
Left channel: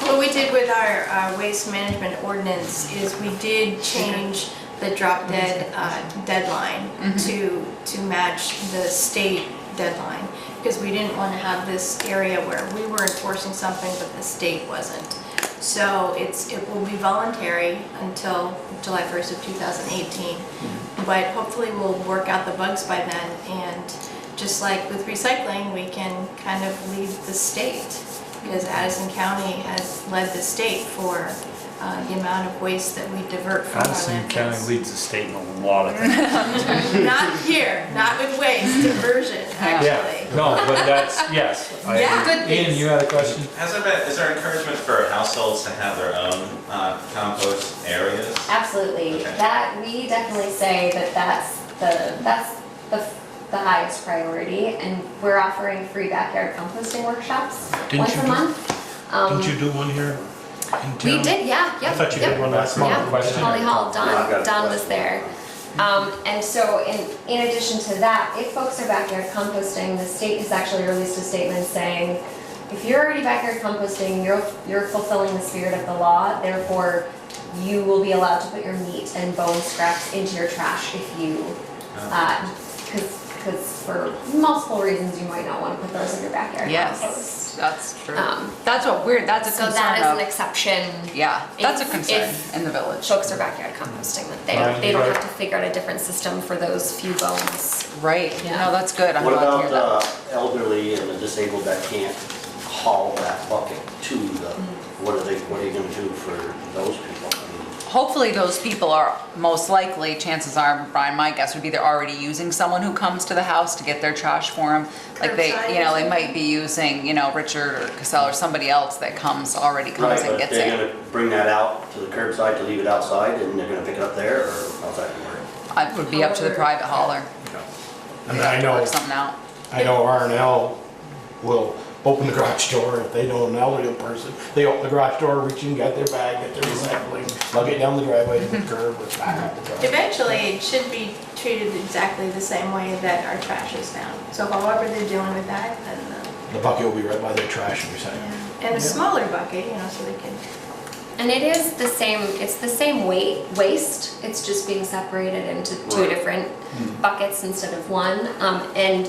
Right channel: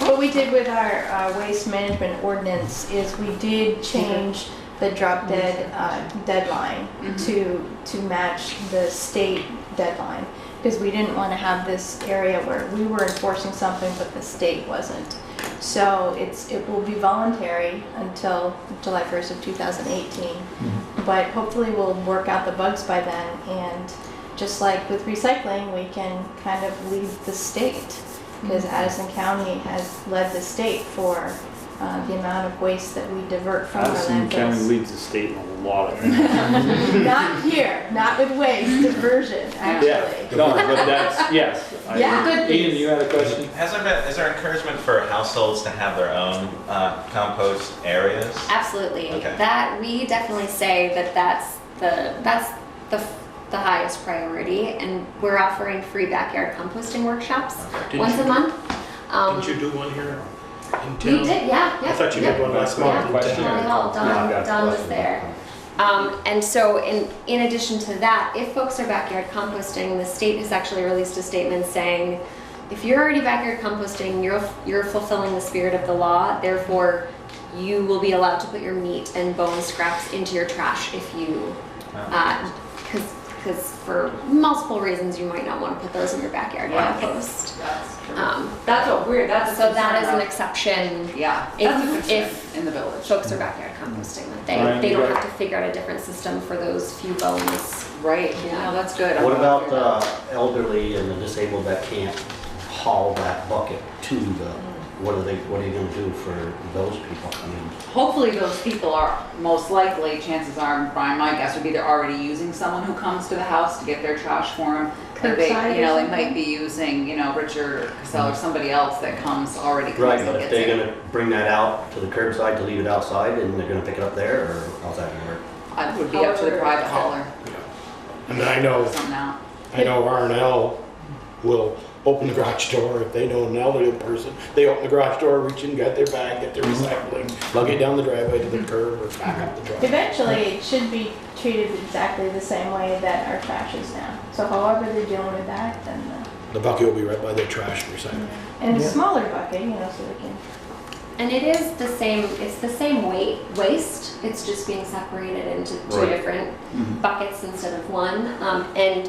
What we did with our waste management ordinance is we did change the drop dead deadline to match the state deadline, because we didn't want to have this area where we were enforcing something but the state wasn't. So it will be voluntary until July 1st of 2018, but hopefully we'll work out the bugs by then, and just like with recycling, we can kind of leave the state, because Addison County has led the state for the amount of waste that we divert from our Addison County landfills. leads the state in a lot of things. Not here, not with waste, diversion, actually. No, but that's, yes. Yeah. Ian, you had a question? Is there encouragement for households to have their own compost areas? Absolutely. Okay. That, we definitely say that that's the highest priority, and we're offering free backyard composting workshops once a month. Didn't you do one here in town? We did, yeah, I thought you did one last month. Yeah, Holly Hall, Don was there. And so in addition to that, if folks are backyard composting, the state has actually released a statement saying, if you're already backyard composting, you're fulfilling the spirit of the law, therefore you will be allowed to put your meat and bone scraps into your trash if you, because for multiple reasons you might not want to put those in your backyard compost. That's true. That's what we're, that's a So concern that is of- an exception. Yeah, that's a if- concern if in the village. Folks are backyard composting, that they don't have to figure out a different system for those few bones. Right, Yeah. no, that's good. I'm What glad to hear about that. elderly and the disabled that can't haul that bucket to the, what are you gonna do for those people? I mean, Hopefully those people are, most likely, chances are, Brian, my guess would be they're already using someone who comes to the house to get their trash for them. Like they, Curbside you know, or they something? might be using, you know, Richard or Cassell or somebody else that already comes right, and but if gets they're it. gonna bring that out to the curbside to leave it outside and they're gonna pick it up there, or how's that gonna work? It would be up to the private hauler. And I know, Work something out. I know R&L will open the garage door if they know an elderly person. They open the garage door, reach in, get their bag, get their recycling, lug it down the driveway to the curb or back up the driveway. Eventually, it should be treated exactly the same way that our trash is now. So however they're doing with that, then The bucket will be right by their trash and recycling. and a smaller bucket, you know, so they can. And it is the same, it's the same waste, it's just being separated into two Right. different buckets instead of one. And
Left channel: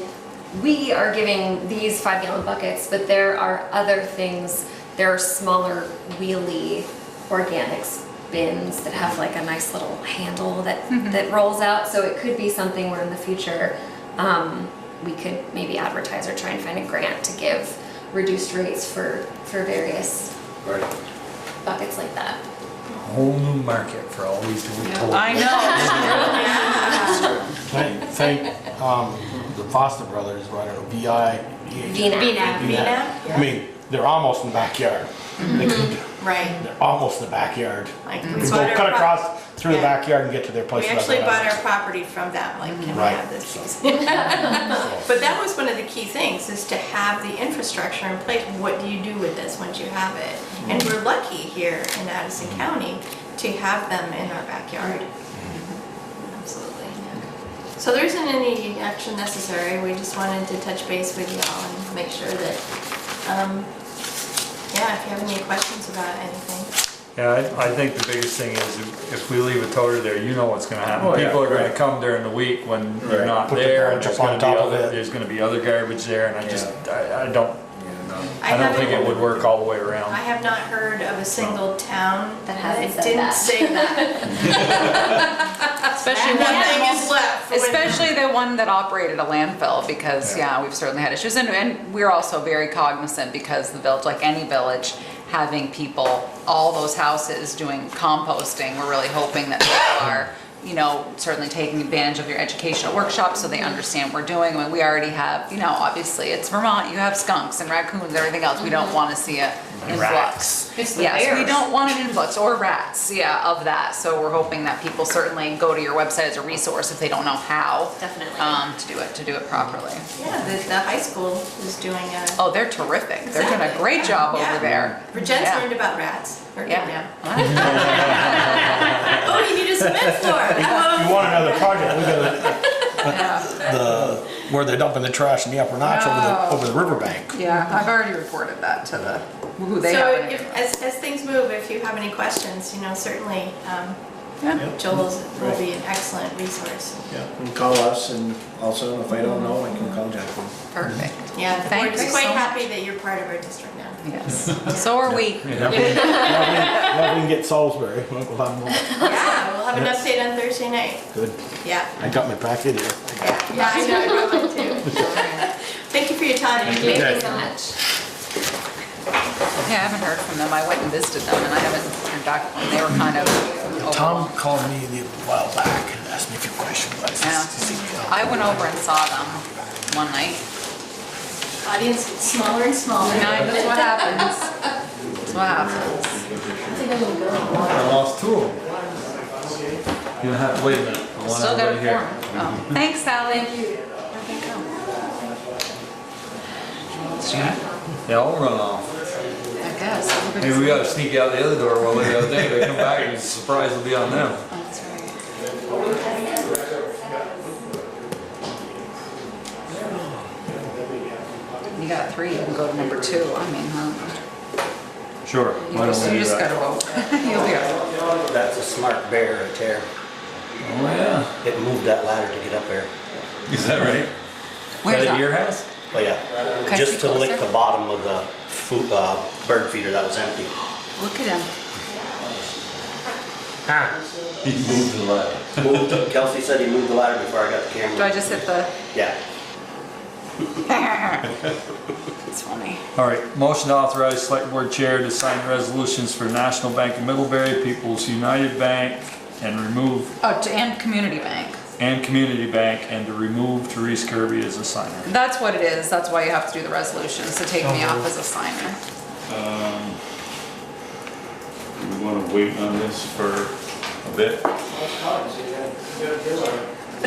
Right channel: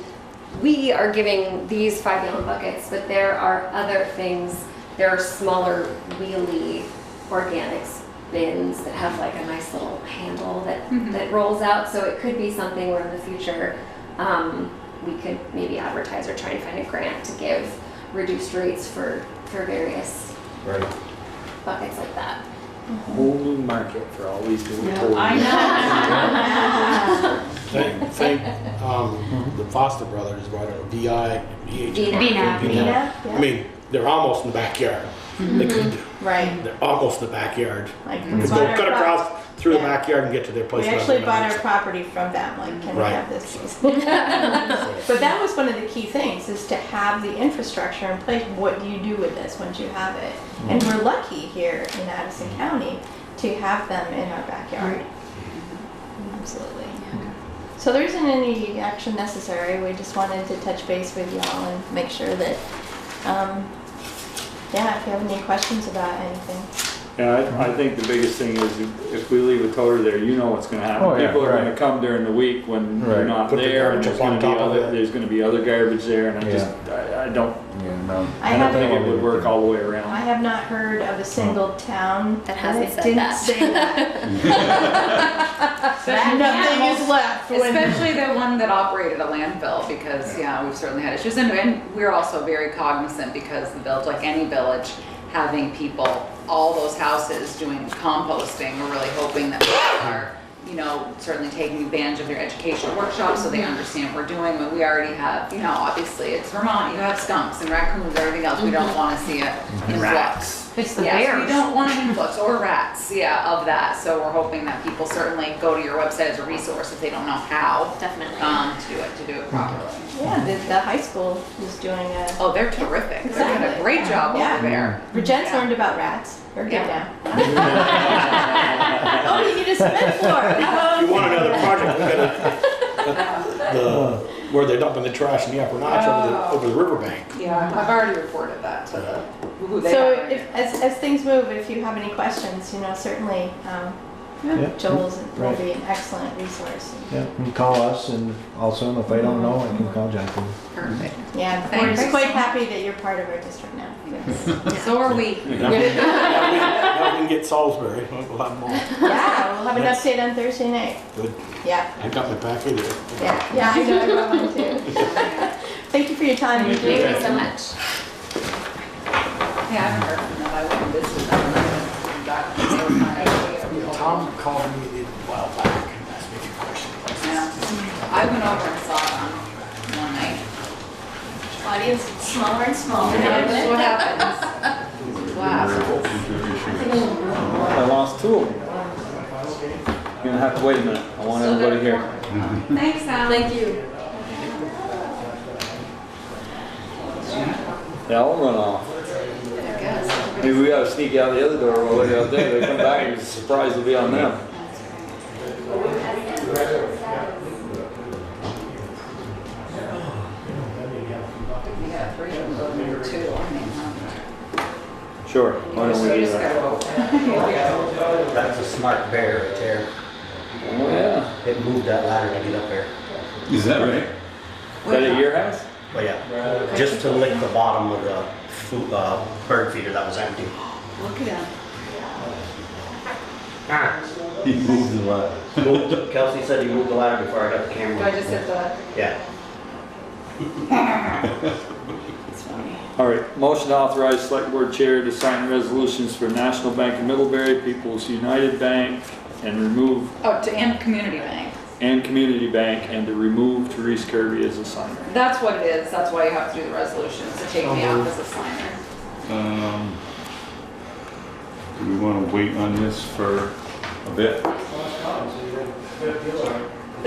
we are giving these 5-gallon buckets, but there are other things, there are smaller wheelie organics bins that have like a nice little handle that rolls out, so it could be something where in the future we could maybe advertise or try and find a grant to give reduced rates for various Right. buckets like that. Whole new market for all these little toys. I know. Thank the Foster brothers, I don't know, VI, Vina. Vina, I mean, they're almost in the backyard. They could- Right. They're almost in the backyard. Like, You we can bought go our cut prop- across through the Yeah. backyard and get to their place. We actually bought our property from them, like, can we Right. have this piece? But that was one of the key things, is to have the infrastructure in place. What do you do with this once you have it? And we're lucky here in Addison County to have them in our backyard. Absolutely. So there isn't any action necessary, we just wanted to touch base with y'all and make sure that, yeah, if you have any questions about anything. Yeah, I think the biggest thing is if we leave a toter there, you know what's gonna happen. Oh, yeah, People are gonna right. come during the week when you're Right. not Put the there. garbage There's up on gonna be top of other, it. there's gonna be other garbage there, and I don't, I I don't haven't- think it would work all the way I around. have not heard of a single town That hasn't said didn't that. say that. Especially Nothing is left. when- Especially the one that operated a landfill, because, yeah, we've certainly had issues. And we're also very cognizant, because the village, like any village, having people, all those houses doing composting, we're really hoping that people are, you know, certainly taking advantage of your educational workshops so they understand what we're doing. When we already have, you know, obviously it's Vermont, you have skunks and raccoons and everything else. We don't want to see an influx. It's the Yes, we bears. don't want an influx, or rats, yeah, of that. So we're hoping that people certainly go to your website as a resource if they don't know how. Definitely. To do it properly. Yeah, the high school is doing a. Oh, they're terrific. They're doing a Exactly. great job Yeah. over there. Virgin's Yeah. learned about rats. We're good Yeah. now. Oh, you need a cement floor. If you want another project, we got where they're dumping the trash in the upper notch over the riverbank. Yeah, I've already reported that to who they So have. if, as things move, if you have any questions, you know, certainly Yeah. Joel's going to be an excellent resource. Yeah, you can call us, and also if I don't know, I can call Jackie. Perfect. Yeah, Thank we're you just quite so much. happy that you're part of our district now. Yes. So are we. Now we can get Salisbury, we'll have more. Yeah, we'll have an update on Thursday night. Good. Yeah. I got my packet here. Yeah, I know, I got one too. Thank you for your time. Thank you so much. Yeah, I haven't heard from them. I went and visited them and I haven't back when they were kind of. Tom called me a while back and asked me a few questions. I went over and saw them one night. Audience gets smaller and smaller. That's what happens. That's what happens. I lost two of them. You're gonna have to wait a minute. I want Still everybody got here. Oh, thanks, Sally. Thank you. They all run off. I guess. Maybe we gotta sneak out the other door while they're out there. They come back and the surprise will be on them. That's right. You got 3, you can go to number 2. I mean, Sure. you why don't we just, do that? gotta go. You'll be right. That's a smart bear right there. Oh, yeah. It moved that ladder to get up there. Is that right? Where's Is that that? your house? Oh, yeah. Okay, Just to closer. lick the bottom of the food, bird feeder that was empty. Look at him. He moved the ladder. Kelsey said he moved the ladder before I got the camera. Do I just hit the? Yeah. It's funny. All right, motion to authorize select board chair to sign resolutions for National Bank of Middlebury, People's United Bank, and remove, Oh, and Community Bank. and Community Bank, and to remove Therese Kirby as a signer. That's what it is. That's why you have to do the resolutions, to take me off as a signer. Do we want to wait on this for a bit?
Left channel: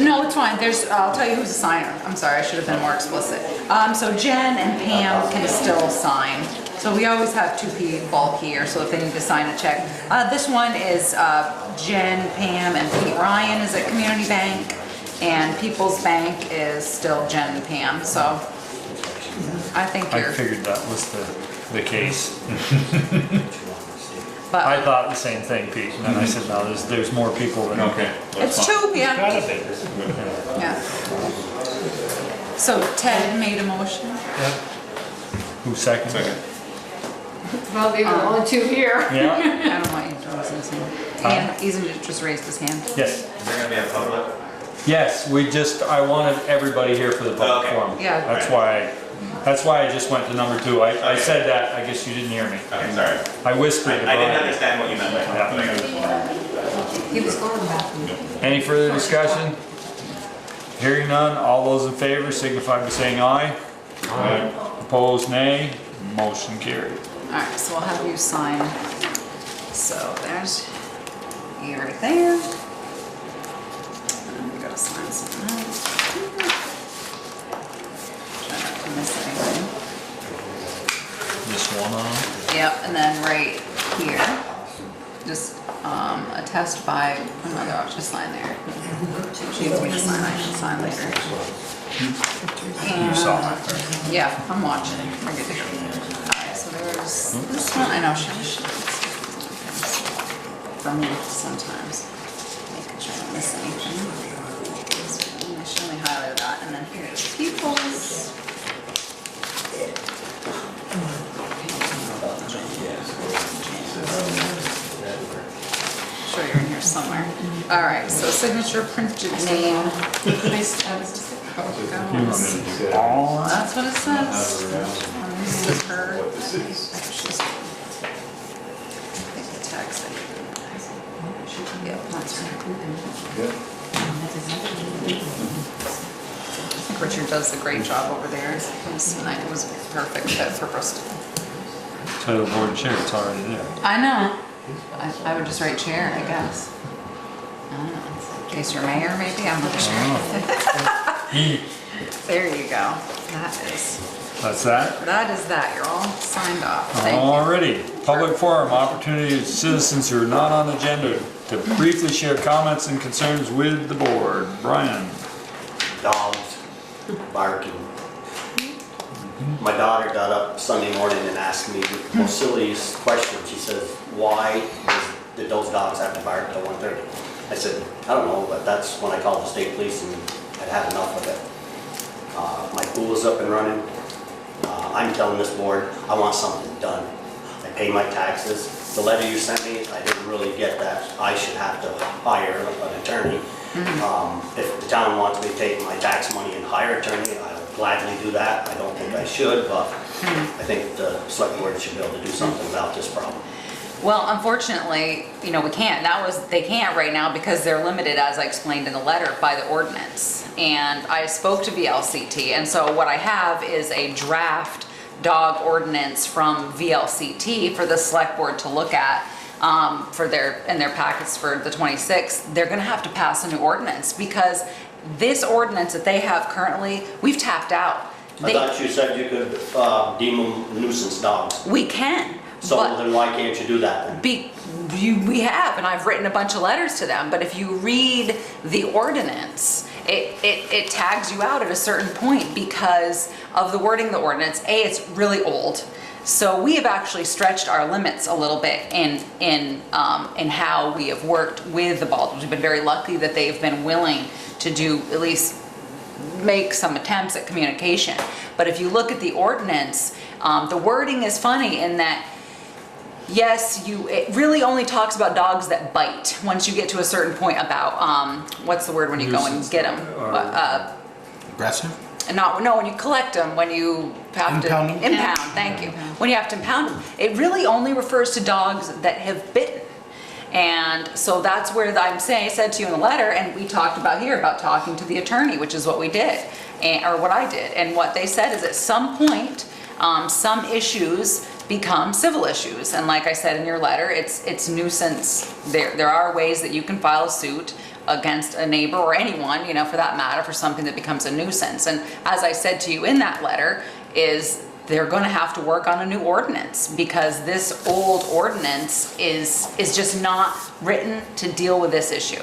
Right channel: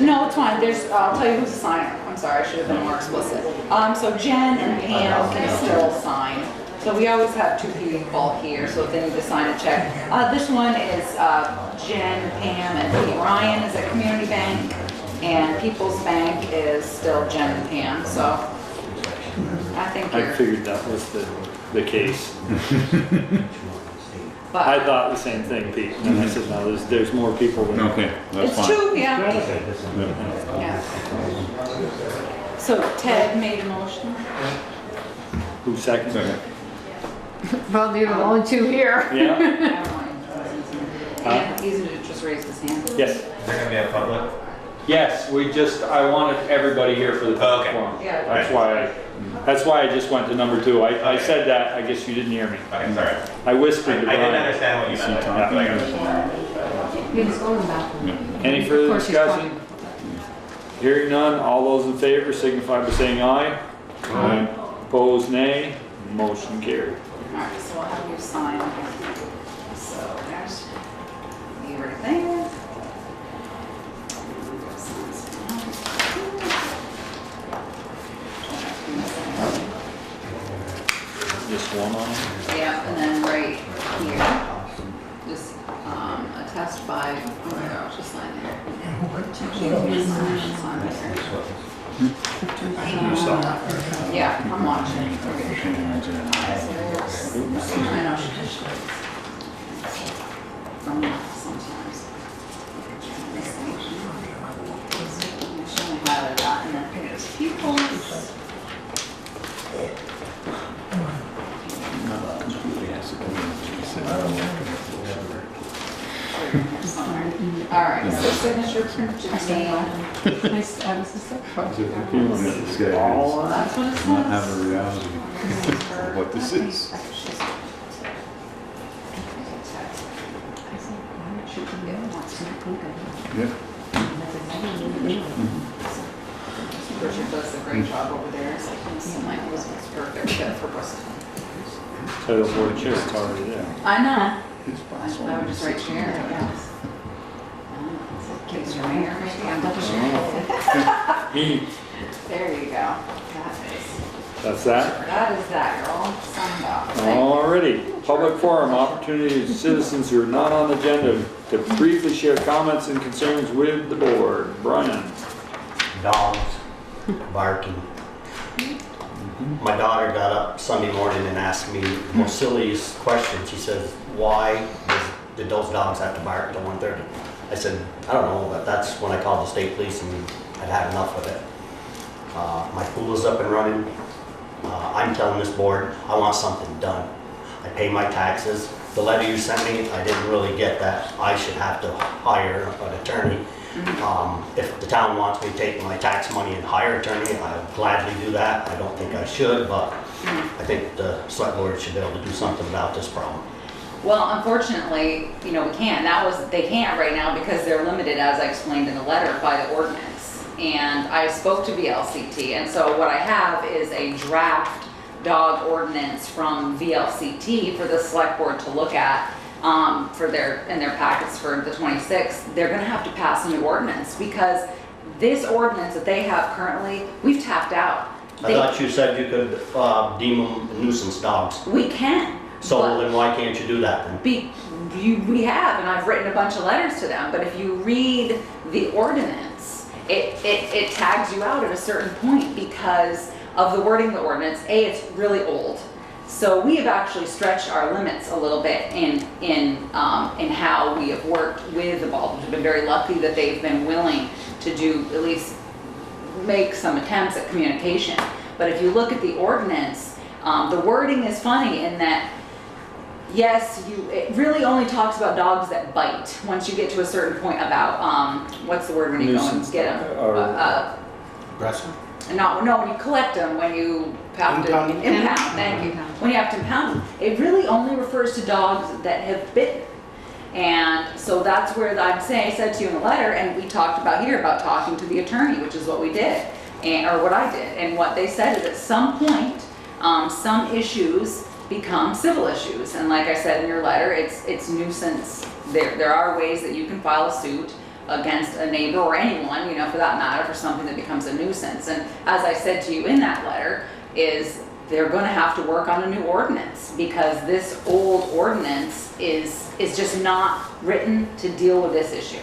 No, it's fine. I'll tell you who's a signer. I'm sorry, I should have been more explicit. So Jen and Pam can still sign. So we always have 2 people here, so if they need to sign a check. This one is Jen, Pam, and Pete Ryan is at Community Bank, and People's Bank is still Jen and Pam, so I think I you're, figured that was the case. but I thought the same thing, Pete, and I said, no, there's more people than. Okay, that's it's fine. 2, yeah. Yeah. So Ted made a motion. Who seconded? Second. Well, we have only 2 here. Yeah, I don't want you to raise his hand. And he's just raised his hand. yes. Is there gonna be a public? Yes, I wanted everybody here for the public Okay. forum. Yeah. That's why I just went to number 2. I said that, I guess you didn't hear me. Okay, sorry. I whispered to I didn't Brian. understand what you meant, but I got it. He was going back. Any further discussion? Hearing none, all those in favor signify by saying aye. Aye. Opposed, nay. Motion carried. All right, so I'll have you sign. So there's you right there. And we gotta sign some of that. Try not to miss anything. This one on? Yep, and then right here, just attest by, oh my gosh, just sign there. She needs me to sign, I should sign there. You saw that. Yeah, I'm watching. Forget it. So there's this one, I know she from sometimes. Making sure I'm missing anything. So she only highlighted that, and then here's pupils. Sure you're in here somewhere. All right, so signature, printed name. Nice tabs. See that? That's what it Not have says. a reality. This is her. What this is. She's. Text. Yeah, that's Yeah. Richard does a great job over there. It was a perfect fit for Bristol. Title board chair, it's already there. I know. I would just write chair, I guess. I don't know. In case you're mayor, maybe, I'm not sure. There you go. That's that? That is that. You're all signed off. Thank you. Alrighty, public forum, opportunity to citizens who are not on the agenda to briefly share comments and concerns with the board. Brian? Dogs barking. My daughter got up Sunday morning and asked me the most silliest question. She says, why did those dogs have to bark at 1:30? I said, I don't know, but that's when I called the state police and I'd had enough of it. My pool is up and running. I'm telling this board, I want something done. I pay my taxes. The letter you sent me, I didn't really get that I should have to hire an attorney. If the town wants me to take my tax money and hire an attorney, I'll gladly do that. I don't think I should, but I think the select board should be able to do something about this problem. Well, unfortunately, we can't. They can't right now because they're limited, as I explained in the letter, by the ordinance. And I spoke to VLCT, and so what I have is a draft dog ordinance from VLCT for the select board to look at in their packets for the 26th. They're gonna have to pass a new ordinance because this ordinance that they have currently, we've tapped out. I thought you said you could deem them nuisance dogs. We can. So then why can't you do that then? We have, and I've written a bunch of letters to them, but if you read the ordinance, it tags you out at a certain point because of the wording of the ordinance. A, it's really old. So we have actually stretched our limits a little bit in how we have worked with the Baldwins. We've been very lucky that they've been willing to do, at least make some attempts at communication. But if you look at the ordinance, the wording is funny in that, yes, it really only talks about dogs that bite. Once you get to a certain point about, what's the word when you go and get them? Aggressive? No, when you collect them, when you have to impound, thank you. When you have to impound them, it really only refers to dogs that have bitten. And so that's where I said to you in the letter, and we talked about here about talking to the attorney, which is what we did, or what I did. And what they said is at some point, some issues become civil issues. And like I said in your letter, it's nuisance. There are ways that you can file a suit against a neighbor or anyone, for that matter, for something that becomes a nuisance. And as I said to you in that letter, is they're going to have to work on a new ordinance because this old ordinance is just not written to deal with this issue.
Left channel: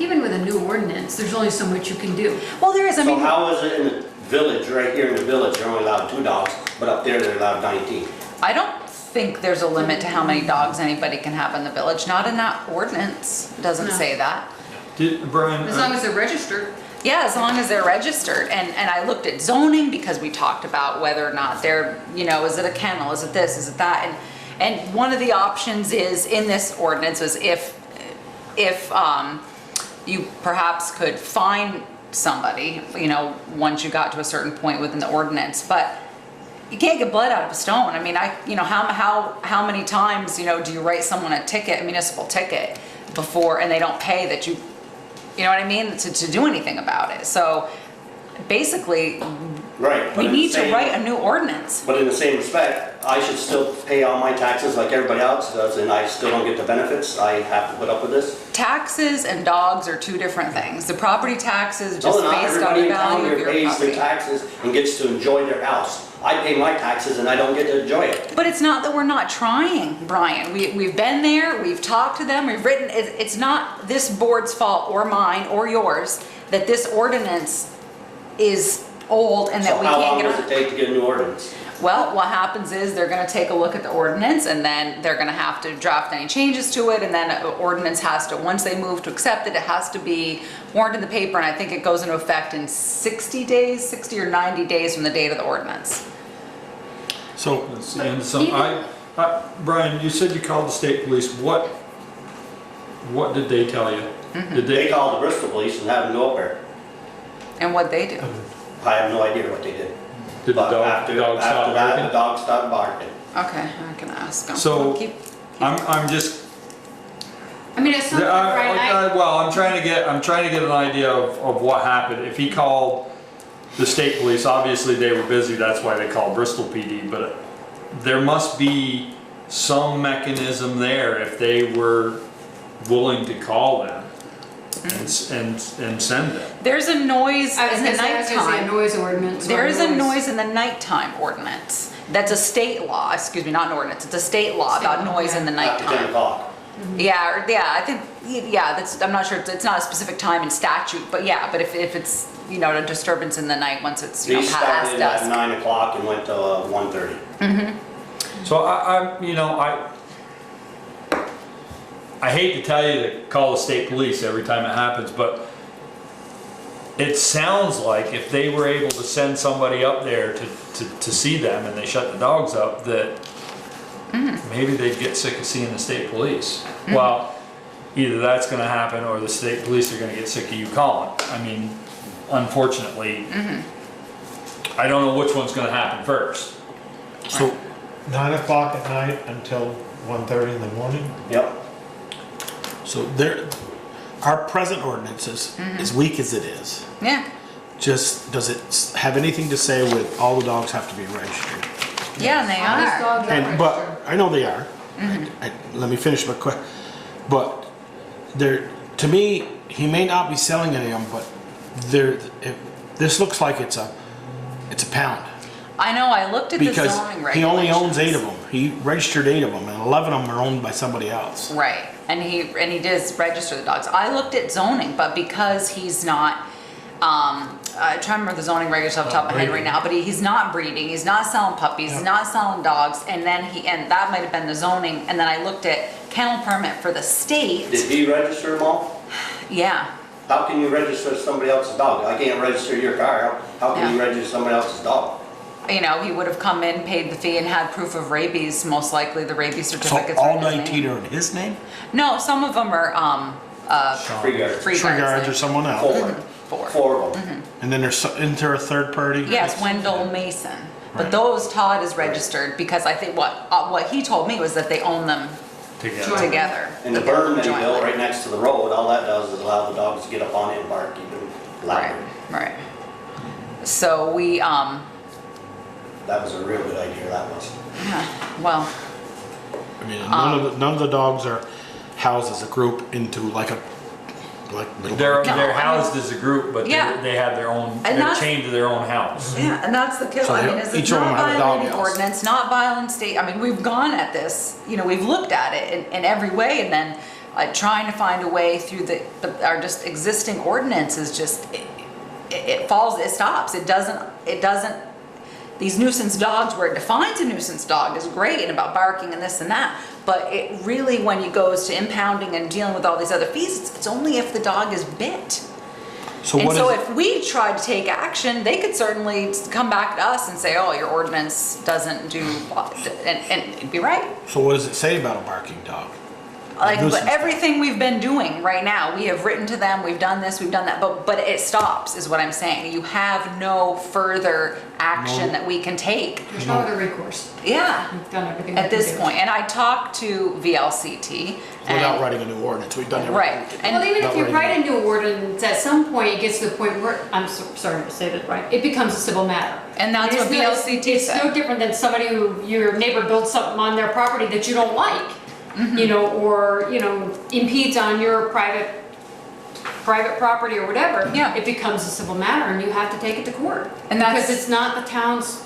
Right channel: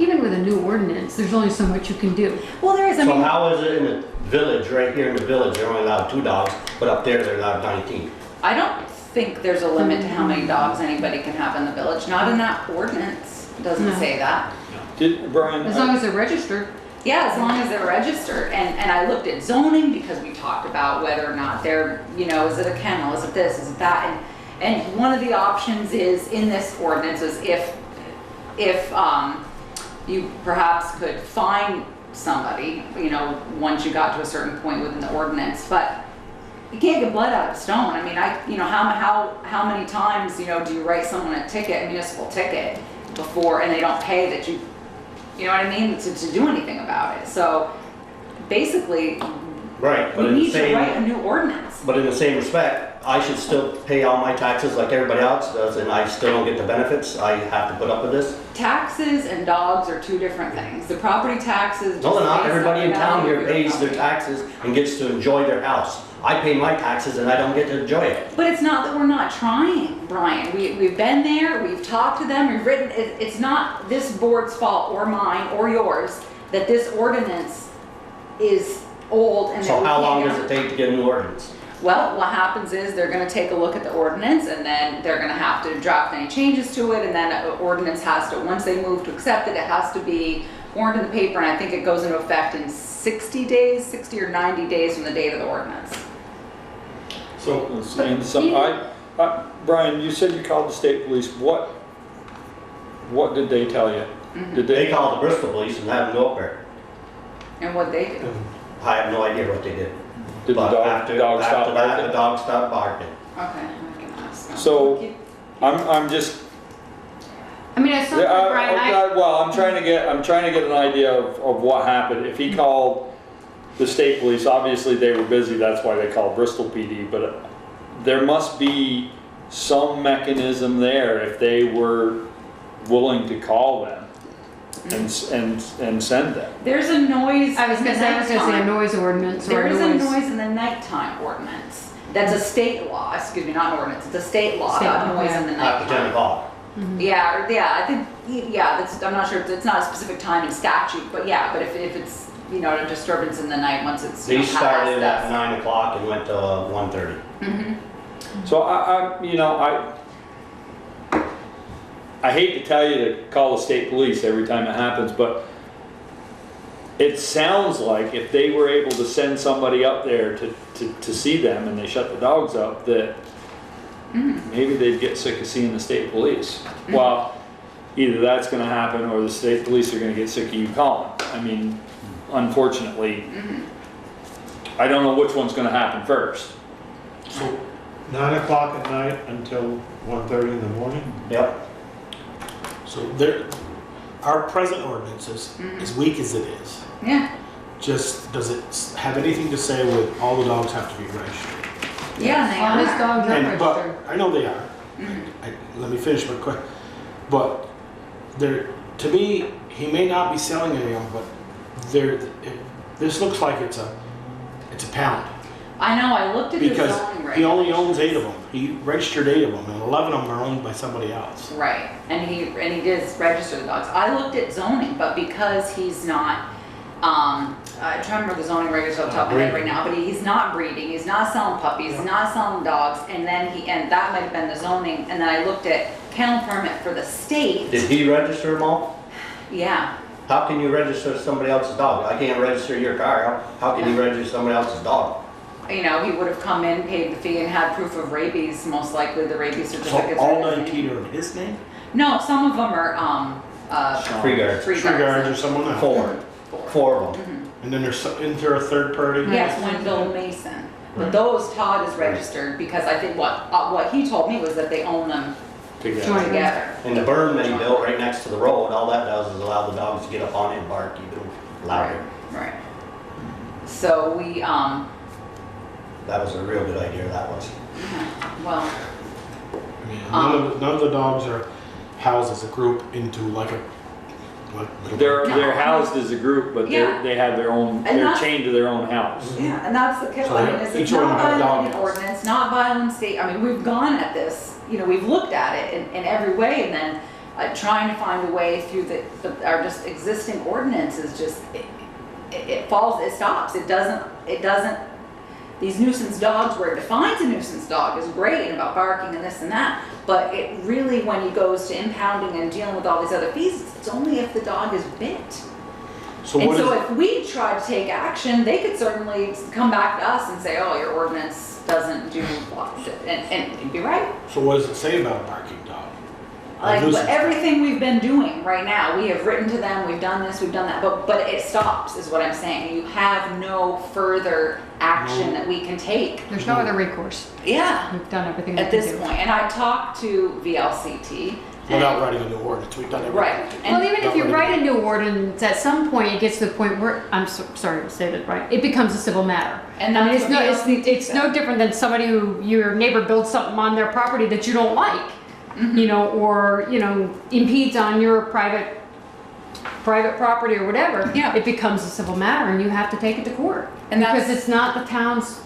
Even with a new ordinance, there's only so much you can do. Well, there is. So how is it in the village, right here in the village, they're only allowed 2 dogs, but up there they're allowed 19? I don't think there's a limit to how many dogs anybody can have in the village. Not in that ordinance. It doesn't say that. Brian? As long as they're registered. Yeah, as long as they're registered. And I looked at zoning because we talked about whether or not they're, is it a kennel, is it this, is it that? And one of the options is in this ordinance is if you perhaps could fine somebody, once you got to a certain point within the ordinance, but you can't get blood out of a stone. I mean, how many times, do you write someone a municipal ticket before, and they don't pay that you know what I mean, to do anything about it. So basically, right, we need to write a new ordinance. But in the same respect, I should still pay all my taxes like everybody else does, and I still don't get the benefits. I have to put up with this. Taxes and dogs are two different things. The property taxes just No, not based on everybody the in town value of here your pays their property. taxes and gets to enjoy their house. I pay my taxes and I don't get to enjoy it. But it's not that we're not trying, Brian. We've been there, we've talked to them, we've written, it's not this board's fault or mine or yours that this ordinance is old and that So we how can't long get does on. it take to get a new ordinance? Well, what happens is they're gonna take a look at the ordinance and then they're gonna have to draft any changes to it, and then an ordinance has to, once they move to accept it, it has to be warned in the paper, and I think it goes into effect in 60 or 90 days from the date of the ordinance. So, Brian, you said you called the state police. What did they tell you? Mm-hmm. They called the Bristol police and had them go up there. And what'd they do? I have no idea what they did. Did the But dog after stop that, barking? the dog stopped barking. Okay, I can ask them. So, Keep- I'm just. I mean, it's something, Brian, Well, I'm trying to get an idea of what happened. If he called the state police, obviously they were busy. That's why they called Bristol PD. But there must be some mechanism there if they were willing to call them and send them. There's a noise I was in the gonna say, there's a nighttime. noise ordinance. There or is a noise in the nighttime ordinance. That's a state law, excuse me, not an ordinance. It's a state law about State law, noise in the After 10 nighttime. o'clock. I think, I'm not sure, it's not a specific time in statute, but if it's, a disturbance in the night once it's, They past started at dusk. 9 o'clock and went to 1:30. Mm-hmm. So I hate to tell you to call the state police every time it happens, but it sounds like if they were able to send somebody up there to see them and they shut the dogs up, that maybe they'd get sick of seeing the state police. Well, either that's going to happen or the state police are going to get sick of you calling. I mean, unfortunately, I don't know which one's going to happen first. So 9 o'clock at night until 1:30 in the morning? Yep. So there, our present ordinance is as weak as it is. Yeah. Just, does it have anything to say with all the dogs have to be registered? Yeah, and they All these are. dogs are registered. But, I know they are. Let me finish my question. But there, to me, he may not be selling any of them, but this looks like it's a pound. I know, I looked at the Because zoning regulations. he only owns 8 of them. He registered 8 of them, and 11 of them are owned by somebody else. Right, and he does register the dogs. I looked at zoning, but because he's not, I'm trying to remember the zoning regulations off the top of my head right now, but he's not breeding, he's not selling puppies, he's not selling dogs, and then and that might have been the zoning, and then I looked at kennel permit for the state. Did he register them all? Yeah, How can you register somebody else's dog? I can't register your car. How can you register somebody else's dog? you know, he would have come in, paid the fee, and had proof of rabies, most likely the rabies So certificates. all are in his 19 name. are in his name? No, some of them are, Free guards. free Tree guards or guards. someone else? 4. 4 of them. And then isn't there a third party? Yes, Wendell Mason. But Right. those, Todd is registered because I think what he told me was that they own them together. And the berm that he Jointly. built right next to the road, all that does is allow the dogs to get up on it and bark even louder. Right. So we, That was a real good idea, that was. yeah, well, I mean, none of the dogs are housed as a group into like little. They're housed as a group, but Yeah. they have their own, And they're that's- chained to their own house. yeah, and that's the killer. So I mean, is each it's of not them have a dog violating house. ordinance, not violent state. I mean, we've gone at this, you know, we've looked at it in every way, and then trying to find a way through but our just existing ordinance is just, it falls, it stops. It doesn't, these nuisance dogs, where it defines a nuisance dog is great and about barking and this and that, but it really, when it goes to impounding and dealing with all these other fees, it's only if the dog is bit. So And what so is, if we tried to take action, they could certainly come back to us and say, oh, your ordinance doesn't do, and it'd be right. so what does it say about a barking dog? Like, nuisance but dog. everything we've been doing right now, we have written to them, we've done this, we've done that, but it stops, is what I'm saying. You have no further action that we can take. There's no other recourse. Yeah, We've done everything we at can this do. point. And I talked to VLCT. Without and- writing a new ordinance, we've done everything. Right. And Well, even if Not you really. write a new ordinance, at some point, it gets to the point where, sorry to say that, right, it becomes a civil matter. And that's It's what no- VLCT It's said. no different than somebody your neighbor builds something on their property that you don't like, you know, or, you know, impedes on your private property or whatever. Yeah. It becomes a civil matter and you have to take it to court. And that's- Because it's not the town's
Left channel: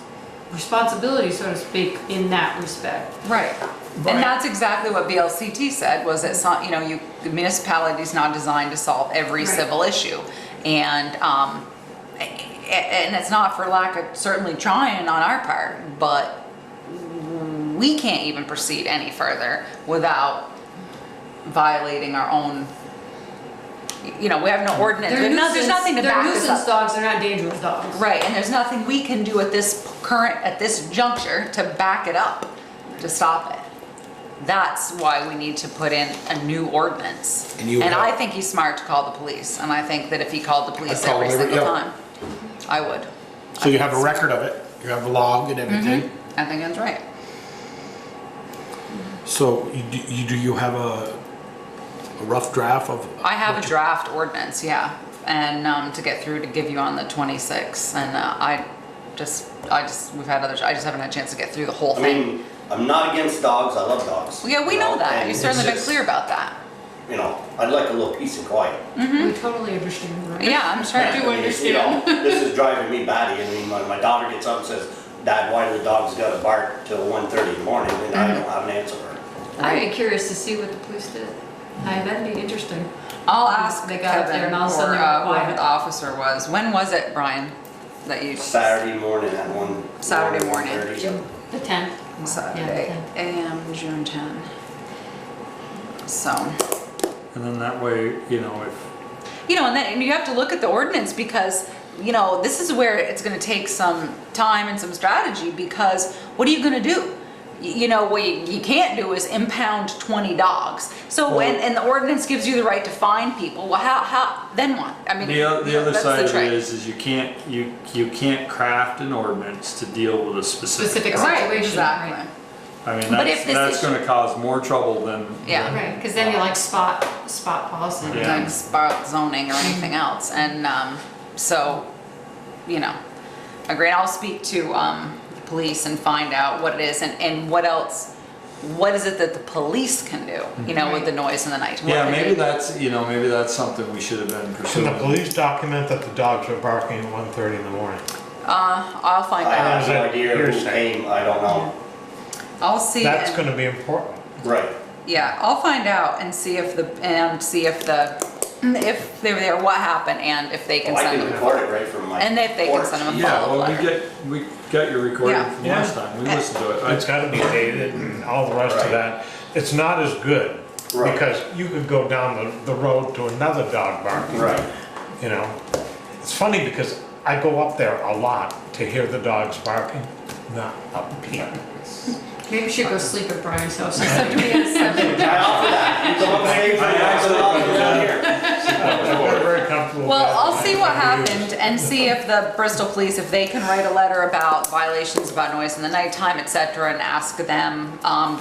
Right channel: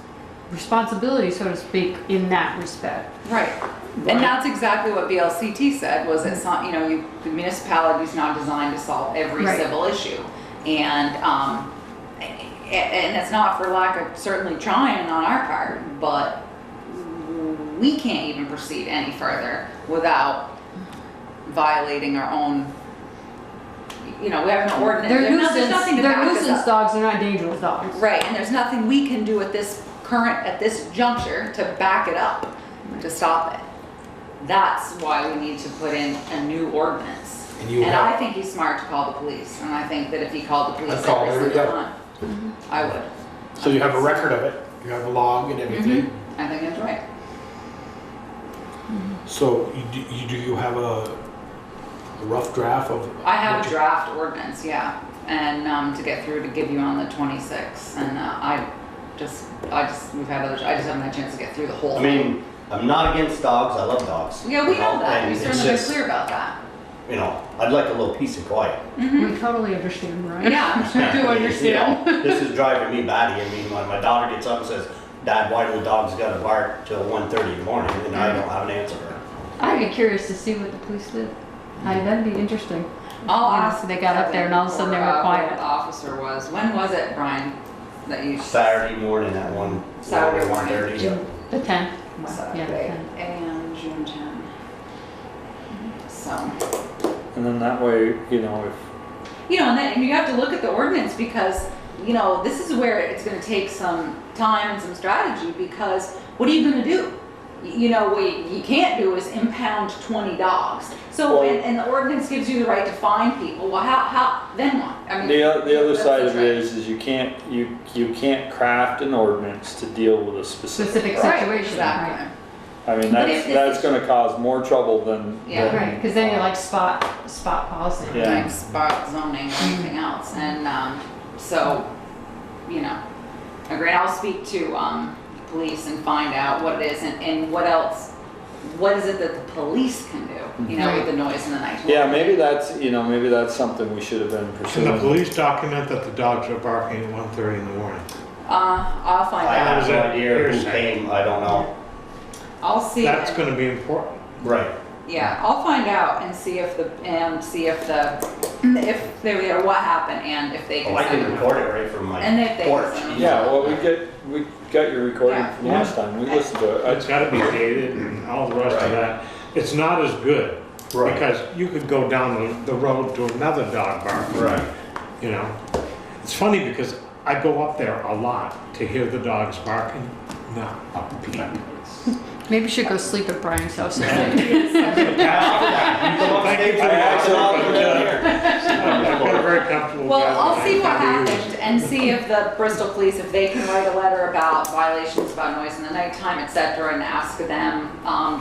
responsibility, so to speak, in that respect. Right. And that's exactly what VLCT said, was it's not, you know, the municipality's not designed to solve every Right. civil issue. And it's not for lack of certainly trying on our part, but we can't even proceed any further without violating our own, you know, we have no ordinance. There's nothing to They're back us nuisance up. dogs, they're not dangerous dogs. Right, and there's nothing we can do at this juncture to back it up, to stop it. That's why we need to put in a new ordinance. And I think he's smart to call the police, and I think that if he called the police I'd call every them every single day. time, I would. So you have a record of it, you have a log and everything. I think that's right. So do you have a rough draft of? I have what a you- draft ordinance, yeah, and to get through to give you on the 26th, and we've had others, I just haven't had a chance to get through the whole I thing. mean, I'm not against dogs, I love dogs. Yeah, we know that, and you've it's certainly been just, clear about that. You know, I'd like a little peace and quiet. We totally understand, right? Yeah, I'm sure. I do You understand. know, this is driving me batty. I mean, my daughter gets up and says, Dad, why do the dogs gotta bark till 1:30 in the morning? And I don't have an answer for her. I'd be curious to see what the police did. That'd be interesting. I'll ask They got up there and all of a sudden they were whoever quiet. the officer was. When was it, Brian, that you? Saturday morning at Saturday morning. 1:30, yeah. The 10th. Saturday, and June 10. So, And then that way, you know, you know, and then you have to look at the ordinance because, you know, this is where it's gonna take some time and some strategy because what are you gonna do? You know, what you can't do is impound 20 dogs. So, and the ordinance gives you the right to fine people. Well, how, then what? I mean, the other that's side the of it trick. is you can't craft an ordinance to deal with a specific Specific problem. Right, situation. exactly. I mean, But if this that's is- gonna cause more trouble than. Yeah. than- Right, because then you're like spot policy. Yeah. like spot zoning or anything else. And so, you know, agree. I'll speak to the police and find out what it is and what else. What is it that the police can do? You know, with the noise in the night. What Yeah, can maybe they- that's, you know, maybe that's something we should have been Can pursuing. the police document that the dogs are barking at 1:30 in the morning? I'll find I out. have no idea who Hearsay. came, I don't know. I'll see. That's gonna be important. Right. Yeah, I'll find out and see if if they're there, what happened, and if they can Well, I send can them. record it right from my And if they can porch. send them a Yeah, follow-up well, letter. we got your recording Yeah. from last time. We listened to it. It's gotta be dated and all the rest of Right. that. It's not as good, Right. because you could go down the road to another dog barking. Right. You know, it's funny because I go up there a lot to hear the dogs barking, not up here. Maybe you should go sleep at Brian's house. You come upstate from I'm not very comfortable. Well, with I'll that. see what I've never used happened and see if the Bristol police, if they can write a letter about violations about noise in the nighttime, et cetera, and ask them,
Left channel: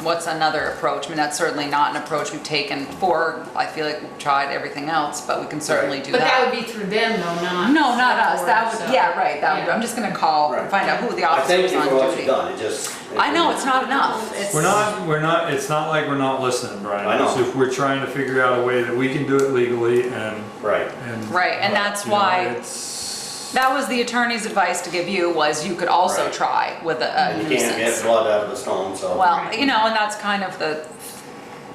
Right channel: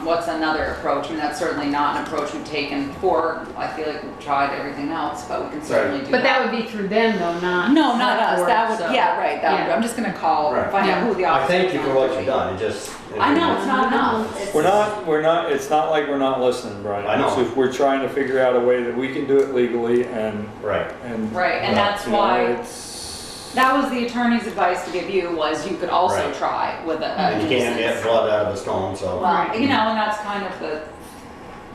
what's another approach? I mean, that's certainly not an approach we've taken before. I feel like we've tried everything else, but we can certainly do that. But that would be through them though, not. No, not us. That Select would, Board, yeah, right, that would, Yeah. I'm just gonna call, Right. find out who the I officer thank is you on for what duty. you've done, it just. I know, it's not enough. It's- We're not, it's not like we're not listening, Brian. I know. It's just we're trying to figure out a way that we can do it legally and. Right. Right, and that's you know, why, it's- that was the attorney's advice to give you, was you could also Right. try with a And you can't get nuisance. blood out of a stone, so. Well, Right. you know, and that's kind of the,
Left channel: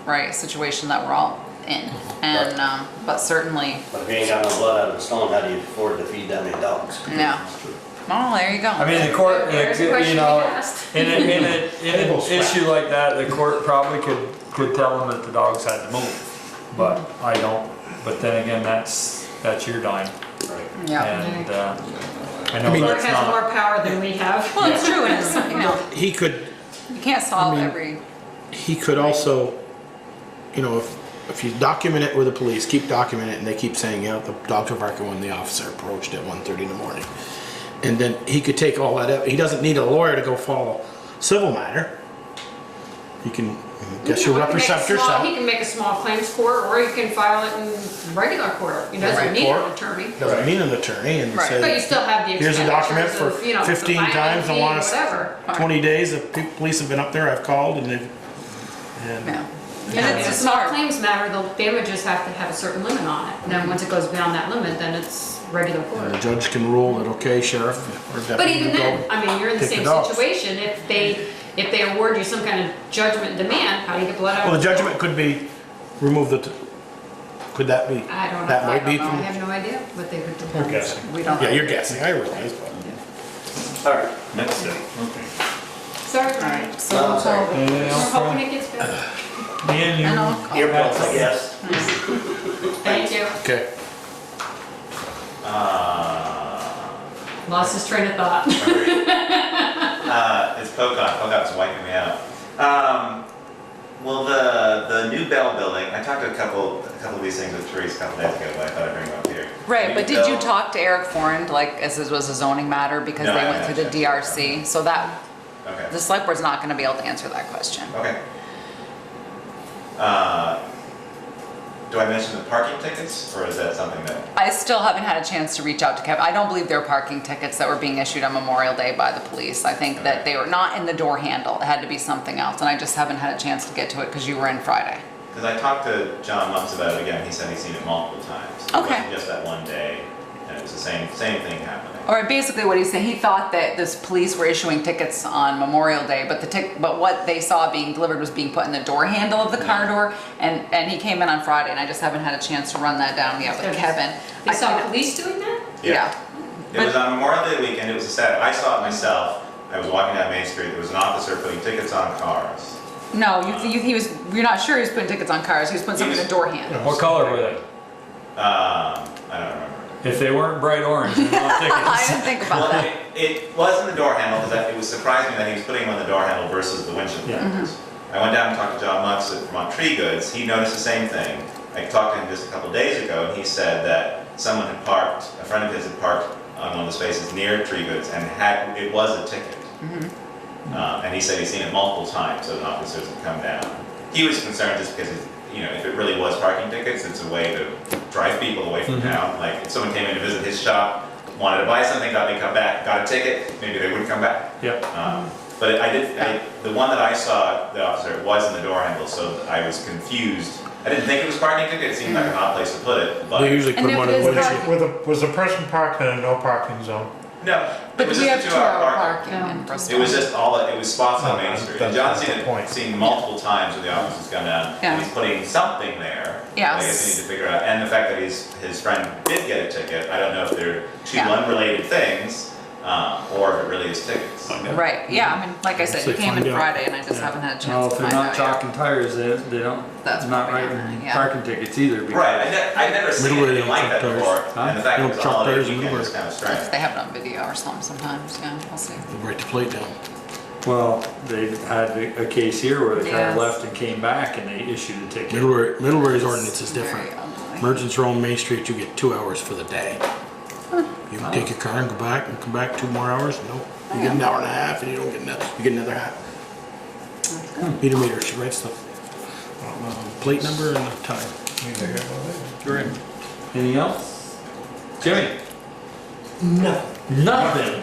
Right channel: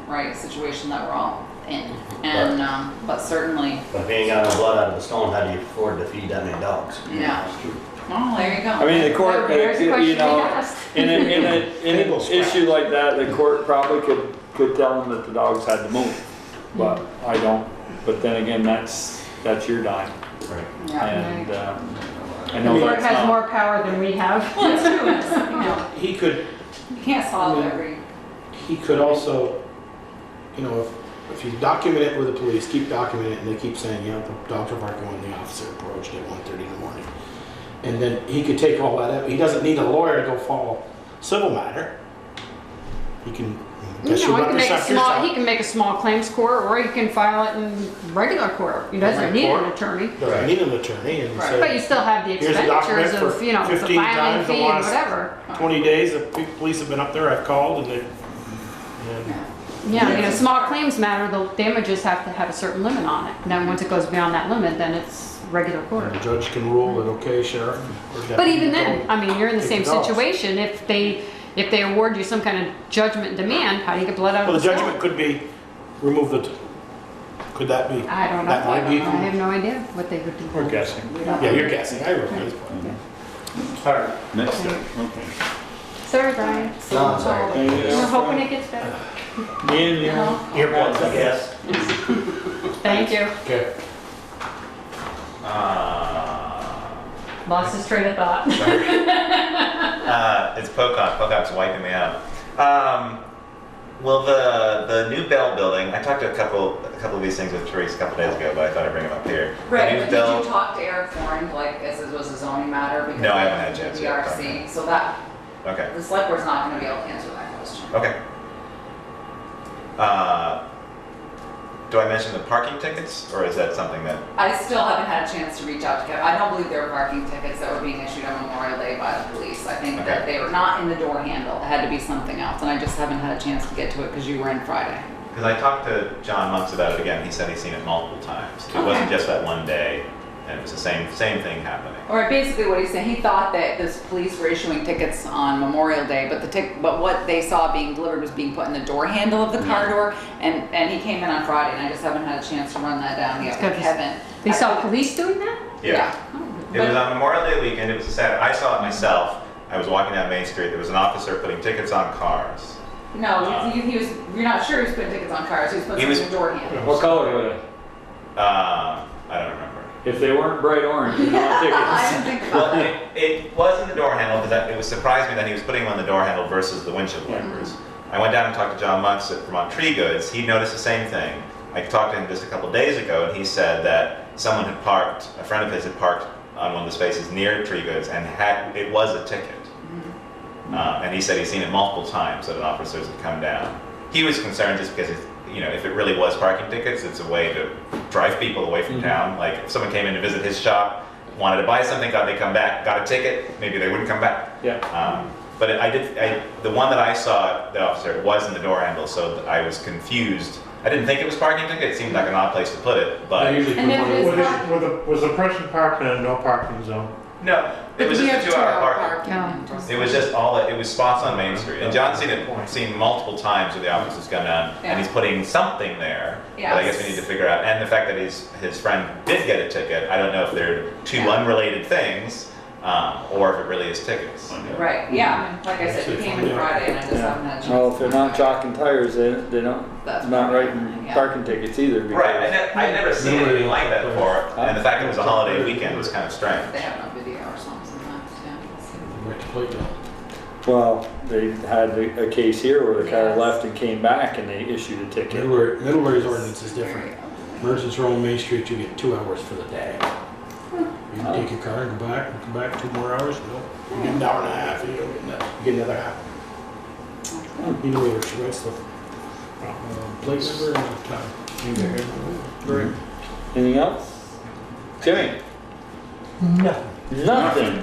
right, situation that we're all in. And, but certainly, But if you ain't got no blood out of a stone, how do you afford to feed that many dogs? no. Well, there you go. I mean, the court, There's a you question know, we asked. in an issue like that, the court probably could tell them that the dogs had to move. But I don't, but then again, that's your dime. Right. Yeah. And, I know I mean- Court that's has not. more power than we have. Well, it's true, it's, you know, He could, you can't solve every, he could also, you know, if you document it with the police, keep documenting it, and they keep saying, you know, the dogs were barking when the officer approached at 1:30 in the morning. And then he could take all that up. He doesn't need a lawyer to go follow civil matter. He can, guess No, you'll he can make a represent small- yourself. He can make a small claims court, or he can file it in regular court. He doesn't Right. need an attorney. Doesn't need an attorney and Right. But you say, still have the here's a document expenditures for of, you know, the 15 filing times the fee and last whatever. 20 days, the police have been up there, I've called, and they've, and yeah. Yeah, I mean, a It's small smart. claims matter, the damages have to have a certain limit on it. And then once it goes beyond that limit, then it's regular court. and the judge can rule that, okay, sheriff, or But deputy, even go then, I mean, you're in the take same the dogs. situation. If they award you some kind of judgment demand, how do you get blood out Well, of the the judgment stone? could be, remove the, could that be? I don't know. That might I be. don't know. I have no idea what they would do. We're guessing. We don't. Yeah, you're guessing, I realize, but. All right. Next step, okay. Sorry, Brian. No, I'm sorry. We're hoping it gets better. Me and you. And I'll- Earplugs, I guess. Thank you. Okay. Lost his train of thought. It's Pocock. Pocock's wiping me out. Well, the new Bell building. I talked to a couple of these things with Therese a couple days ago, but I thought I'd bring them up here. The Right, new but did you Bell- talk to Eric Forand, like, as this was a zoning matter, because No, I they haven't went through had the a chance to DRC? So that, Okay. the select board's not gonna be able to answer that question. Okay. Do I mention the parking tickets, or is that something that? I still haven't had a chance to reach out to Kevin. I don't believe there were parking tickets that were being issued on Memorial Day by the police. I think that Okay. they were not in the door handle. It had to be something else, and I just haven't had a chance to get to it because you were in Friday. Because I talked to John Monks about it again. He said he's seen it multiple times. It Okay. wasn't just that one day, and it was the same thing happening. Or basically what he's saying, he thought that the police were issuing tickets on Memorial Day, but what they saw being delivered was being put in the door handle of the car door, and he came in on Friday, and I just haven't had a chance to run that down yet with Kevin. They saw police doing that? Yeah. It But- was on Memorial Day weekend. It was a Saturday. I saw it myself. I was walking down Main Street. There was an officer putting tickets on cars. No, you're not sure he was putting tickets on cars, he was putting He something in was- the door handle. What color were they? I don't remember. If they weren't bright orange, you'd want I tickets. didn't think Well, about that. it was in the door handle because it was surprising me that he was putting them on the door handle versus the windshield wipers. I went down and talked to John Monks at Vermont Tree Goods. He noticed the same thing. I talked to him just a couple days ago, and he said that someone had parked, a friend of his had parked on one of the spaces near Tree Goods, and it was a ticket. And he said he's seen it multiple times, so the officers have come down. He was concerned just because, if it really was parking tickets, it's a way to drive people away from town. Like, if someone came in to visit his shop, wanted to buy something, thought they'd come back, got a ticket, maybe they wouldn't come back. Yeah. But the one that I saw, the officer, was in the door handle, so I was confused. I didn't think it was parking ticket, it seemed like an odd place to put it, but. They usually put And them on if the it is windshield. Was the person parked in a no parking zone? No, But it was we just have a 2-hour two-hour parking. parking in Bristol. It was just it was spots on Main Street. And John's seen multiple times where the officers come down, Yeah. and he's putting something there. Yes. But I guess we need to figure out, and the fact that his friend did get a ticket, I don't know if they're two Yeah. unrelated things, or if it really is tickets. Right, yeah, I mean, like I said, he Say came find in out. Friday and I just haven't had a chance to No, if they're find not out chalking tires, they don't, That's not probably writing happening, yeah. parking tickets either. because- Right, I'd never seen Middle anything way, like that truck before, tires. and the fact it was a Truck holiday tires weekend middle was way. kind of strange. They have it on video or something sometimes, yeah, we'll see. Write the plate down. Well, they had a case here where the car Yes. left and came back and they issued a ticket. Middlebury's ordinance is different. Very ugly. Emergency row on Main Street, you get 2 hours for the day. You can take your car and go back and come back 2 more hours. No, you get an hour and a half and you don't get you get another half. Meter meter, she writes the plate number and the time. Great. Anything else? Jimmy? Nothing.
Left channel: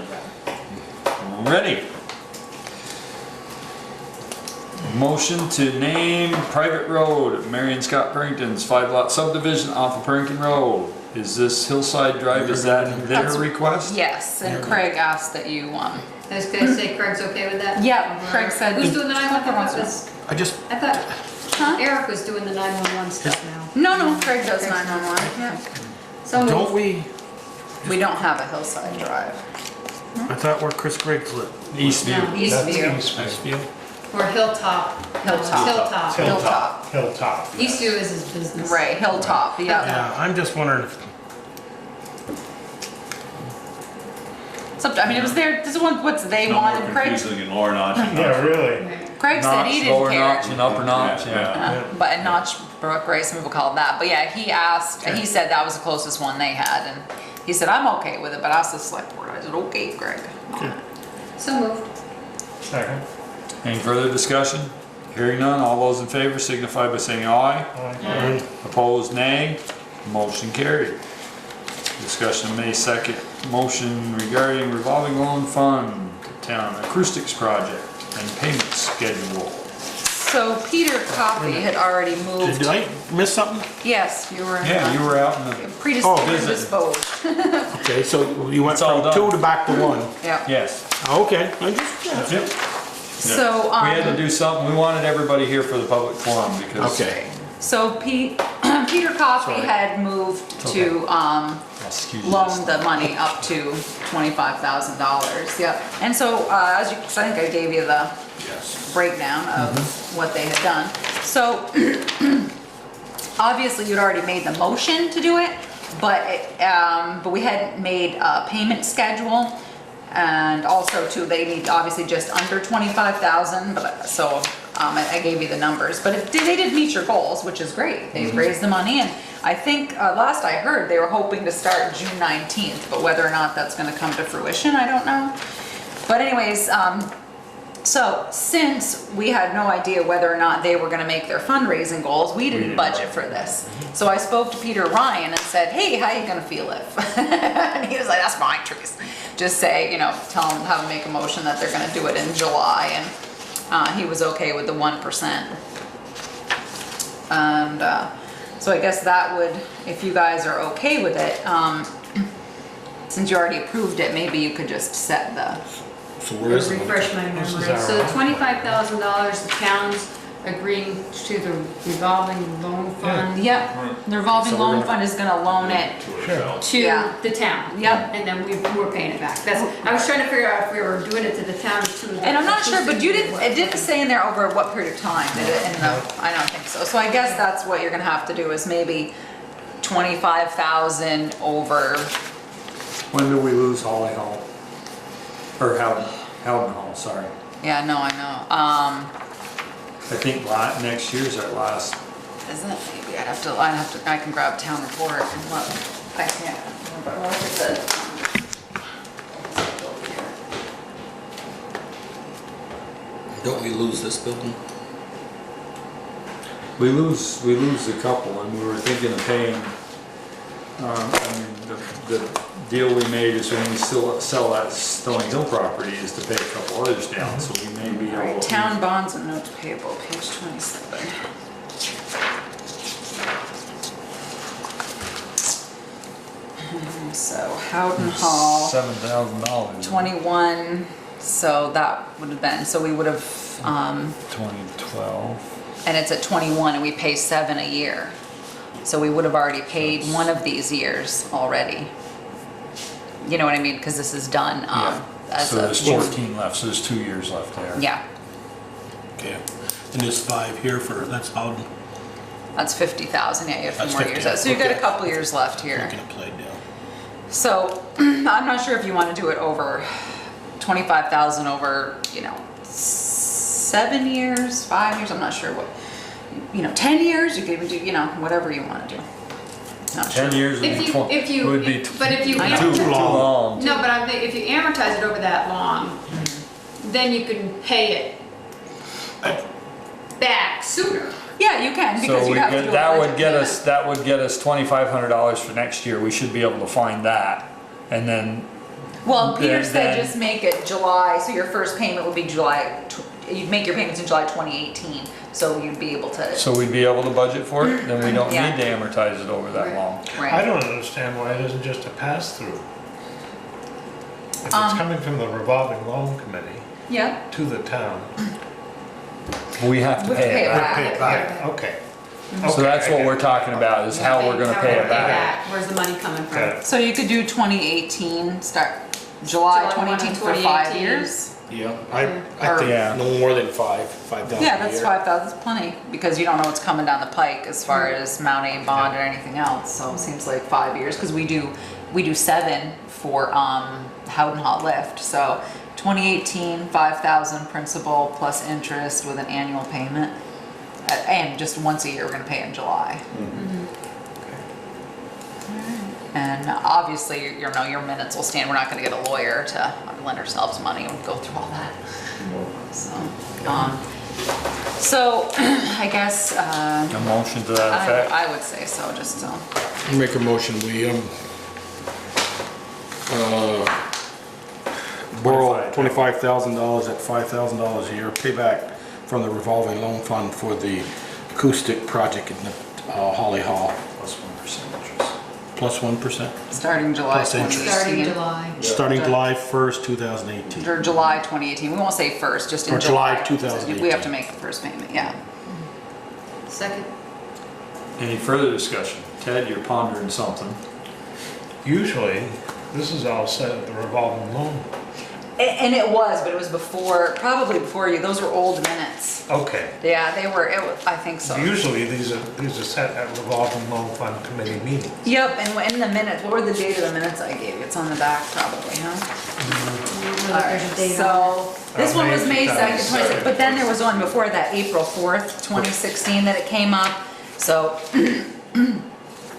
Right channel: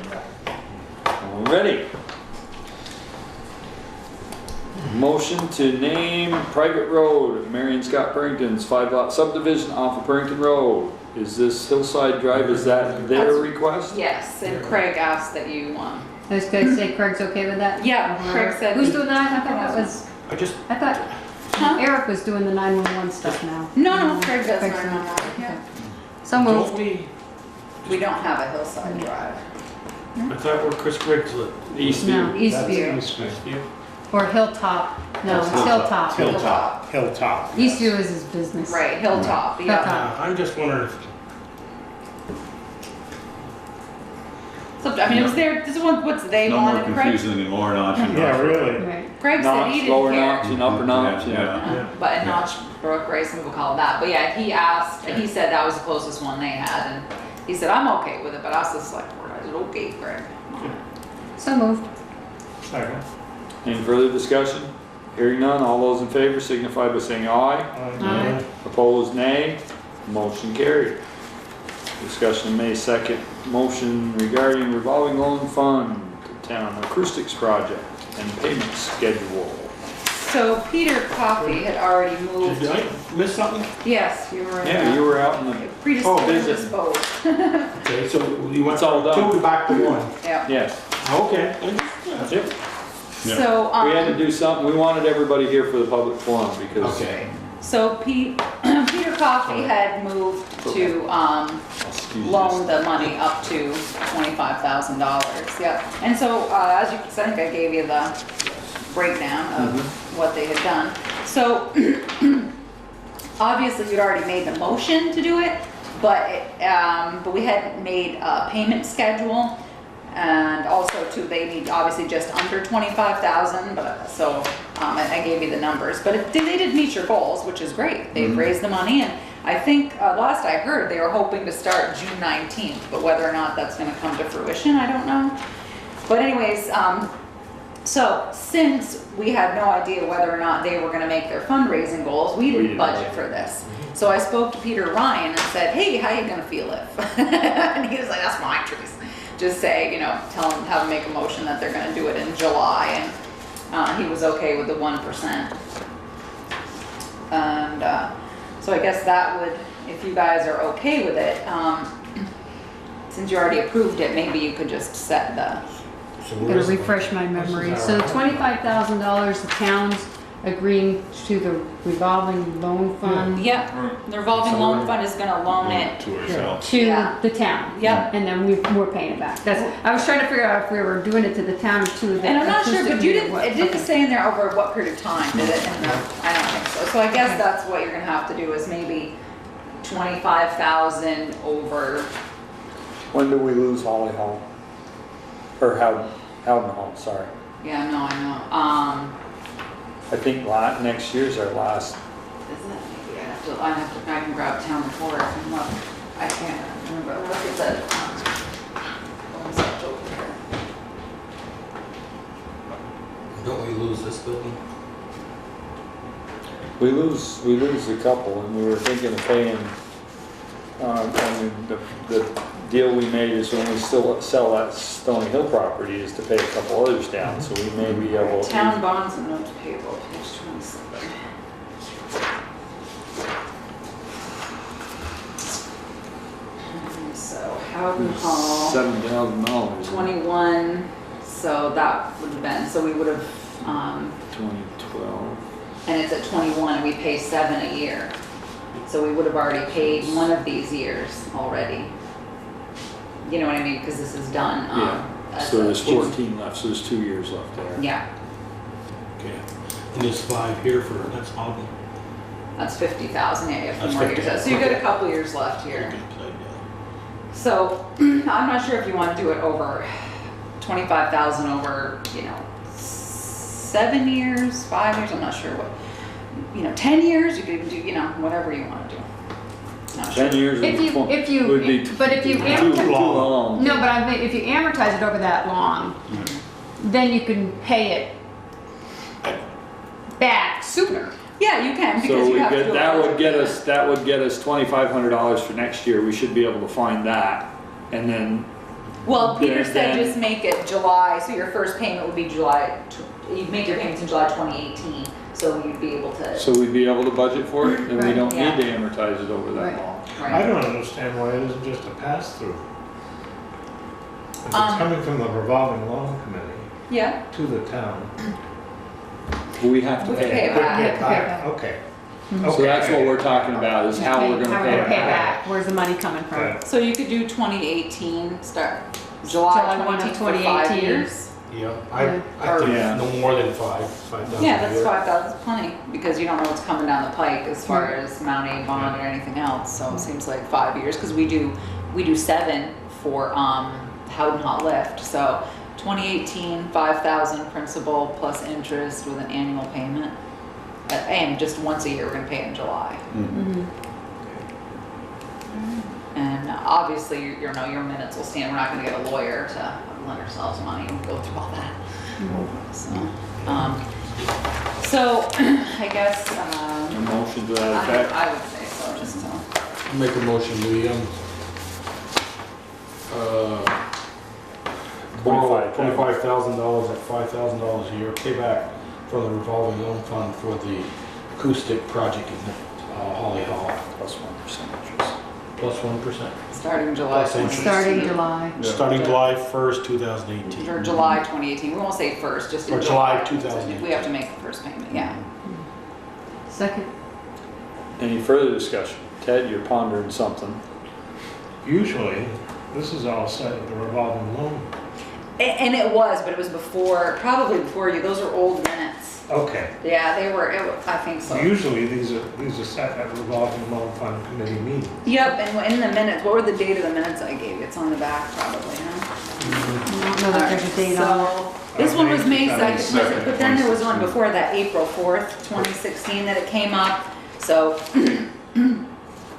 Ready. Motion to name private road, Marion Scott Purrington's 5-lot subdivision off of Purrington Road. Is this Hillside Drive, is that their That's- request? Yes, and Craig asked that you, I was gonna say Craig's okay with that? yeah, Craig said. Who's doing that? I thought that was, I thought Huh? Eric was doing the 911 stuff now. No, Craig does Okay. 911, yeah. So don't moved. We don't have a Hillside Drive. I thought where Chris Griggs lived. Eastview. No, Eastview, Eastview. or Hilltop. No, it's Hilltop. Hilltop. Hilltop. Eastview is his business. Right, Hilltop, yeah. Hilltop. I'm just wondering if, So, I mean, it was there, this is what's they No more wanted, Craig. confusing anymore, not. Yeah, really. Right. Craig said he Notch, didn't lower care. notch and upper notch, Yeah, yeah. Yeah. But in Notch Brook, right, some people call it that, but yeah, he asked, and he said that was the closest one they had, and he said, I'm okay with it, but I asked the select board, I said, okay, Craig. So moved. Second. Any further discussion? Hearing none, all those in favor signify by saying aye. Aye. Opposed, nay. Motion carried. Discussion of May 2nd, motion regarding revolving loan fund, town acoustics project and payment schedule. So Peter Coffey had already moved. did I miss something? Yes, you were. Yeah, you were out in the, Predisposed. Okay, so you went It's all from done. 2 to back to 1. Yeah. yes. Okay. That's it. So, We had to do something, we wanted everybody here for the public forum because. Okay. So Peter Coffey had moved to, Excuse loan the money up to $25,000, yep. And so, as you, 'cause I think I gave you the breakdown of what they had done. So, obviously you'd already made the motion to do it, but we hadn't made a payment schedule. And also too, they need obviously just under 25,000, but so, I gave you the numbers. But if they did meet your goals, which is great, they've raised the money, and I think, last I heard, they were hoping to start June 19th, but whether or not that's gonna come to fruition, I don't know. But anyways, so since we had no idea whether or not they were gonna make their fundraising goals, we didn't budget for this. So I spoke to Peter Ryan and said, hey, how you gonna feel if? And he was like, that's fine, Trace. Just say, tell them, have them make a motion that they're gonna do it in July, and he was okay with the 1%. And so I guess that would, if you guys are okay with it, since you already approved it, maybe you could just set the, So It'll where is it? refresh my memory. This is So our- the $25,000, the town's agreeing to the revolving loan fund yep, the revolving loan fund is gonna loan it. To ourselves. to Yeah. the town. Yep. And then we're paying it back. I was trying to figure out if we were doing it to the town or to the. And I'm not sure, but it didn't say in there over what period of time, did it? I don't think so. So I guess that's what you're gonna have to do is maybe 25,000 over, When do we lose Holly Hall? Or Howden Hall, sorry. yeah, no, I know. I think next year's our last. Isn't it? Maybe I can grab town report and look. I can't remember. Like I said. Don't we lose this building? We lose a couple, and we were thinking of paying, I mean, the deal we made is when we still sell that Stony Hill property is to pay a couple others down, so we may be able to. Town bonds and notes payable, page 27. So Howden Hall, $7,000. 21, so that would have been, so we would have, 2012. and it's at 21 and we pay 7 a year. So we would have already paid one of these years already. You know what I mean? Because this is done Yeah. as So a there's June. 14 left, so there's 2 years left there. Yeah, Okay. And there's 5 here for, that's Howden. that's 50,000, yeah, you have a few That's more years. 50, So you've got a okay. couple years left here. Okay, played down. So I'm not sure if you want to do it over 25,000 over, 7 years, 5 years, I'm not sure what, 10 years, you could even do, whatever you want to do. Not 10 sure. years would If be you, tw- if you, would be but if you too amortize, long. no, but I'm thinking, if you amortize it over that long, then you can pay it back sooner. Yeah, you can, because So you we have to do get, a that would budget get payment. us, $2,500 for next year. We should be able to find that. And then, Well, Peter said then- just make it July, so your first payment would be July, you'd make your payments in July 2018, so you'd be able to, so we'd be able to budget for it? Then we don't Yeah. need to amortize it over that Right. long. I right? don't understand why it isn't just a pass-through. If it's Um, coming from the revolving loan committee Yeah, to the town. We have to We pay pay it it back. back. Yeah, okay. So Okay, that's I what get we're it. talking about, is how we're gonna How pay we're it gonna back. Where's the money coming from? Okay. so you could do 2018, start July July 1 of 2018 for 5 2018. years. Yeah, I think Yeah. no more than 5,000 Yeah, a that's year. 5,000, that's plenty, because you don't know what's coming down the pike as far as Mount A bond or anything else, so it seems like 5 years, because we do 7 for, Howden Hot Lift, so 2018, 5,000 principal plus interest with an annual payment. And just once a year, we're gonna pay in July. And obviously, your minutes will stand, we're not gonna get a lawyer to lend ourselves money and go through all that. So, I guess, A motion to that effect? I would say so, just so. I'll make a motion, we, borrow $25,000 at $5,000 a year, pay back from the revolving loan fund for the acoustic project in the Holly Hall. Plus 1% interest. Plus 1%? Starting July Plus interest. 2018. Starting July. Starting July 1st, 2018. Or July 2018, we won't say first, just in Or July July. 2018. We have to make the first payment, yeah. Second. Any further discussion? Ted, you're pondering something. Usually, this is all set at the revolving loan. And it was, but it was before, probably before you, those were old minutes. Okay. Yeah, they were, I think so. Usually, these are set at revolving loan fund committee meetings. Yep, and in the minutes, what were the date of the minutes I gave you? It's on the back probably, huh? Alright, so, this one was May 2nd, 26th, but then there was one before that, April 4th, 2016, that it came up. So,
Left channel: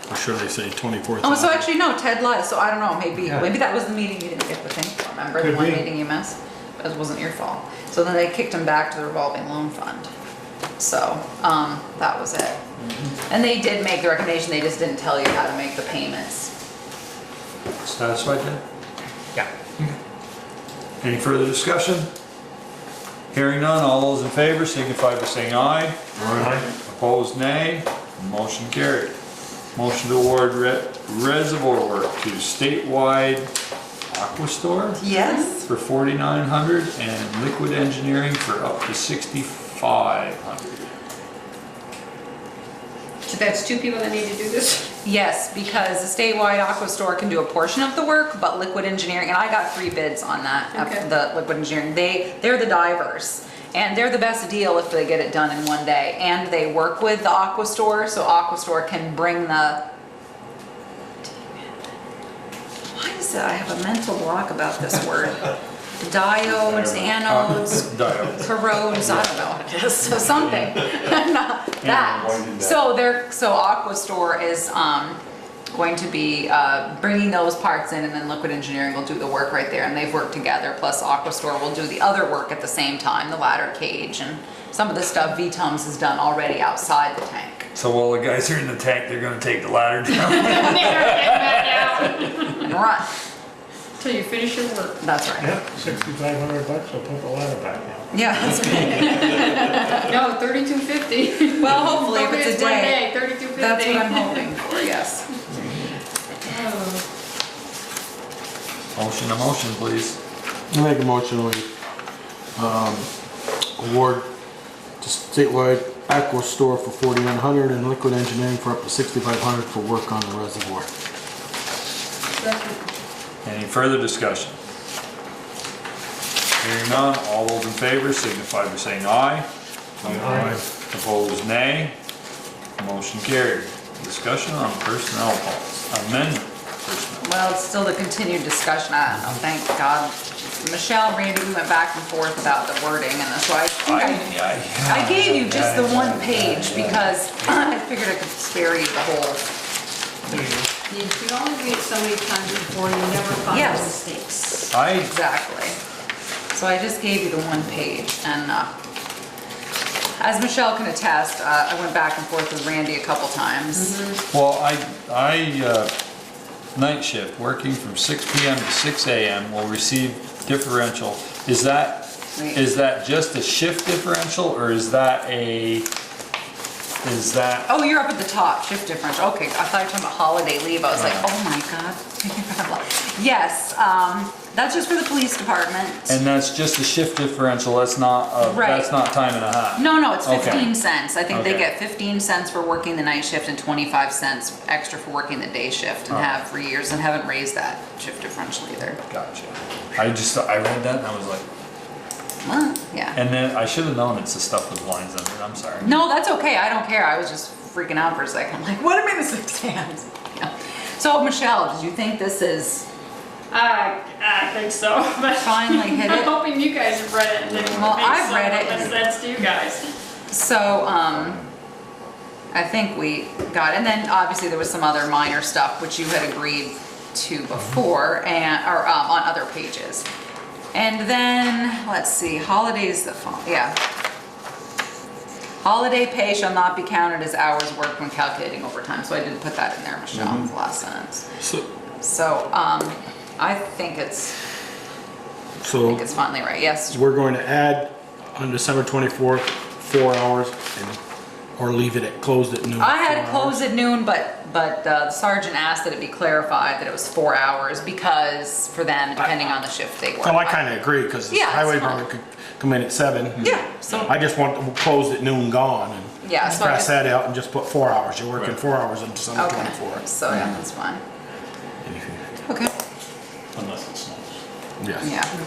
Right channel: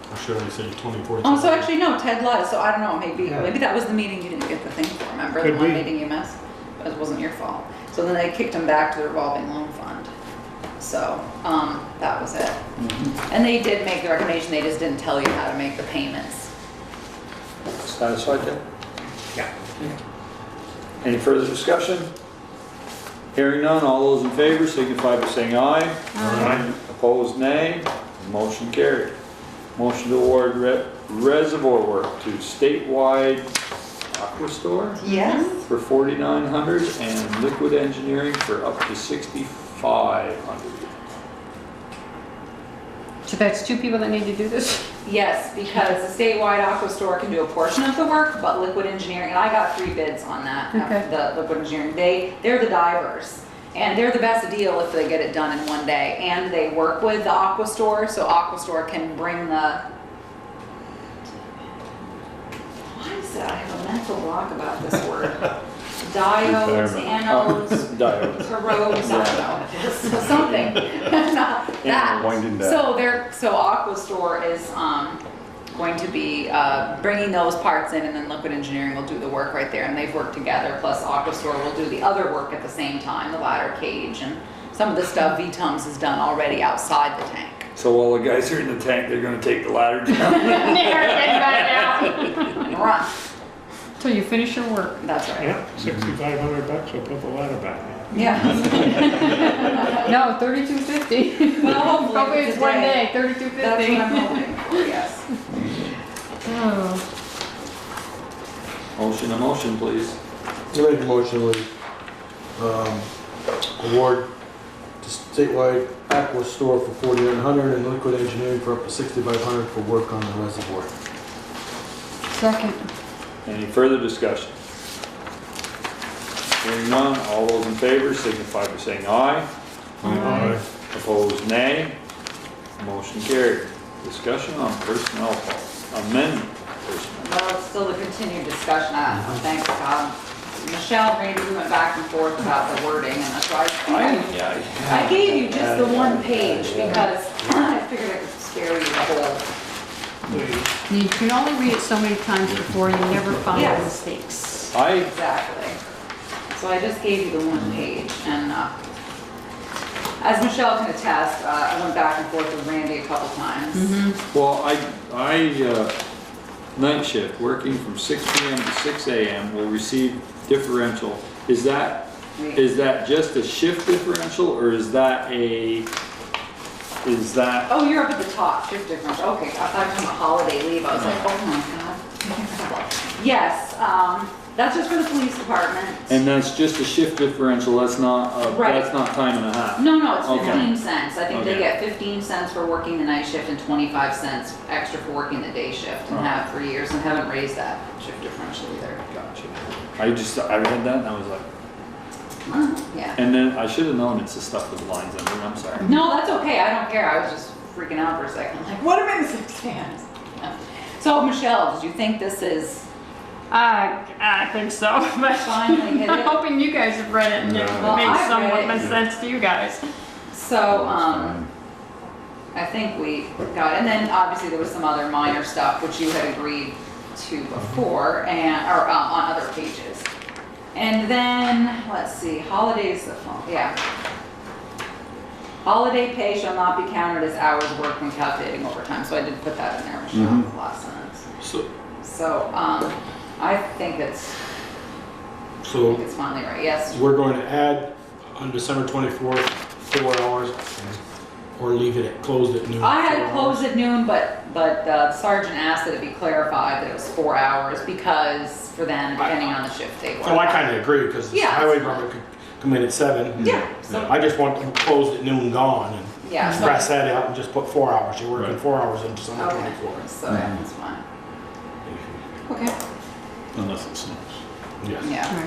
I'm sure they say 24,000. oh, so actually, no, Ted lied, so I don't know, maybe Yeah. that was the meeting you didn't get the thing for, remember? The Could one be. meeting you missed? That wasn't your fault. So then they kicked him back to the revolving loan fund. So, that was it. And they did make the recommendation, they just didn't tell you how to make the payments. Satisfied, Ted? Yeah. Any further discussion? Hearing none, all those in favor signify by saying aye. Aye. Opposed, nay. Motion carried. Motion to award reservoir work to Statewide Aqua Store Yes. for $4,900 and Liquid Engineering for up to $6,500. So that's 2 people that need to do this? Yes, because the statewide aqua store can do a portion of the work, but Liquid Engineering, and I got 3 bids on that, Okay. the Liquid Engineering, they're the divers. And they're the best deal if they get it done in one day. And they work with the aqua store, so aqua store can bring the, why is it, I have a mental block about this word. Diodes, anodes, Diodes. corrodes, I don't know what it is, so something, not that. why did that? So Aqua Store is, going to be bringing those parts in, and then Liquid Engineering will do the work right there, and they've worked together, plus Aquastore will do the other work at the same time, the ladder cage, and some of the stuff VTUMS has done already outside the tank. So while the guys are in the tank, they're gonna take the ladder down. They're getting back out. And run. Till you finish your work. That's right. Yeah, $6,500 will put the ladder back in. Yeah. No, $3,250. Well, hopefully if it's a one day. day, $3,250. That's what I'm hoping for, yes. Motion, please. I make a motion, we award to statewide Aquastore for $4,900 and Liquid Engineering for up to $6,500 for work on the reservoir. Second. Any further discussion? Hearing none, all those in favor signify by saying aye. Aye. Opposed, nay. Motion carried. Discussion on personnel policy, amendment personnel. Well, it's still the continued discussion, I don't know, thank God. Michelle and Randy went back and forth about the wording, and that's why I gave you just the one page, because I figured I could spare you the whole. You can only read it so many times before you never find Yes. mistakes. Exactly. So I just gave you the one page, and as Michelle can attest, I went back and forth with Randy a couple times. Well, night shift, working from 6 p.m. to 6 a.m. will receive differential. Is that just a shift differential, or is that Oh, you're up at the top, shift differential. Okay, I thought you were talking about holiday leave. I was like, oh my God. Yes, that's just for the police department. and that's just a shift differential, that's not that's not time and a half? No, it's Okay. 15 cents. I think they Okay. get 15 cents for working the night shift and 25 cents extra for working the day shift, and have for years, and haven't raised that shift differential either. Gotcha. I read that and I was like, Well, yeah. and then I should have known it's the stuff with lines under it, I'm sorry. No, that's okay. I don't care. I was just freaking out for a second. Like, what am I missing stands? Yeah. So, Michelle, did you think this is I think so. But finally hit I'm it? hoping you guys have read it and it Well, makes I've read somewhat it. much sense to you guys. So, I think we got it. And then obviously there was some other minor stuff which you had agreed to before, or on other pages. And then, let's see, holidays, holiday pay shall not be counted as hours worked when calculating overtime. So I didn't put that in there, Michelle, the last sentence. So, I think it's finally right, yes. We're going to add on December 24th, 4 hours, or leave it closed at noon. I had it closed at noon, but the sergeant asked that it be clarified that it was 4 hours, because for them, depending on the shift they work. Well, I kind of agree, because the Yeah, that's highway fine. department could come in at 7. Yeah, so, I just want them closed at noon gone, and yeah, so I cross just, that out and just put 4 hours. You're working 4 hours on December okay, 24th. so yeah, that's fine. Okay, Unless it snows. Yes. yeah.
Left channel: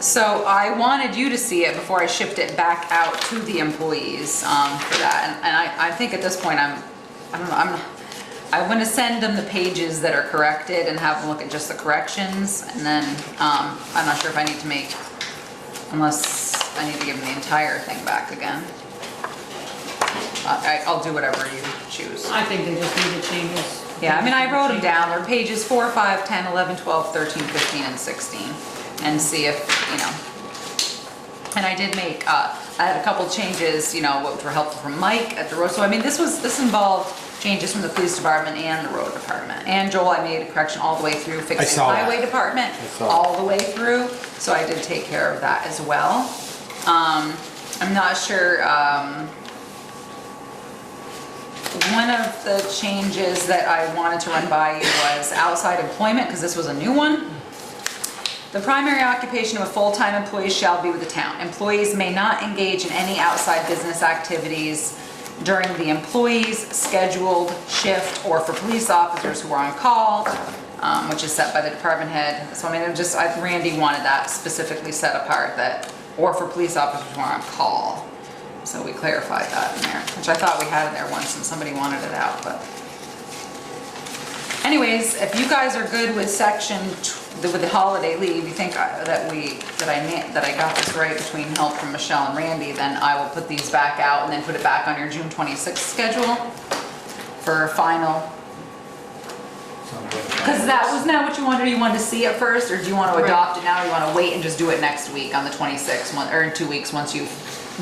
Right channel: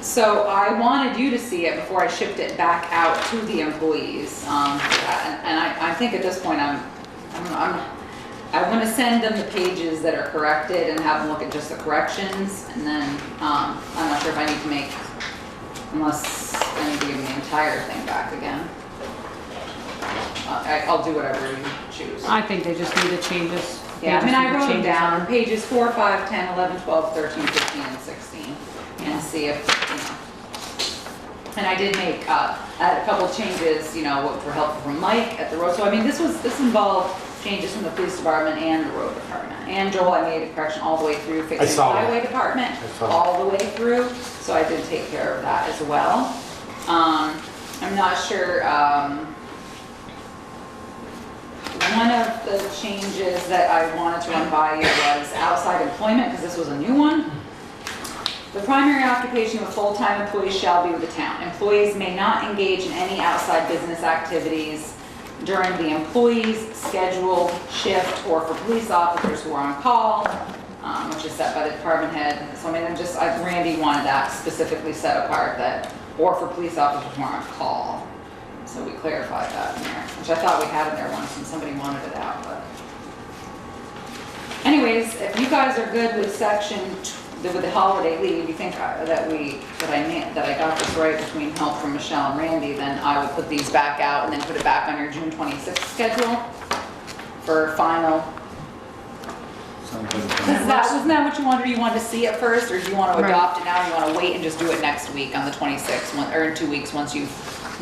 So I wanted you to see it before I shipped it back out to the employees, for that, and I think at this point I'm gonna send them the pages that are corrected and have them look at just the corrections, and then, I'm not sure if I need to make, unless I need to give them the entire thing back again. I'll do whatever you choose. I think they just need to change this. Yeah, I mean, I wrote them down on pages 4, 5, 10, 11, 12, 13, 15, and 16, and see if, and I did make, I had a couple changes, which were helpful from Mike at the road, so I mean, this involved changes from the police department and the road department. And Joel, I made a correction all the way through fixing the saw that. highway department, all the way through, so I did take care of that as well. I'm not sure, one of the changes that I wanted to run by you was outside employment, because this was a new one. The primary occupation of a full-time employee shall be with the town. Employees may not engage in any outside business activities during the employee's scheduled shift or for police officers who are on call, which is set by the department head. So I mean, Randy wanted that specifically set apart, that, or for police officers who are on call. So we clarified that in there, which I thought we had in there once and somebody wanted it out, but. Anyways, if you guys are good with with the holiday leave, you think that I got this right between help from Michelle and Randy, then I will put these back out and then put it back on your June 26th schedule for final. Because wasn't that what you wanted? You wanted to see it first, or do you want to adopt it now? Or you want to wait and just do it next week on the 26th, or in 2 weeks once we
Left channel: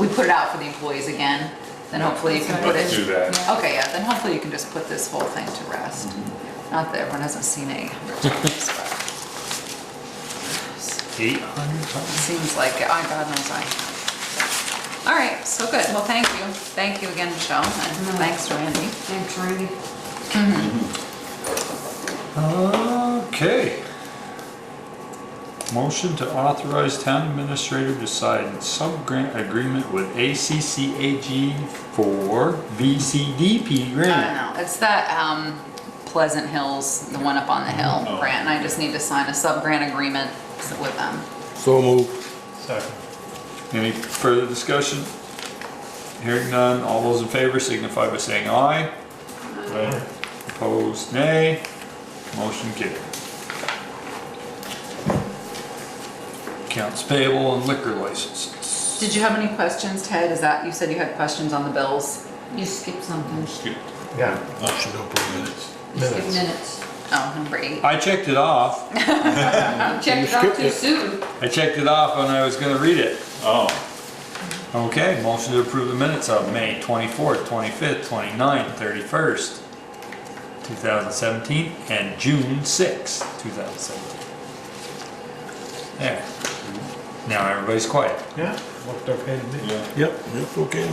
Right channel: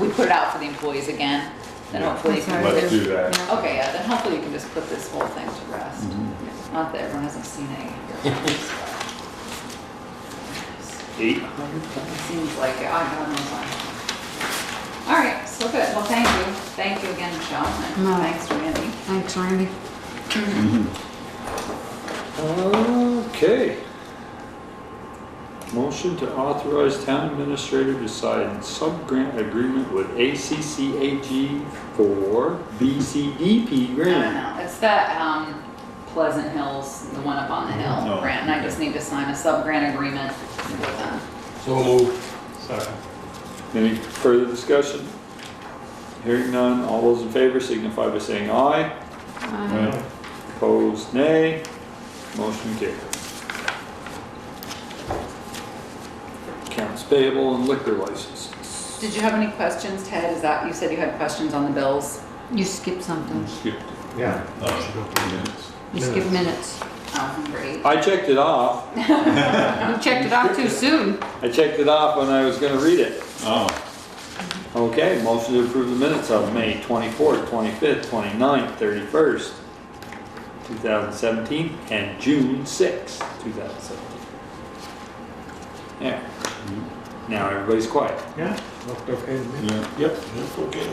put it out for the employees again? Then hopefully you can put it. Let's do that. Okay, yeah, then hopefully you can just put this whole thing to rest. Not that everyone hasn't seen it 800 times, but 800 it seems like it. Oh, God knows I. All right, so good. Well, thank you. Thank you again, Michelle, and thanks, Randy. Thanks, Randy. Okay. Motion to authorize town administrator to sign sub-grant agreement with ACCAG for BCDP I grant. don't know. It's the Pleasant Hills, the one up on the hill grant, and I just need to sign a sub-grant agreement with them. So moved. Second. Any further discussion? Hearing none, all those in favor signify by saying aye. Right. Opposed, nay. Motion carried. Accounts payable and liquor licenses. Did you have any questions, Ted? Is that, you said you had questions on the bills? You skipped something. Skipped. Yeah. Motion to approve minutes. You skipped minutes. Oh, number 8. I checked it off. You checked it off too soon. I checked it off when I was gonna read it. Oh, Okay, motion to approve the minutes of May 24th, 25th, 29th, 31st, 2017, and June 6th, 2017. There. Now everybody's quiet. Yeah, looked okay to me. yeah. Yep, okay.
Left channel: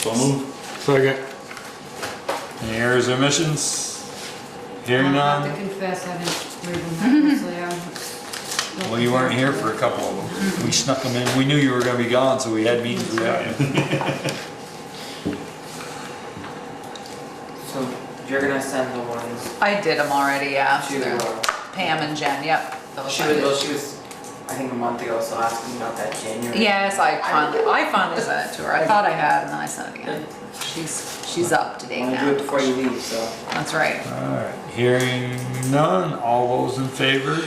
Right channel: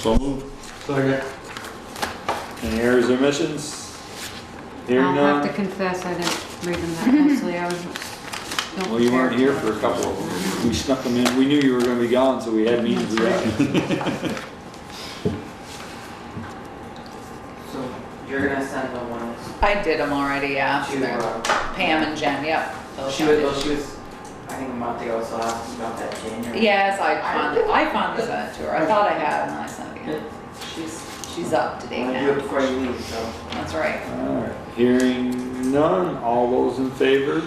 So moved. Second. Any errors or omissions? Hearing I have to none? confess, I didn't read them that closely. Well, you weren't here for a couple of them. We snuck them in. We knew you were gonna be gone, so we had meetings without you. So you're gonna send the ones I did them already, yeah. to, Pam and Jen, yep. she was, I think a month ago, so asking about that January. Yes, I finally sent it to her. I thought I had, and then I sent it again. She's up to date Wanna do it now. before you leave, so. That's right. Alright, hearing none, all those in favor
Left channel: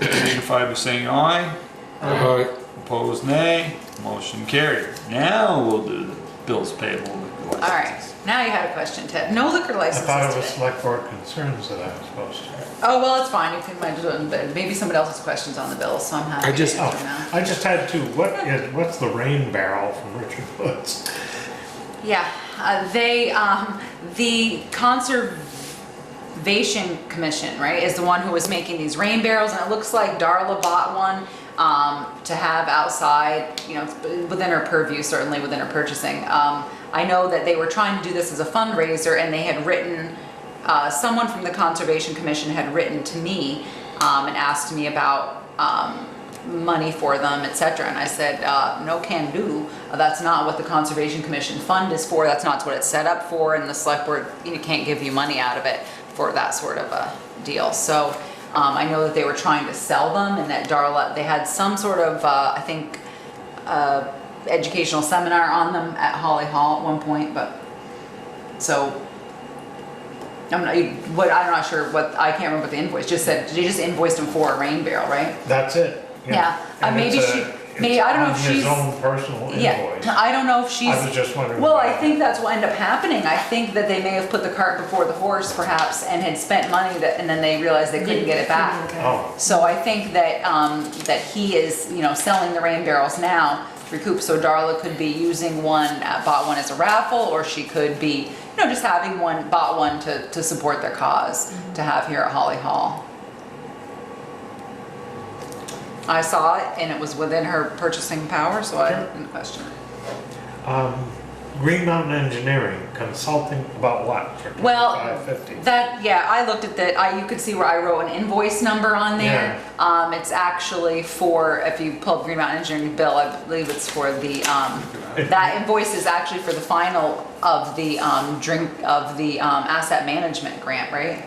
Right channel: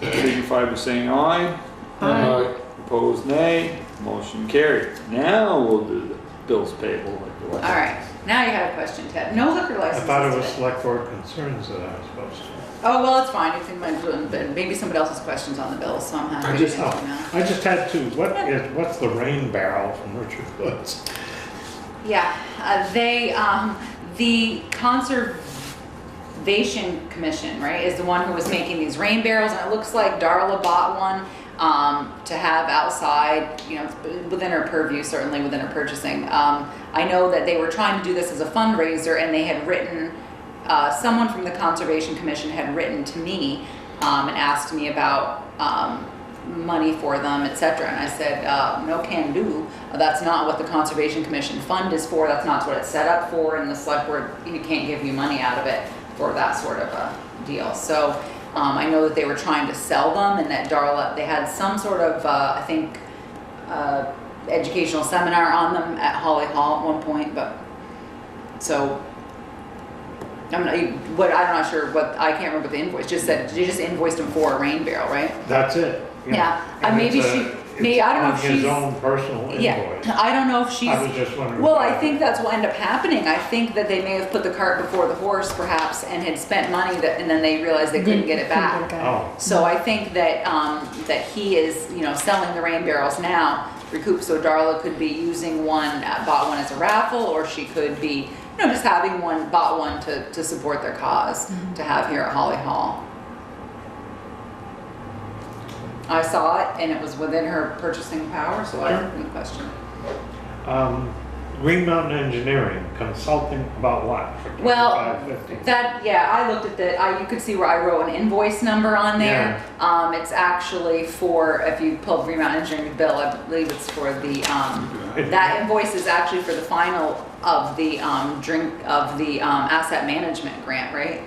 signify by saying aye. Aye. Opposed, nay. Motion carried. Now we'll do the bills payable. All right, now you had a question, Ted. No liquor I licenses thought it was today. select board concerns that I was supposed to. Oh, well, it's fine. You can do it in bed. Maybe somebody else has questions on the bills, so I'm happy I to just- answer now. I just had two. What's the rain barrel from Richard Woods? Yeah, the Conservation Commission, right, is the one who was making these rain barrels, and it looks like Darla bought one to have outside, you know, within her purview, certainly within her purchasing. I know that they were trying to do this as a fundraiser, and they had written, someone from the Conservation Commission had written to me and asked me about money for them, etc. And I said, no can do. That's not what the Conservation Commission fund is for. That's not what it's set up for. And the select board, you know, can't give you money out of it for that sort of a deal. So I know that they were trying to sell them, and that Darla, they had some sort of, I think, educational seminar on them at Holly Hall at one point. But so I'm not sure what, I can't remember what the invoice just said. You just invoiced him for a rain barrel, right? That's it. Yeah. And Maybe it's she, maybe, I don't know if on his she's. own personal invoice. Yeah, I don't know if she's. I was just wondering. Well, I think that's what ended up happening. I think that they may have put the cart before the horse perhaps and had spent money that, and then they realized they couldn't get it back. Oh. So I think that, that he is, you know, selling the rain barrels now, recoup, so Darla could be using one, bought one as a raffle, or she could be, you know, just having one, bought one to support their cause, to have here at Holly Hall. I saw it, and it was within her purchasing power, so I didn't question it. Green Mountain Engineering consulting about what? For Well, $5.50. that, yeah, I looked at that, you could see where I wrote an invoice number on there. It's actually for, if you pull up Green Mountain Engineering bill, I believe it's for the, that invoice is actually for the final of the, asset management grant, right?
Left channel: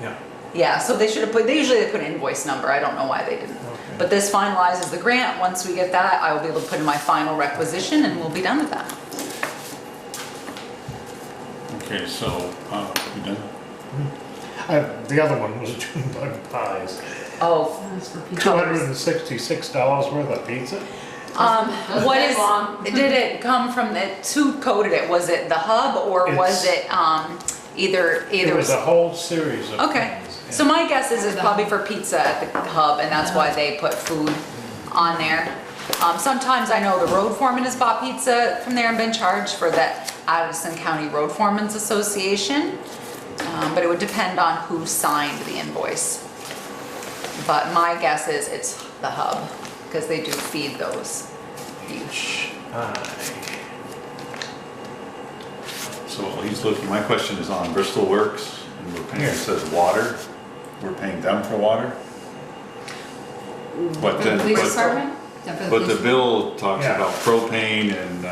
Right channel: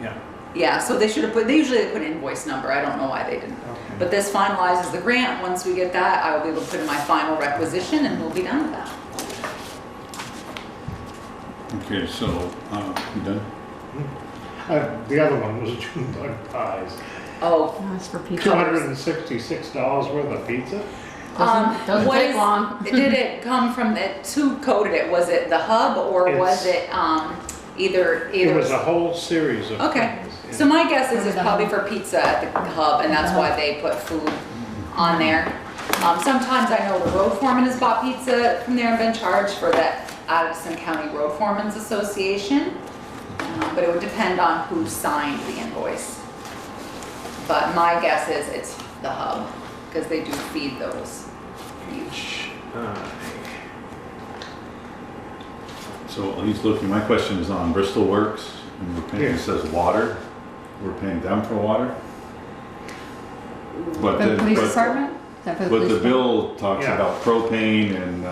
Yeah. Yeah, so they should have put, they usually put an invoice number, I don't know why they didn't. But this finalizes the grant. Once we get that, I will be able to put in my final requisition, and we'll be done with that. Okay, so, you done? The other one was June bug pies. Oh, That's for pizza. $266 worth of pizza? Doesn't what take is, long. did it come from, who coded it? Was it the hub, or was it, either. It was a whole series of Okay, things, yeah. so my guess is it's probably for pizza at the hub, and that's why they put food on there. Sometimes I know the road foreman has bought pizza from there and been charged for that Addison County Road Foreman's Association. But it would depend on who signed the invoice. But my guess is it's the hub, because they do feed those each. So he's looking, my question is on Bristol Works, and we're paying, it says water, we're paying them for water? But The then, police department? Is that for the but the police? bill talks Yeah. about propane and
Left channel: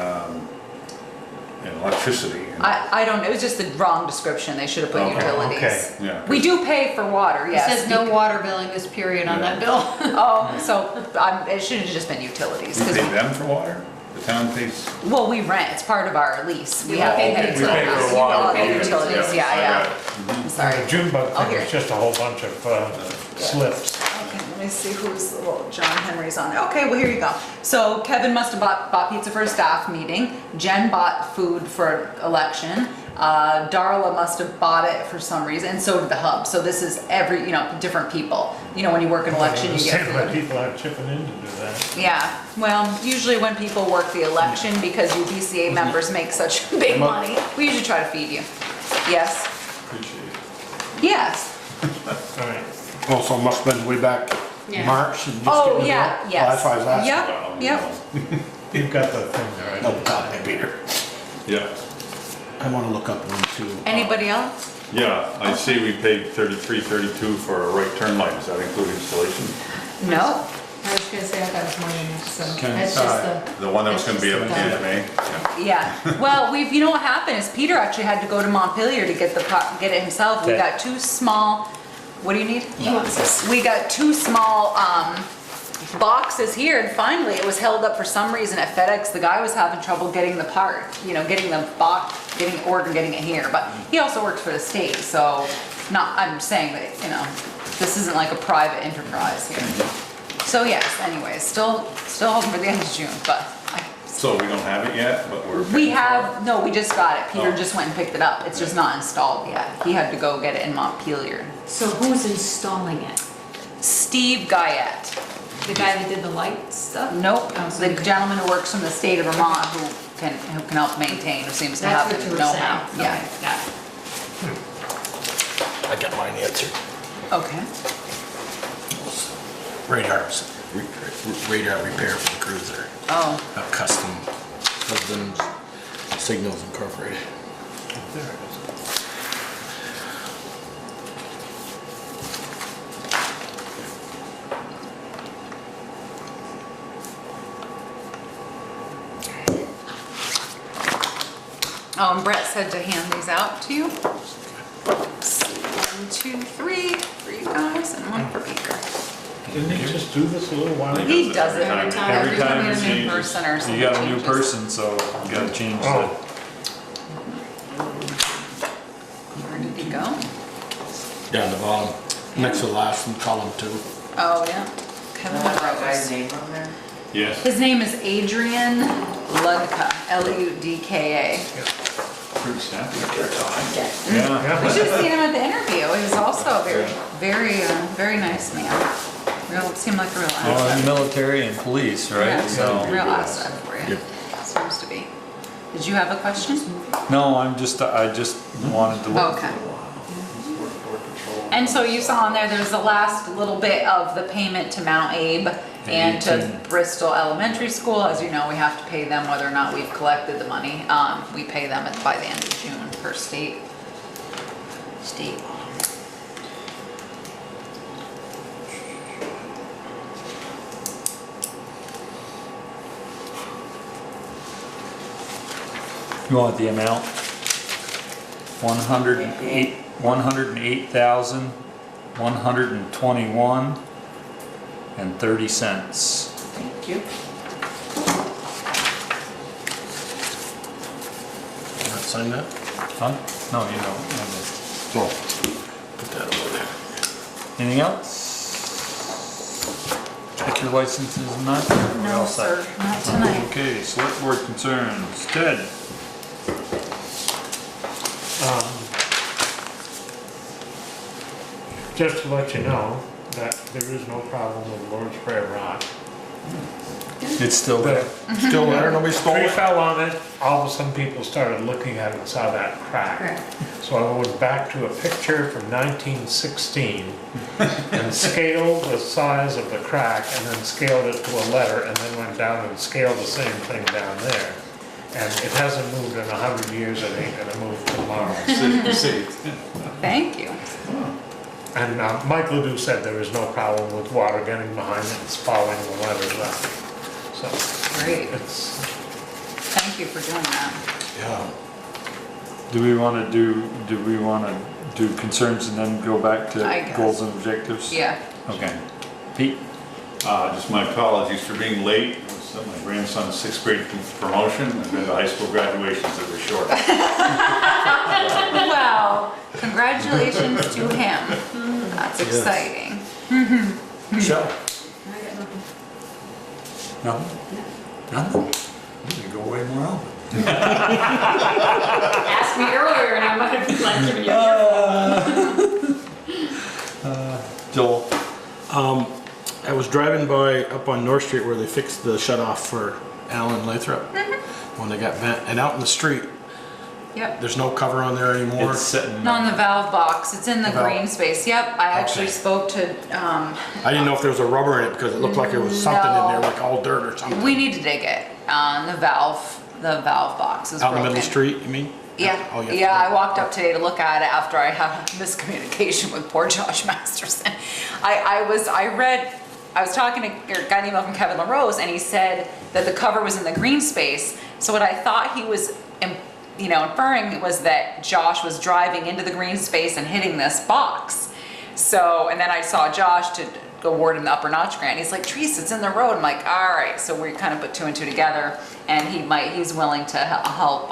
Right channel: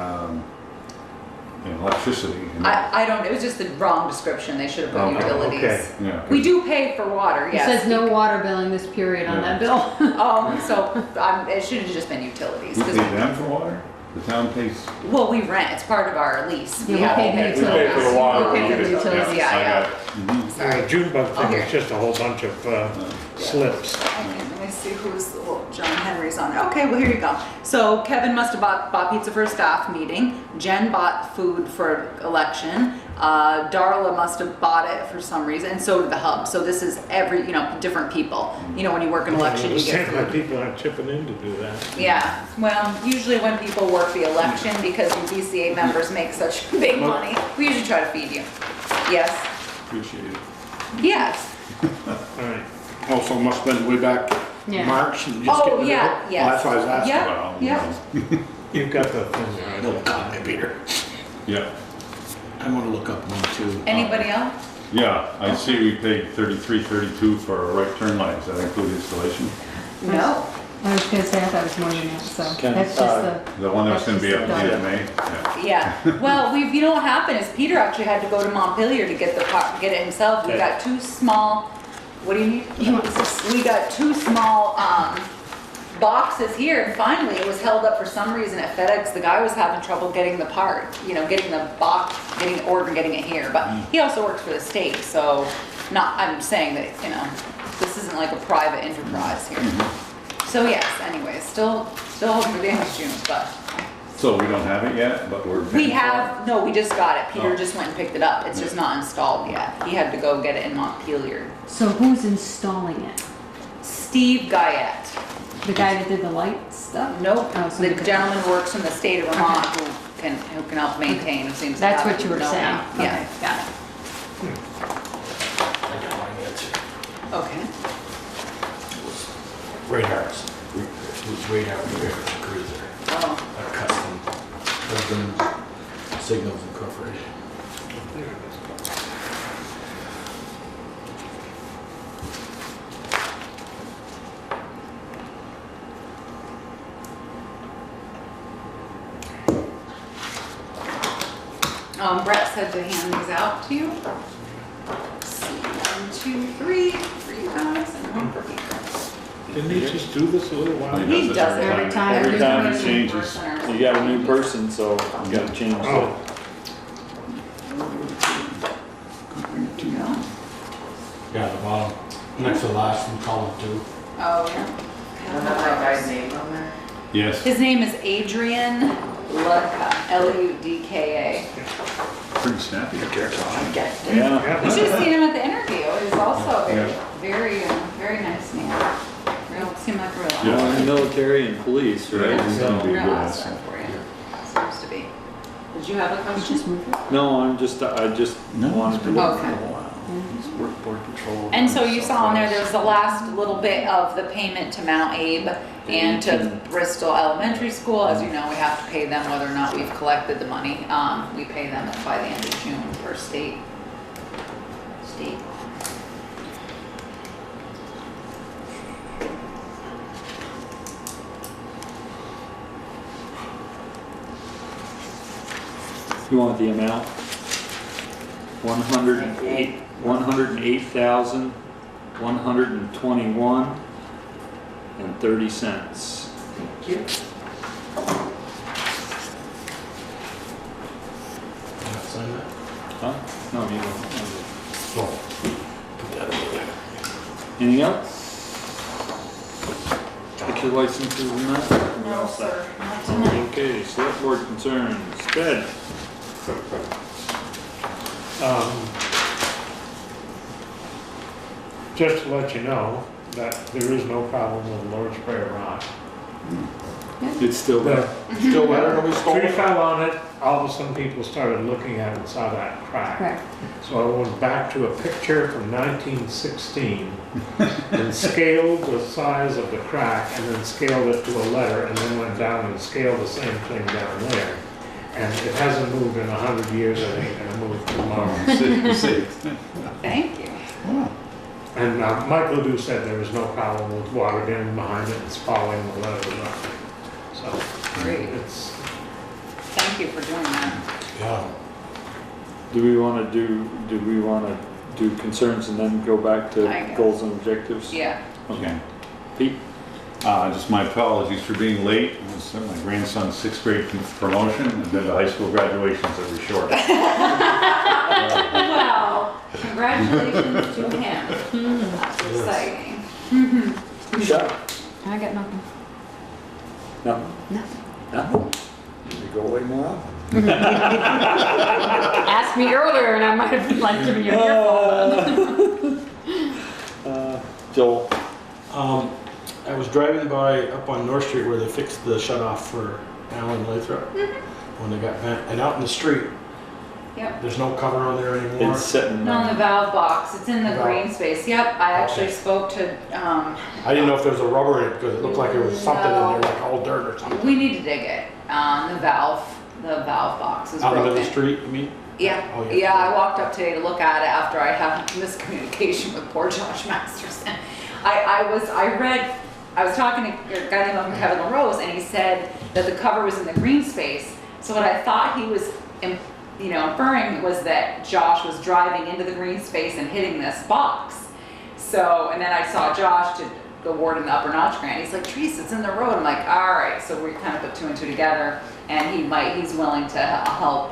electricity. and- I don't, it was just the wrong description, they should have put Okay. utilities. Okay. Yeah. We do pay for water, It yes. says no water billing this period on Yeah. that bill. Oh, so it should have just been utilities. We 'Cause pay them for water? The town pays? well, we rent, it's part of our lease. We Yeah, have to we pay pay utilities. for We pay for water. Oh, okay, utilities, I yeah, got yeah. it. Mhm. Sorry. The June bug Oh, thing here. is just a whole bunch of slips. Okay, let me see who's, well, John Henry's on. Okay, well, here you go. So Kevin must have bought pizza for a staff meeting. Jen bought food for election. Darla must have bought it for some reason, and so did the hub. So this is every, different people. When you work an election, you get Understand why food. people aren't chipping in to do that. Yeah, well, usually when people work the election, because you DCA members make such big money, we usually try to feed you. Yes? Appreciate it. Yes. All right. Also must have been way back Yeah. March. And just Oh, getting yeah, it up. yes. Oh, that's why I was asking. Yep, Well, yep. You've got the thing there. I Oh, don't God, Peter. Yeah, I want to look up one too. Anybody else? yeah, I see we paid 33.32 for a right turn light, does that include installation? No. I was gonna say, I thought it was more than this, so Okay. that's just the. The one that was gonna be up at the end of That's May? Yeah, well, you know what happened is Peter actually had to go to Montpelier to get get it himself. We Okay. got two small, what do you need? He wants this. We got two small boxes here, and finally it was held up for some reason at FedEx. The guy was having trouble getting the part, getting the box, getting it ordered, getting it here. But he also works for the state, so I'm saying that, this isn't like a private enterprise here. So yes, anyways, still hoping for the end of June, but So we don't have it yet, but we're. we just got it. Peter just went and picked it up. It's just not installed yet. He had to go get it in Montpelier. So who's installing it? Steve Guyette. The guy that did the light stuff? Nope, Oh, so the gentleman who works from the state of Vermont who can help maintain, who seems to That's have what you were know-how. saying. Yeah, Okay, got it. I got mine answered. okay. Radars. Radar repair for the cruiser. Oh, A custom husband Signals Incorporated. Brett said to hand these out to you. 1, 2, 3, 3 bags and 1 for Beaker. Didn't he just do this a little while ago? He does it every time. Every time it There's a new changes. person or You something got a new changes. person, so you gotta change Oh. it. Where did he go? Down the bottom, next to the last one, column 2. Oh, yeah. Kevin That Rose. guy's name up there? Yes, His name is Adrian Ludka, Ludka. pretty snappy. Yeah. Yeah. We should have seen him at the interview. He's also Yeah. very nice man. Seemed like a real Well, in asset. the military and police, right? Yeah, So, real asset for you. Seems to be. Did you have a question? no, I just wanted to. Okay. And so you saw on there's the last little bit of the payment to Mount Abe and to Bristol Elementary School. As you know, we have to pay them whether or not we've collected the money. We pay them by the end of June for state. You want the amount? 108,121.30. Thank you. Sign that? Huh? No, you don't. Oh, put that over there. Anything else? Take your licenses and that? We're No, all set. sir, not tonight. Okay, select board concerns. Ted? just to let you know that there is no problem with Lord's Prayer rock. It's still The Still there, nobody stole tree it? fell on it, all of a sudden people started looking at it and saw that crack. So I went back to a picture from 1916 and scaled the size of the crack and then scaled it to a letter and then went down and scaled the same thing down there. And it hasn't moved in 100 years, I think, and it moved too long. Thank you. And Mike Ledoux said there is no problem with water getting behind it, it's following the letters up. So, Great. it's, Thank you for doing that. Yeah. Do we want to do concerns and then go back I to guess. goals and objectives? Yeah. Okay. Pete? Just my apologies for being late. It was my grandson's 6th grade promotion. I've been to high school graduations that were short. Well, congratulations to him. That's exciting. Shut up. I got nothing. Nothing? Nothing? You could go away more often. Asked me earlier and I might have been like giving you a earful. Joel? I was driving by up on North Street where they fixed the shut off for Alan Lathrop when they got bent, and out in the street, Yep. there's no cover on there anymore. It's sitting. On the valve box, it's in the Valve. green space. Yep, I actually Okay. spoke to, I didn't know if there was a rubber in it because it looked like there was something in there, like all dirt or something. we need to dig it. The valve box is Out in broken. the middle of the street, you mean? Yeah, Oh, yeah. yeah, I walked up today to look at it after I had a miscommunication with poor Josh Masterson. I was talking to, or got an email from Kevin LaRose, and he said that the cover was in the green space. So what I thought he was, inferring was that Josh was driving into the green space and hitting this box. So, and then I saw Josh to award him the upper notch grant. He's like, Teresa, it's in the road. I'm like, all right. So we kind of put two and two together, and he's willing to help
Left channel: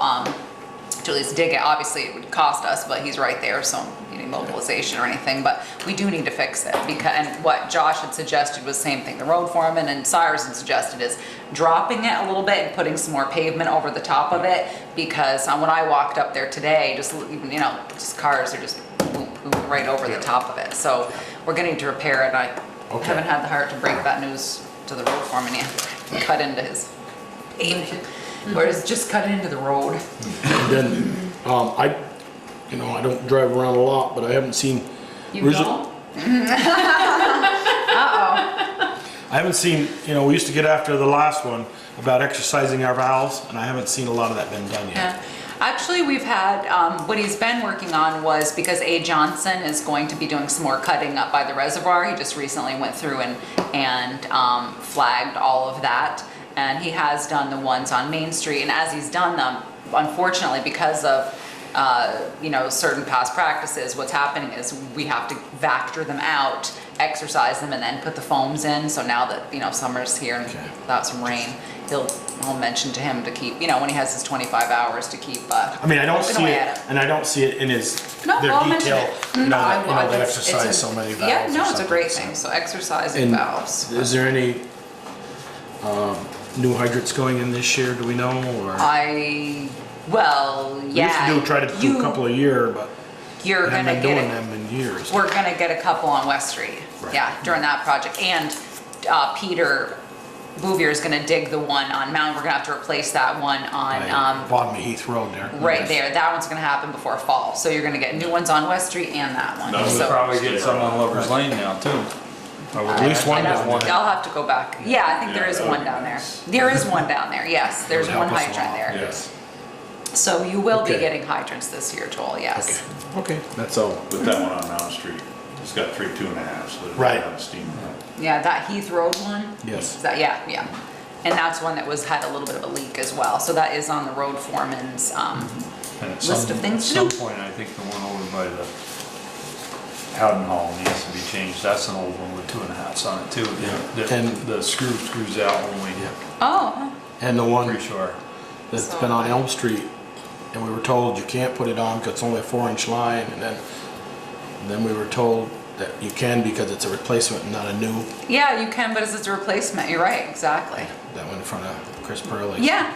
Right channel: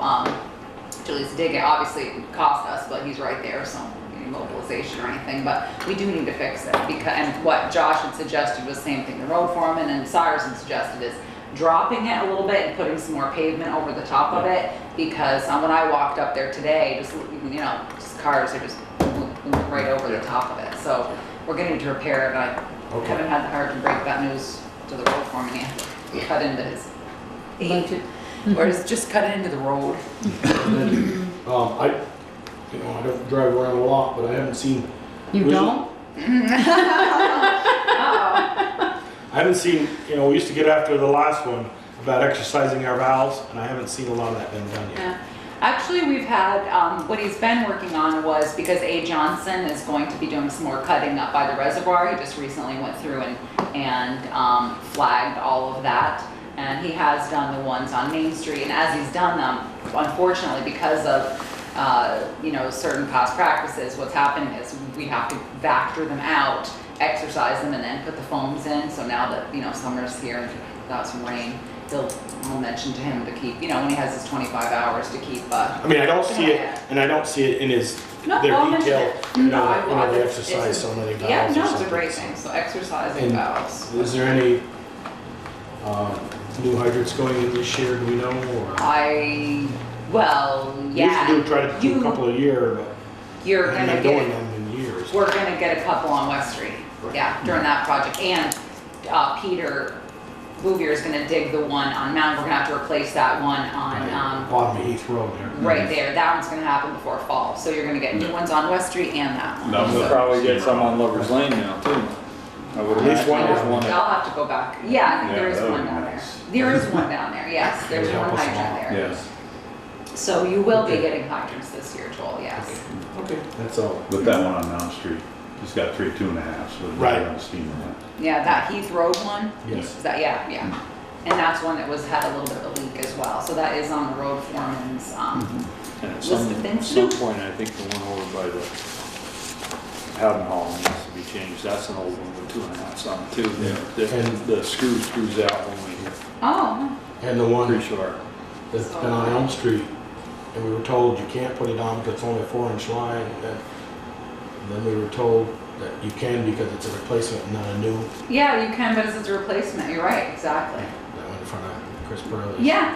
to at least dig it. Obviously, it would cost us, but he's right there, so you need mobilization or anything. But we do need to fix it and what Josh had suggested was same thing. The road foreman and Cyrus had suggested is dropping it a little bit and putting some more pavement over the top of it, because when I walked up there today, just cars are just moving right over the top of it. So we're getting to repair it. I haven't had the heart to break that news to the road foreman yet. Cut into his whereas just cut into the road. And then, I don't drive around a lot, but I haven't seen. You don't? I haven't seen, we used to get after the last one about exercising our valves, and I haven't seen a lot of that been done yet. Yeah. Actually, we've had, what he's been working on was, because A. Johnson is going to be doing some more cutting up by the reservoir. He just recently went through and flagged all of that. And he has done the ones on Main Street. And as he's done them, unfortunately, because of certain past practices, what's happening is we have to vector them out, exercise them, and then put the foams in. So now that summer's here and without some rain, I'll mention to him to keep, when he has his 25 hours to keep. I mean, I don't see it, and I don't see it in their I'll mention detail. it. They exercise so many valves. Yeah, no, or it's a something. great thing. So exercising valves. Is there any new hydrants going in this year? Do we know? Or Well, yeah. We used to try to do a couple a year, but you're we haven't gonna been get doing it. them in years. We're gonna get a couple on West Street. Yeah, during that project. And Peter Bouvier is gonna dig the one on Mountain. We're gonna have to replace that one on Bottom of Heath Road there. right there. That one's gonna happen before fall. So you're gonna get new ones on West Street and that one. We'll probably get some on Lover's Lane now too. At least one down there. I'll have to go back. Yeah, I think there is one down there. There is one down there, yes. There's one hydrant there. Yes. So you will be getting hydrants this year, Joel, yes. Okay, that's all. With that one on Mount Street, it's got 2.5, so it's Right. on the steam head. Yeah, that Heath Road one? Yes. Is that, yeah. And that's one that had a little bit of a leak as well. So that is on the road foreman's And at list of things to some do. point, I think the one over by the Howden Hall needs to be changed. That's an old one with 2.5s on it too. Yeah. And the screws out when we Oh, and the one pretty sure. that's been on Elm Street, and we were told you can't put it on because it's only a 4-inch line, and then we were told that you can because it's a replacement and not a new. yeah, you can, but it's a replacement. You're right, exactly. That one in front of Chris Burley. Yeah.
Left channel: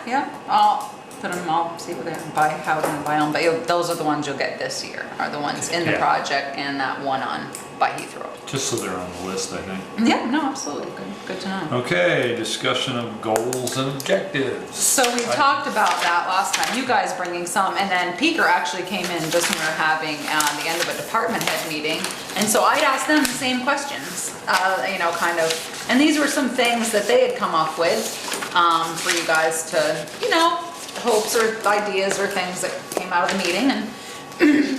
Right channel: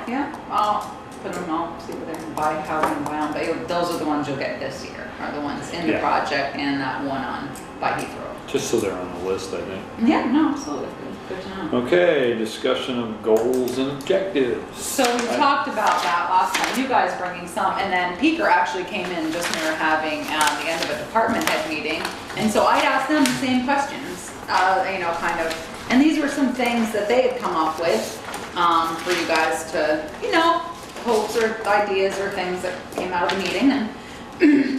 put them all, see what they're, buy, how they're gonna buy them, but those are the ones you'll get this year, are the ones in the Yeah. project and that one on by Heath Road. Just so they're on the list, I think. Yeah, no, absolutely, good to know. Okay, discussion of goals and objectives. So we talked about that last time, you guys bringing some, and then Peaker actually came in just when we were having the end of a department head meeting. And so I'd asked them the same questions, you know, kind of, and these were some things that they had come up with for you guys to, you know, hopes or ideas or things that came out of the meeting. And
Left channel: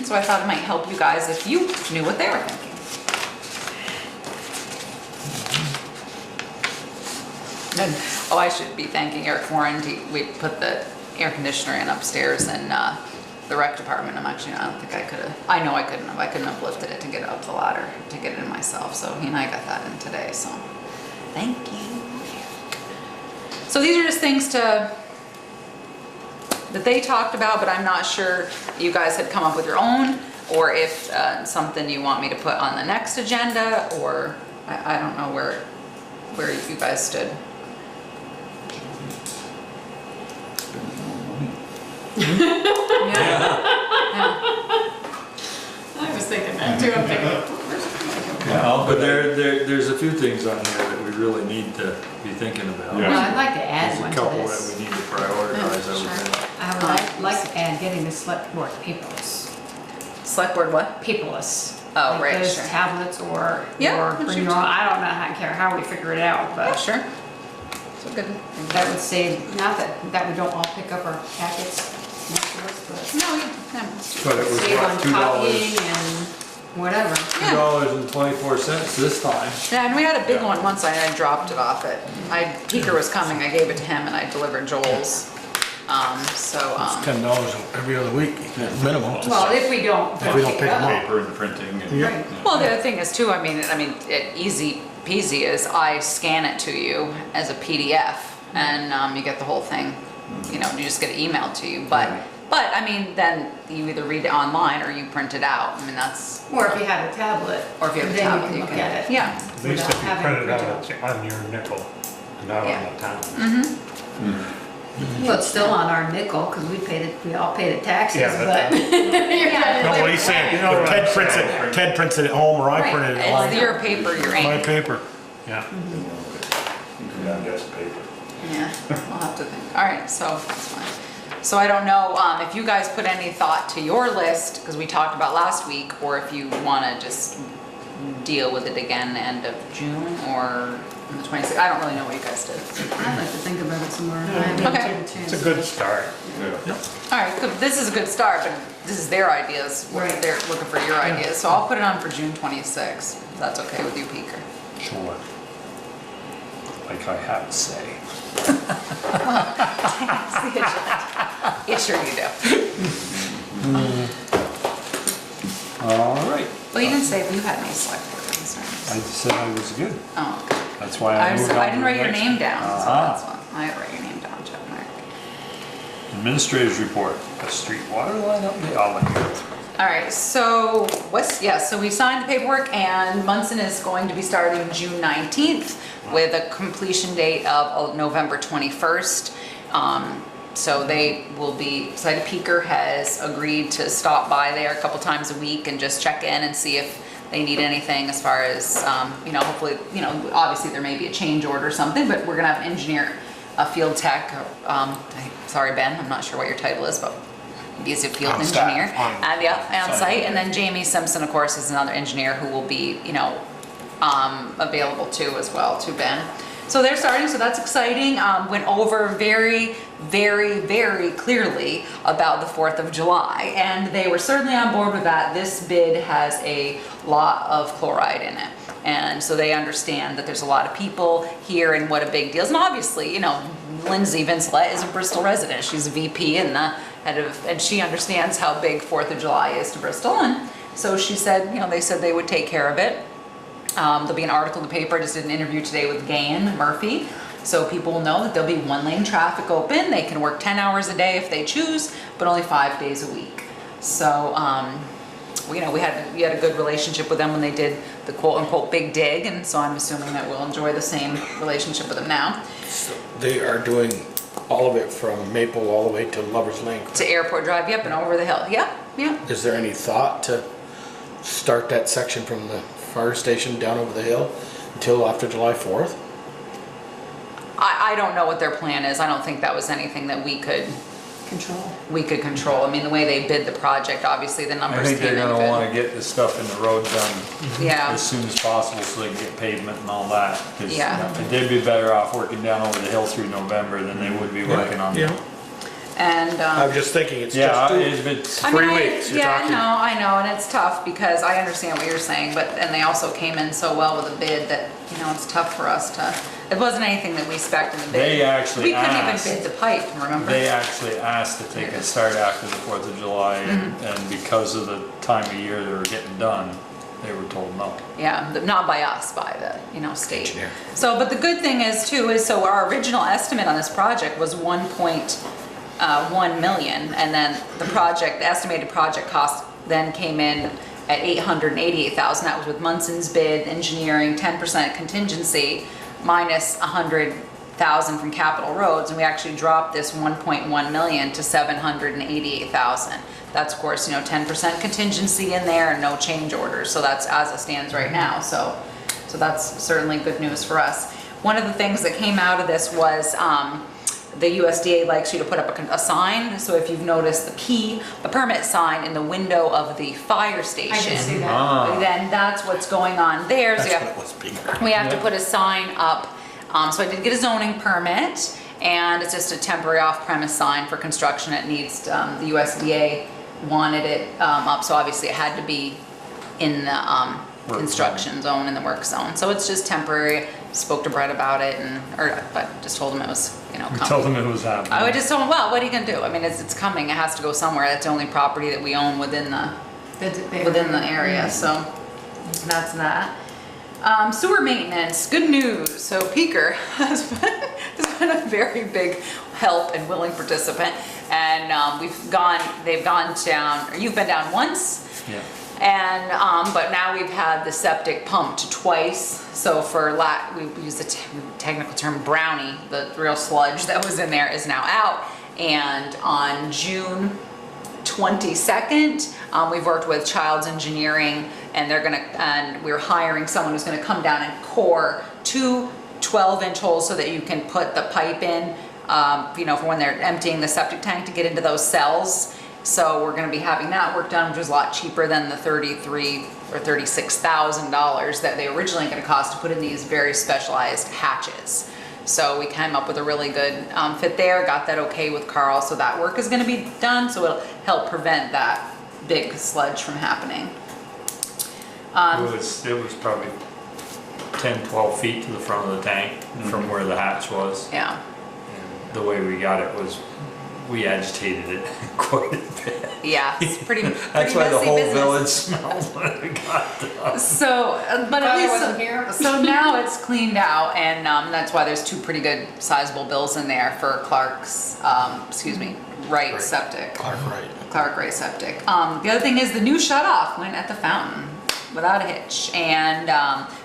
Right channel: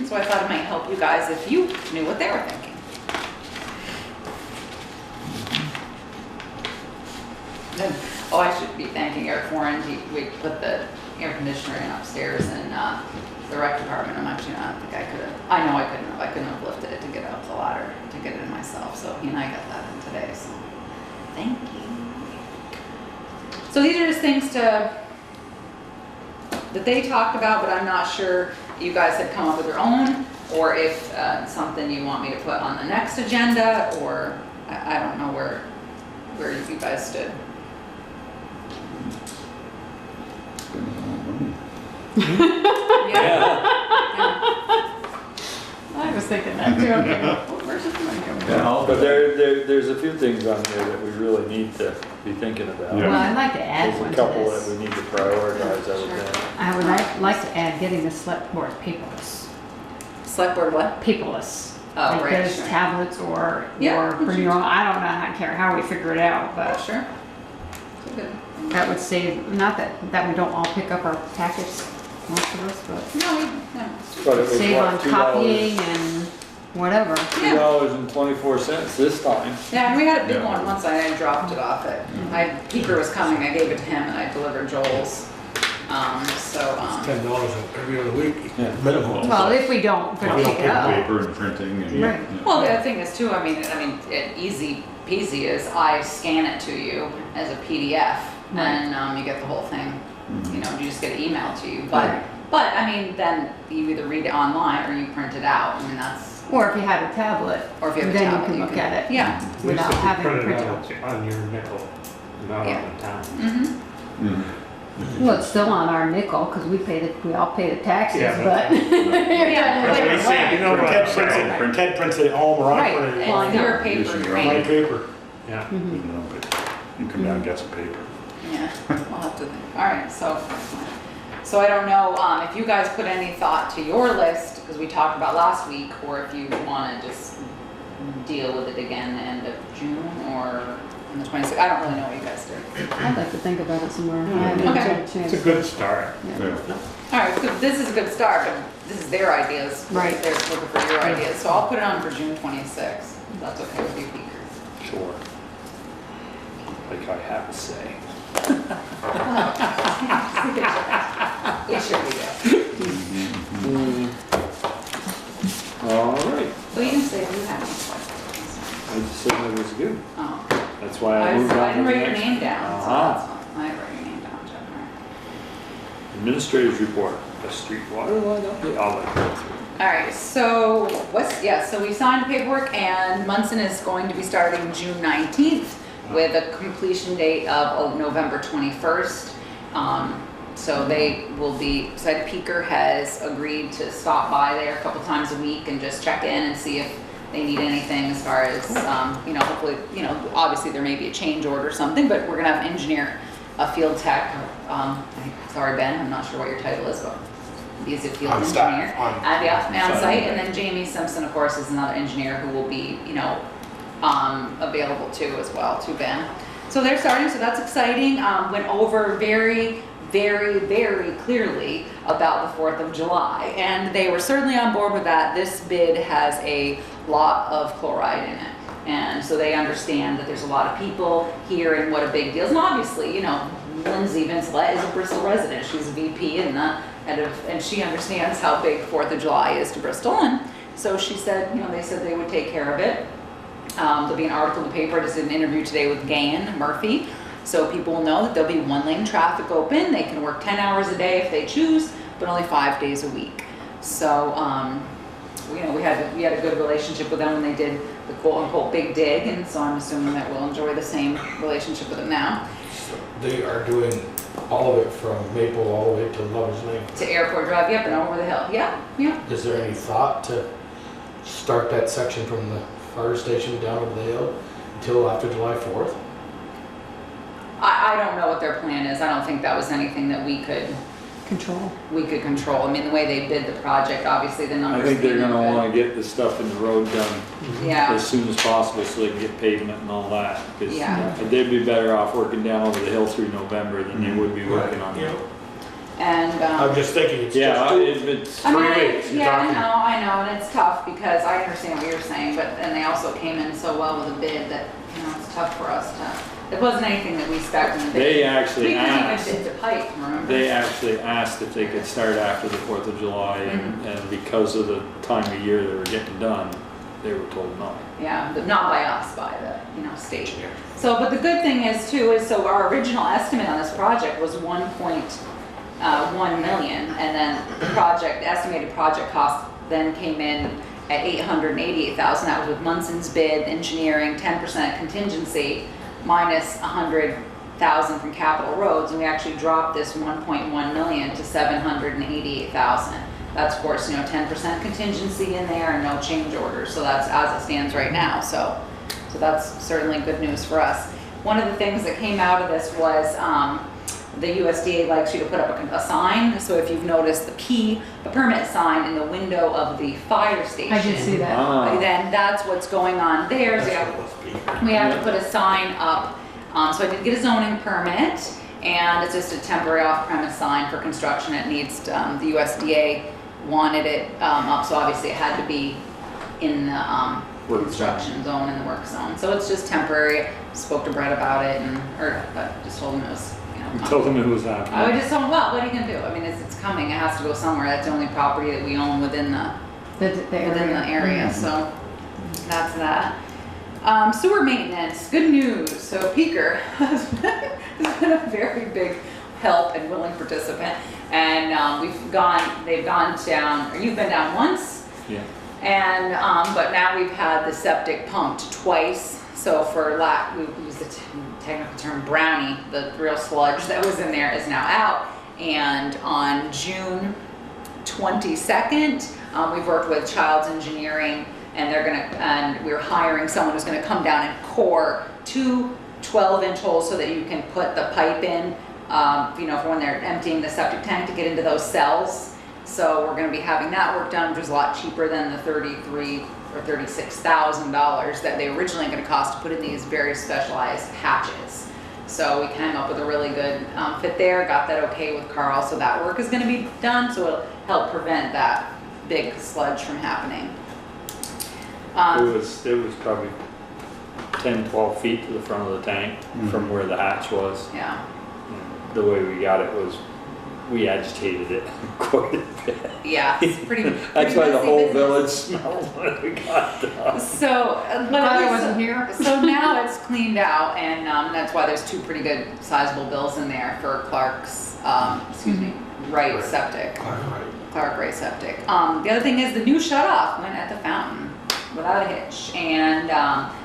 so I thought it might help you guys if you knew what they were thinking. And, oh, I should be thanking Eric Warren. We put the air conditioner in upstairs in the rec department. I don't think I could have, I know I couldn't have lifted it to get up the ladder to get it in myself. So he and I got that in today, so thank you. So these are just things that they talked about, but I'm not sure you guys had come up with your own, or if something you want me to put on the next agenda, or I don't know where you guys stood. I was thinking that too. I'm thinking, where's it gonna go? Yeah, but there's a few things on here that we really need to be thinking about. Well, I'd like to add There's one a to couple that this. we need to prioritize, I would think. I would like to add getting the select board paperless. Select board what? Paperless. Oh, right, Because sure. tablets or Yeah, bring your own, I don't know, I care how we figure it out, but. Sure. So good. That would save, not that we don't all pick up our packets, most of us, but. No, But it was Save what, on $2? copying and whatever. $2.24 this time. Yeah, and we had a big Yeah. one once, I dropped it off at, Peter was coming, I gave it to him and I delivered Joel's. It's $10 every other week, minimum. Well, if we don't If we don't pick pick it up. Paper and printing and. Yeah. Well, the other thing is too, I mean, easy peasy is I scan it to you as a PDF and you get the whole thing, you know, you just get it emailed to you. But I mean, then you either read it online or you print it out. I mean, that's. Or if you have a tablet, Or if you have a then tablet, you can look at it. Yeah. At least Without if you having print to it reach out out. on your nickel, not Yeah. on the town. Mm-hmm. Well, it's still on our nickel, because we all pay the taxes, Yeah, but. but- You're doing it That's what he's saying. You know what I'm Ted prints it at home, or I Right, print it at it's home. your paper, your My ink. paper. Yeah. You come down and get some paper. Yeah, we'll have to think. All right, so that's fine. So I don't know if you guys put any thought to your list, because we talked about last week, or if you want to just deal with it again end of June or on the 26th. I don't really know what you guys did. I'd like to think about it some more. Okay. It's a good start. Yeah. All right, good. This is a good start. This is their ideas. Right. They're looking for your ideas. So I'll put it on for June 26th, if that's okay with you, Peter. Sure. Like I have to say. Yeah, sure you do. All right. Well, you can say if you had any select board I concerns. just said I was good. Oh, That's why I I moved on. didn't to write the your next name one. down, so Uh-huh. that's fine. I didn't write your name down, Jeff. All right. Administrators report, the street water line update. I'll let you go through. All right, so so we signed the paperwork and Munson is going to be starting June 19th with a completion date of November 21st. So they will be, so Peaker has agreed to stop by there a couple times a week and just check in and see if they need anything as far as, you know, hopefully, you know, obviously there may be a change order or something, but we're gonna have engineer, a field tech, sorry Ben, I'm not sure what your title is, but he's a field On staff, engineer. On site, and then Jamie Simpson, of course, is another engineer who will be, you know, available too as well, to Ben. So they're starting, so that's exciting. Went over very, very, very clearly about the 4th of July, and they were certainly on board with that. This bid has a lot of chloride in it. And so they understand that there's a lot of people here and what a big deal is. And obviously, you know, Lindsay Vincelet is a Bristol resident. She's a VP and the head of, and she understands how big 4th of July is to Bristol. And so she said, you know, they said they would take care of it. There'll be an article in the paper. I just did an interview today with Gayan Murphy. So people will know that there'll be one lane traffic open. They can work 10 hours a day if they choose, but only 5 days a week. So, you know, we had a good relationship with them when they did the quote unquote big dig. And so I'm assuming that we'll enjoy the same relationship with them now. They are doing All of it from Maple all the way to Lover's Lane. To Airport Drive, yep, and over the hill, yep, yep. Is there any thought to start that section from the fire station down over the hill until after July 4th? I don't know what their plan is. I don't think that was anything that we could control. I mean, the way they bid the project, obviously the I numbers think they're came in gonna good. wanna get this stuff in the road done Yeah. as soon as possible so they can get pavement and all that. 'Cause Yeah. they'd be better off working down over the hill through November than they would be working on. Yeah. And, I was just thinking, it's Yeah, just if it's I mean, 3 weeks. You're yeah, talking. I know, and it's tough because I understand what you're saying, but, and they also came in so well with a bid that, it's tough for us to, it wasn't anything that we spec'd in the bid. They actually We couldn't even asked. bid the pipe, remember? They actually asked if they could start after the 4th of July, and because of the time of year they were getting done, they were told no. Yeah, not by us, by the, state. So, but the good thing is too, is so our original estimate on this project was 1.1 million, and then the estimated project cost then came in at 888,000. That was with Munson's bid, engineering, 10% contingency, minus 100,000 from capital roads, and we actually dropped this 1.1 million to 788,000. That's of course, 10% contingency in there and no change orders. So that's as it stands right now. So that's certainly good news for us. One of the things that came out of this was the USDA likes you to put up a sign. So if you've noticed the permit sign in the window of the fire station. I can see that. Then that's what's going on there. So That's what it was bigger. we have to put a sign up. So I did get a zoning permit, and it's just a temporary off-premise sign for construction. It needs, the USDA wanted it up, so obviously it had to be in the construction zone and the work zone. So it's just temporary. Spoke to Brett about it, but just told him it was, coming. You told them it was happening. I just told him, well, what are you gonna do? I mean, it's coming. It has to go somewhere. That's the only property that we own within the area. So that's that. Sewer maintenance, good news. So Peaker has been a very big help and willing participant. And they've gone down, or you've been down once. Yeah. And, but now we've had the septic pumped twice. So we use the technical term brownie, the real sludge that was in there is now out. And on June 22nd, we've worked with Child's Engineering, and we're hiring someone who's gonna come down and core 2 12-inch holes so that you can put the pipe in, for when they're emptying the septic tank to get into those cells. So we're gonna be having that work done, which is a lot cheaper than the $33,000 or $36,000 that they originally gonna cost to put in these very specialized hatches. So we came up with a really good fit there, got that okay with Carl, so that work is gonna be done, so it'll help prevent that big sludge from happening. It was probably 10, 12 feet to the front of the tank from where the hatch was. Yeah. The way we got it was, we agitated it quite a bit. Yeah, it's pretty. That's why the messy whole business. village smelled when it got done. So, but Glad at I least, wasn't here. so now it's cleaned out, and that's why there's 2 pretty good sizable bills in there for Clark's, Wright Septic. Clark Wright Septic. The other thing is the new shut-off went at the fountain without a hitch, and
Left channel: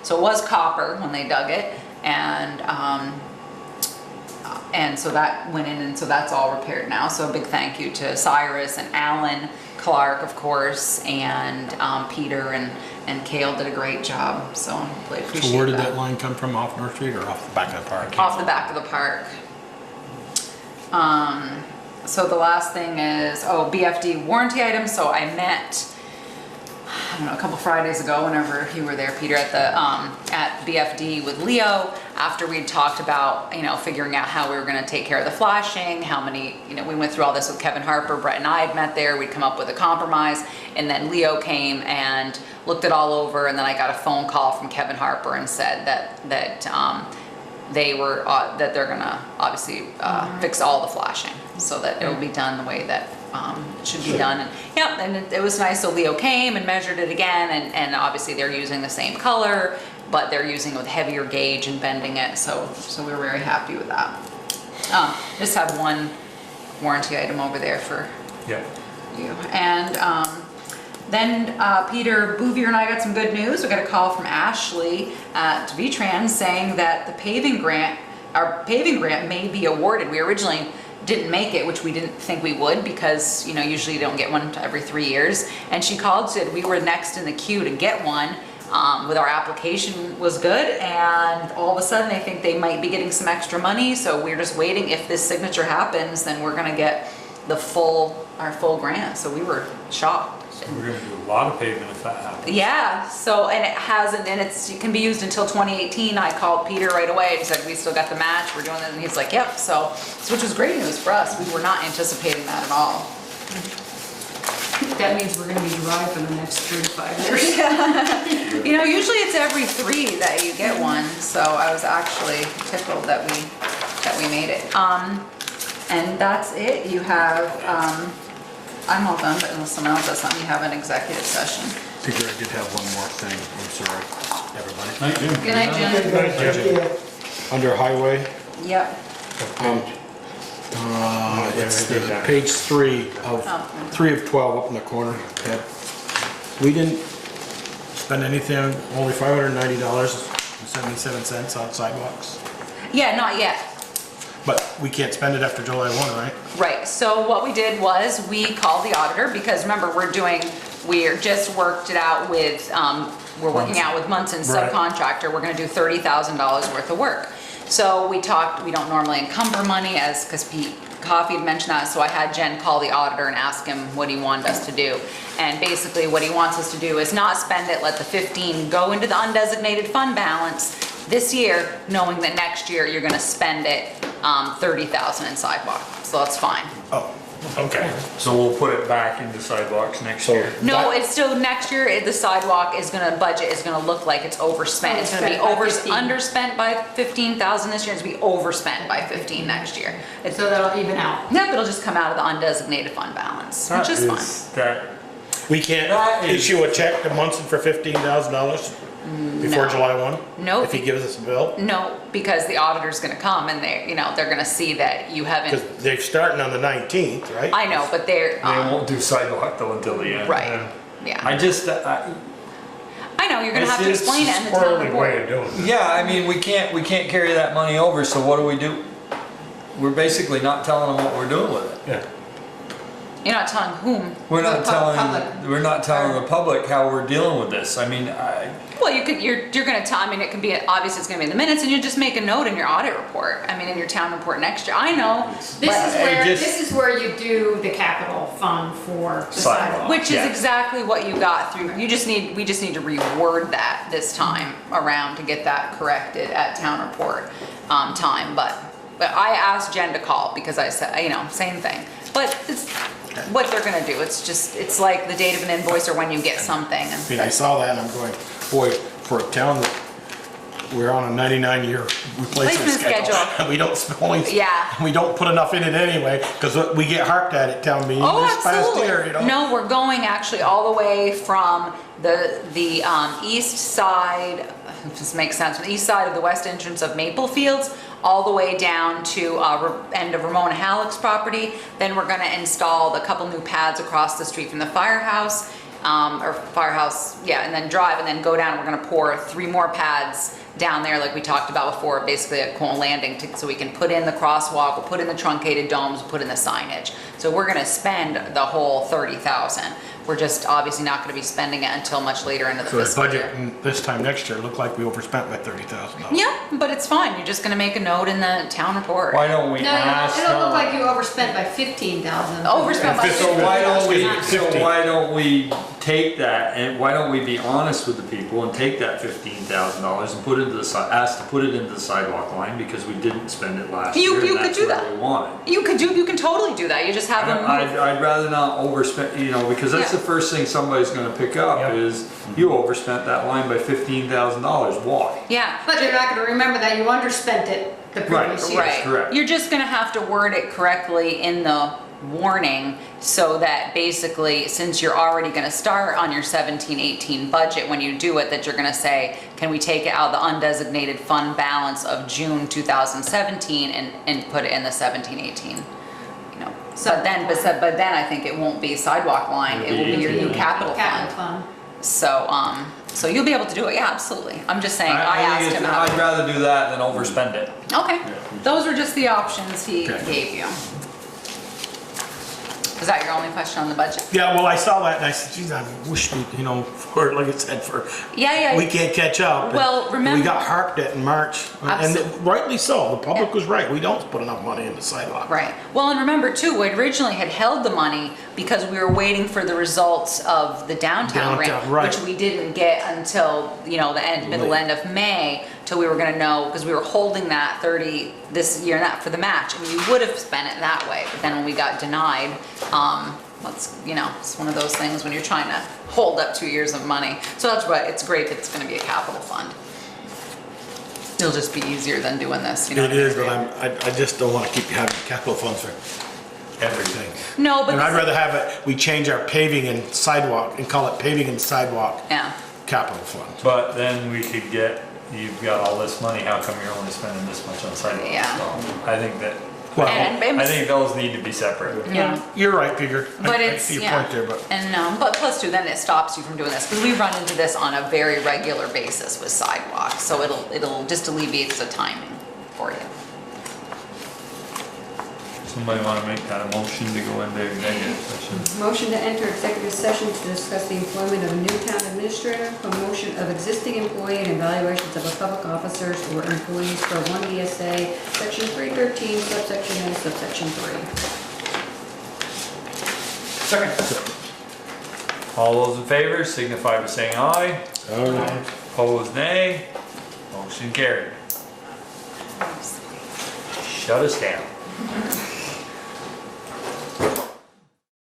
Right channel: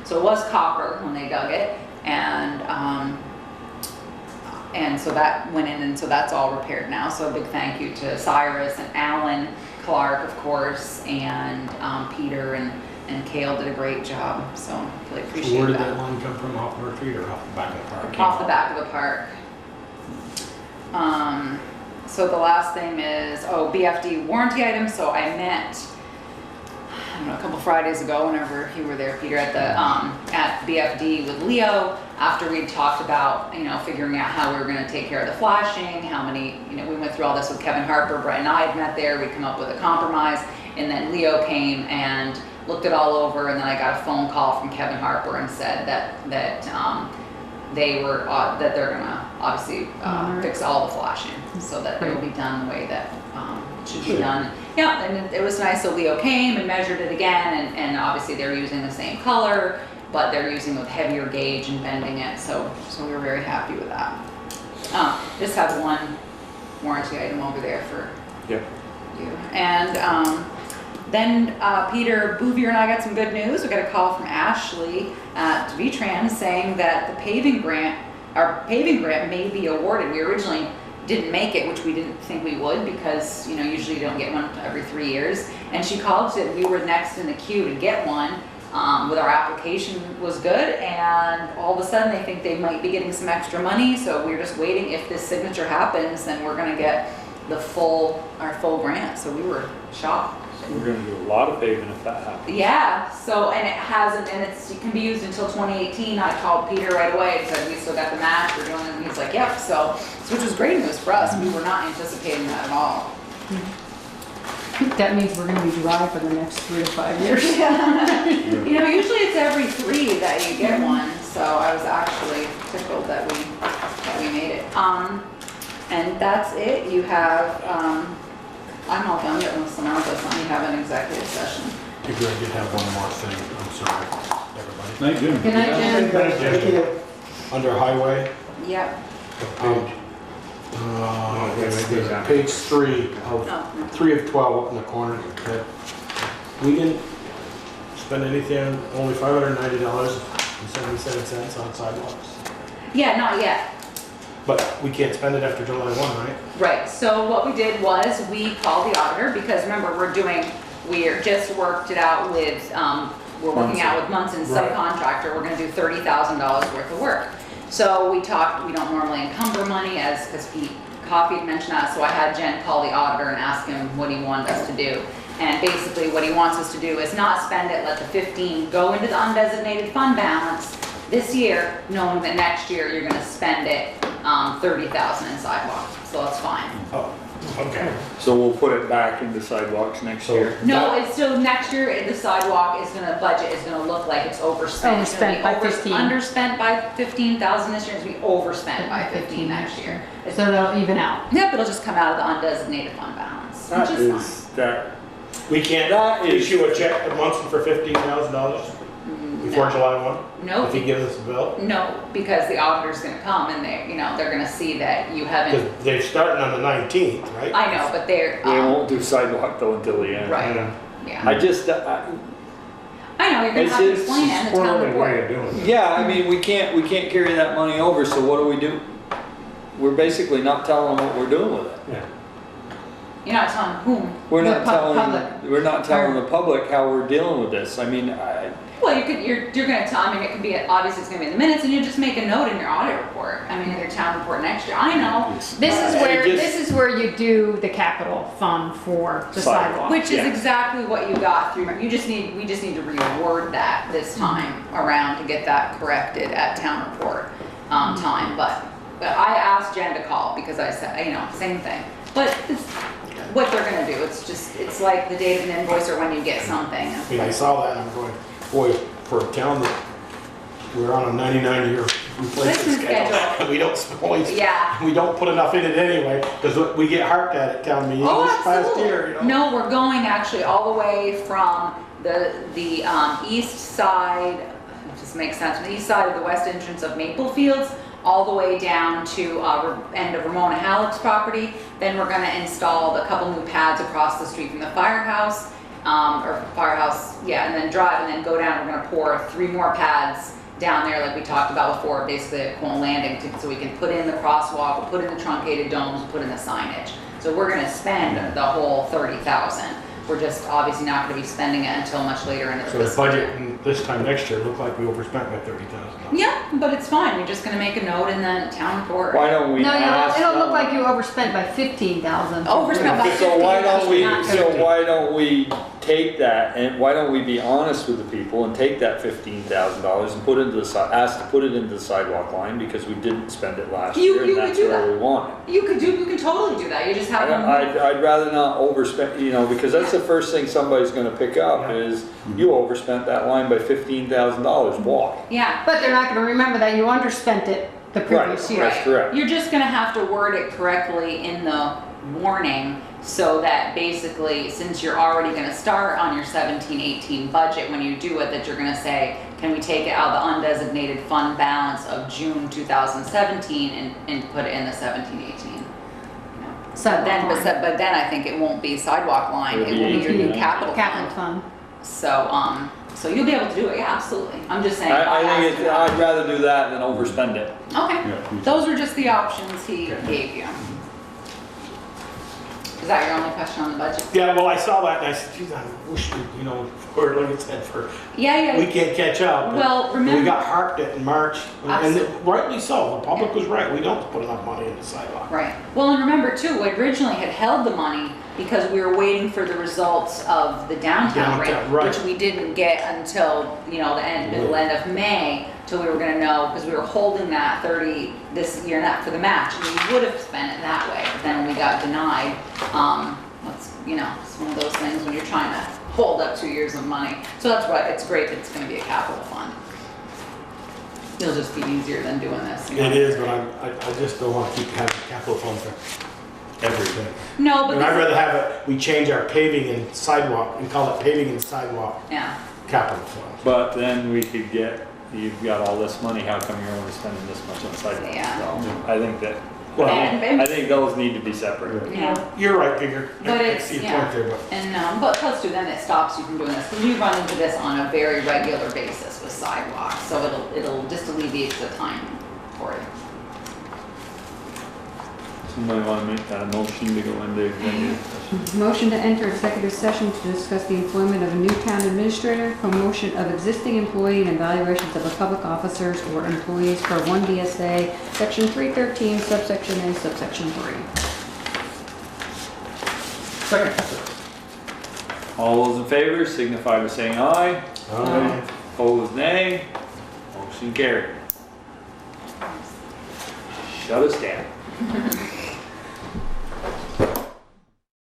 so it was copper when they dug it, and so that went in, and so that's all repaired now. So a big thank you to Cyrus and Alan Clark, of course, and Peter and Kale did a great job. So really appreciate So where did that. that line come from, off North Street or off the back of the park? Off the back of the park. So the last thing is, BFD warranty items. So I met, a couple Fridays ago, whenever you were there, Peter, at BFD with Leo, after we'd talked about, figuring out how we were gonna take care of the flashing, how many, we went through all this with Kevin Harper, Brett and I had met there, we'd come up with a compromise, and then Leo came and looked it all over, and then I got a phone call from Kevin Harper and said that they're gonna obviously fix all the flashing, so that it will be done the way that should be done. Yeah, and it was nice. So Leo came and measured it again, and obviously they're using the same color, but they're using it with heavier gauge and bending it. So we were very happy with that. Just have one warranty item over there for you. And then Peter Bouvier and I got some good news. We got a call from Ashley at V-Trans saying that the paving grant our paving grant may be awarded. We originally didn't make it, which we didn't think we would because, you know, usually you don't get one every 3 years. And she called, said we were next in the queue to get one. With our application was good, and all of a sudden they think they might be getting some extra money, so we're just waiting. If this signature happens, then we're gonna get our full grant, so we were shocked. So we're gonna do a lot of paving if that happens. Yeah, so, and it can be used until 2018. I called Peter right away and said, we still got the match, we're doing it, and he's like, yep, so, which was great news for us. We were not anticipating that at all. That means we're gonna be dry for the next 3 to 5 years. You know, usually it's every 3 that you get one, so I was actually tickled that we made it. And that's it. You have, I'm all done, but unless someone else has something, you have an executive session. Figure I did have one more thing, I'm sorry, everybody. Night, Jim. Good night, Jen. Under highway, Yep. it's the page 3 of 3 of 12 up in the corner. Okay. We didn't spend anything, only $590.77 on sidewalks. Yeah, not yet. But we can't spend it after July 1, right? Right, so what we did was we called the auditor, because remember, we're just worked it out with, we're working out with Munson's Right. subcontractor, we're gonna do $30,000 worth of work. So we talked, we don't normally encumber money because Pete Coffey had mentioned that, so I had Jen call the auditor and ask him what he wanted us to do. And basically what he wants us to do is not spend it, let the 15 go into the undesignated fund balance this year, knowing that next year you're gonna spend it, 30,000 in sidewalk, so that's fine. Oh, okay. So we'll put it back into sidewalks next year. No, it's still next year, the sidewalk budget is gonna look like it's overspent. It's gonna be Overspent by 15. underspent by 15,000 this year, it's gonna be overspent by 15 next year. So that'll even out. Yep, it'll just come out of the undesignated fund balance, which is fine. That, We can't That is- issue a check to Munson for $15,000 before No. July 1? Nope. If he gives us a bill? No, because the auditor's gonna come and they're gonna see that you Because haven't, they're starting on the 19th, right? I know, but they're, we won't do sidewalk though until the end. right, yeah. I just, I know, you're gonna It's have to it's explain a it in the town squirrely way report. of doing it. yeah, I mean, we can't carry that money over, so what do? We're basically not telling them what we're doing with it. Yeah. You're not telling whom. We're not The public. telling the public how we're dealing with this. I mean, Well, you're gonna tell, I mean, it could be, obviously it's gonna be in the minutes, and you just make a note in your audit report, I mean, in your town report next year, I know. This is where you do the capital fund for the sidewalk. Which is Yeah. exactly what you got through, we just need to reword that this time around to get that corrected at town report, time, but I asked Jen to call, because I said, same thing, but it's what they're gonna do, it's like the date of an invoice or when you get something. And I saw that and I'm going, boy, for a town that we're on a 99-year replacement schedule, and we don't Yeah. we don't put enough in it anyway, because we get harped at it town meeting Oh, this past absolutely. year, No, we're going actually all the way from the east side, this makes sense, from the east side of the west entrance of Maple Fields, all the way down to end of Ramona Halleck's property. Then we're gonna install the couple new pads across the street from the firehouse, and then drive and then go down. We're gonna pour 3 more pads down there like we talked about before, basically a Cone Landing, so we can put in the crosswalk, we'll put in the truncated domes, we'll put in the signage. So we're gonna spend the whole 30,000. We're just obviously not gonna be spending it until much later into the So the fiscal year. budget this time next year looked like we overspent by $30,000. Yeah, but it's fine, you're just gonna make a note in the town report. why don't we No, ask it'll look them? like you overspent by 15,000. Overspent by So why don't we take that, and why don't we be honest with the people and take that $15,000 and put it into ask to put it into the sidewalk line, because we didn't spend it last You year. could and that's do where that. we want it. You can totally do that, you just have them. I'd rather not overspend, because that's the first thing somebody's gonna pick up is you overspent that line by $15,000. Why? Yeah. But they're not gonna remember that you underspent it the previous year. That's correct. You're just gonna have to word it correctly in the warning, so that basically, since you're already gonna start on your 17-18 budget, when you do it, that you're gonna say, can we take it out of the undesignated fund balance of June 2017 and put it in the 17-18? But then I think it won't be sidewalk line, it will be your new capital fund. So you'll be able to do it, yeah, absolutely. I'm just saying, I asked him. I'd rather do that than overspend it. Okay, Yeah. those were just the options he gave you. Is that your only question on the budget? Yeah, well, I saw that and I said, geez, I wish we, for, like I said, Yeah. we can't catch up. Well, And remember- we got harped at in March, and Absolutely. rightly so, the public was right, we don't put enough money in the sidewalk. Right. Well, and remember too, we originally had held the money because we were waiting for the results of the downtown grant, Downtown, right. which we didn't get until, middle end of May, till we were gonna know, because we were holding that 30 this year and that for the match, and we would have spent it that way. But then when we got denied, it's one of those things when you're trying to hold up 2 years of money. So that's why it's great that it's gonna be a capital fund. It'll just be easier than doing this, It is, but I just don't wanna keep having capital funds for everything. No, but And I'd this is- rather have it, we change our paving and sidewalk, and call it paving and sidewalk Yeah. capital fund. But then we could you've got all this money, how come you're only spending this much on sidewalks? Yeah. So I think that, Well, And- I think those need to be separate. Yeah. You're right, Peter. But I it's, see your yeah, point there, but. and, but plus too, then it stops you from doing this, because we run into this on a very regular basis with sidewalks, so it'll just alleviates the timing for you. Somebody want to make that a motion to go into executive session? Motion to enter executive session to discuss the employment of a new town administrator, promotion of existing employee, and evaluations of a public officers or employees per 1 VSA, section 313, subsection A, subsection 3. Second. All those in favor signify by saying aye. Aye. Opposed, nay. Motion carried. Shut us down.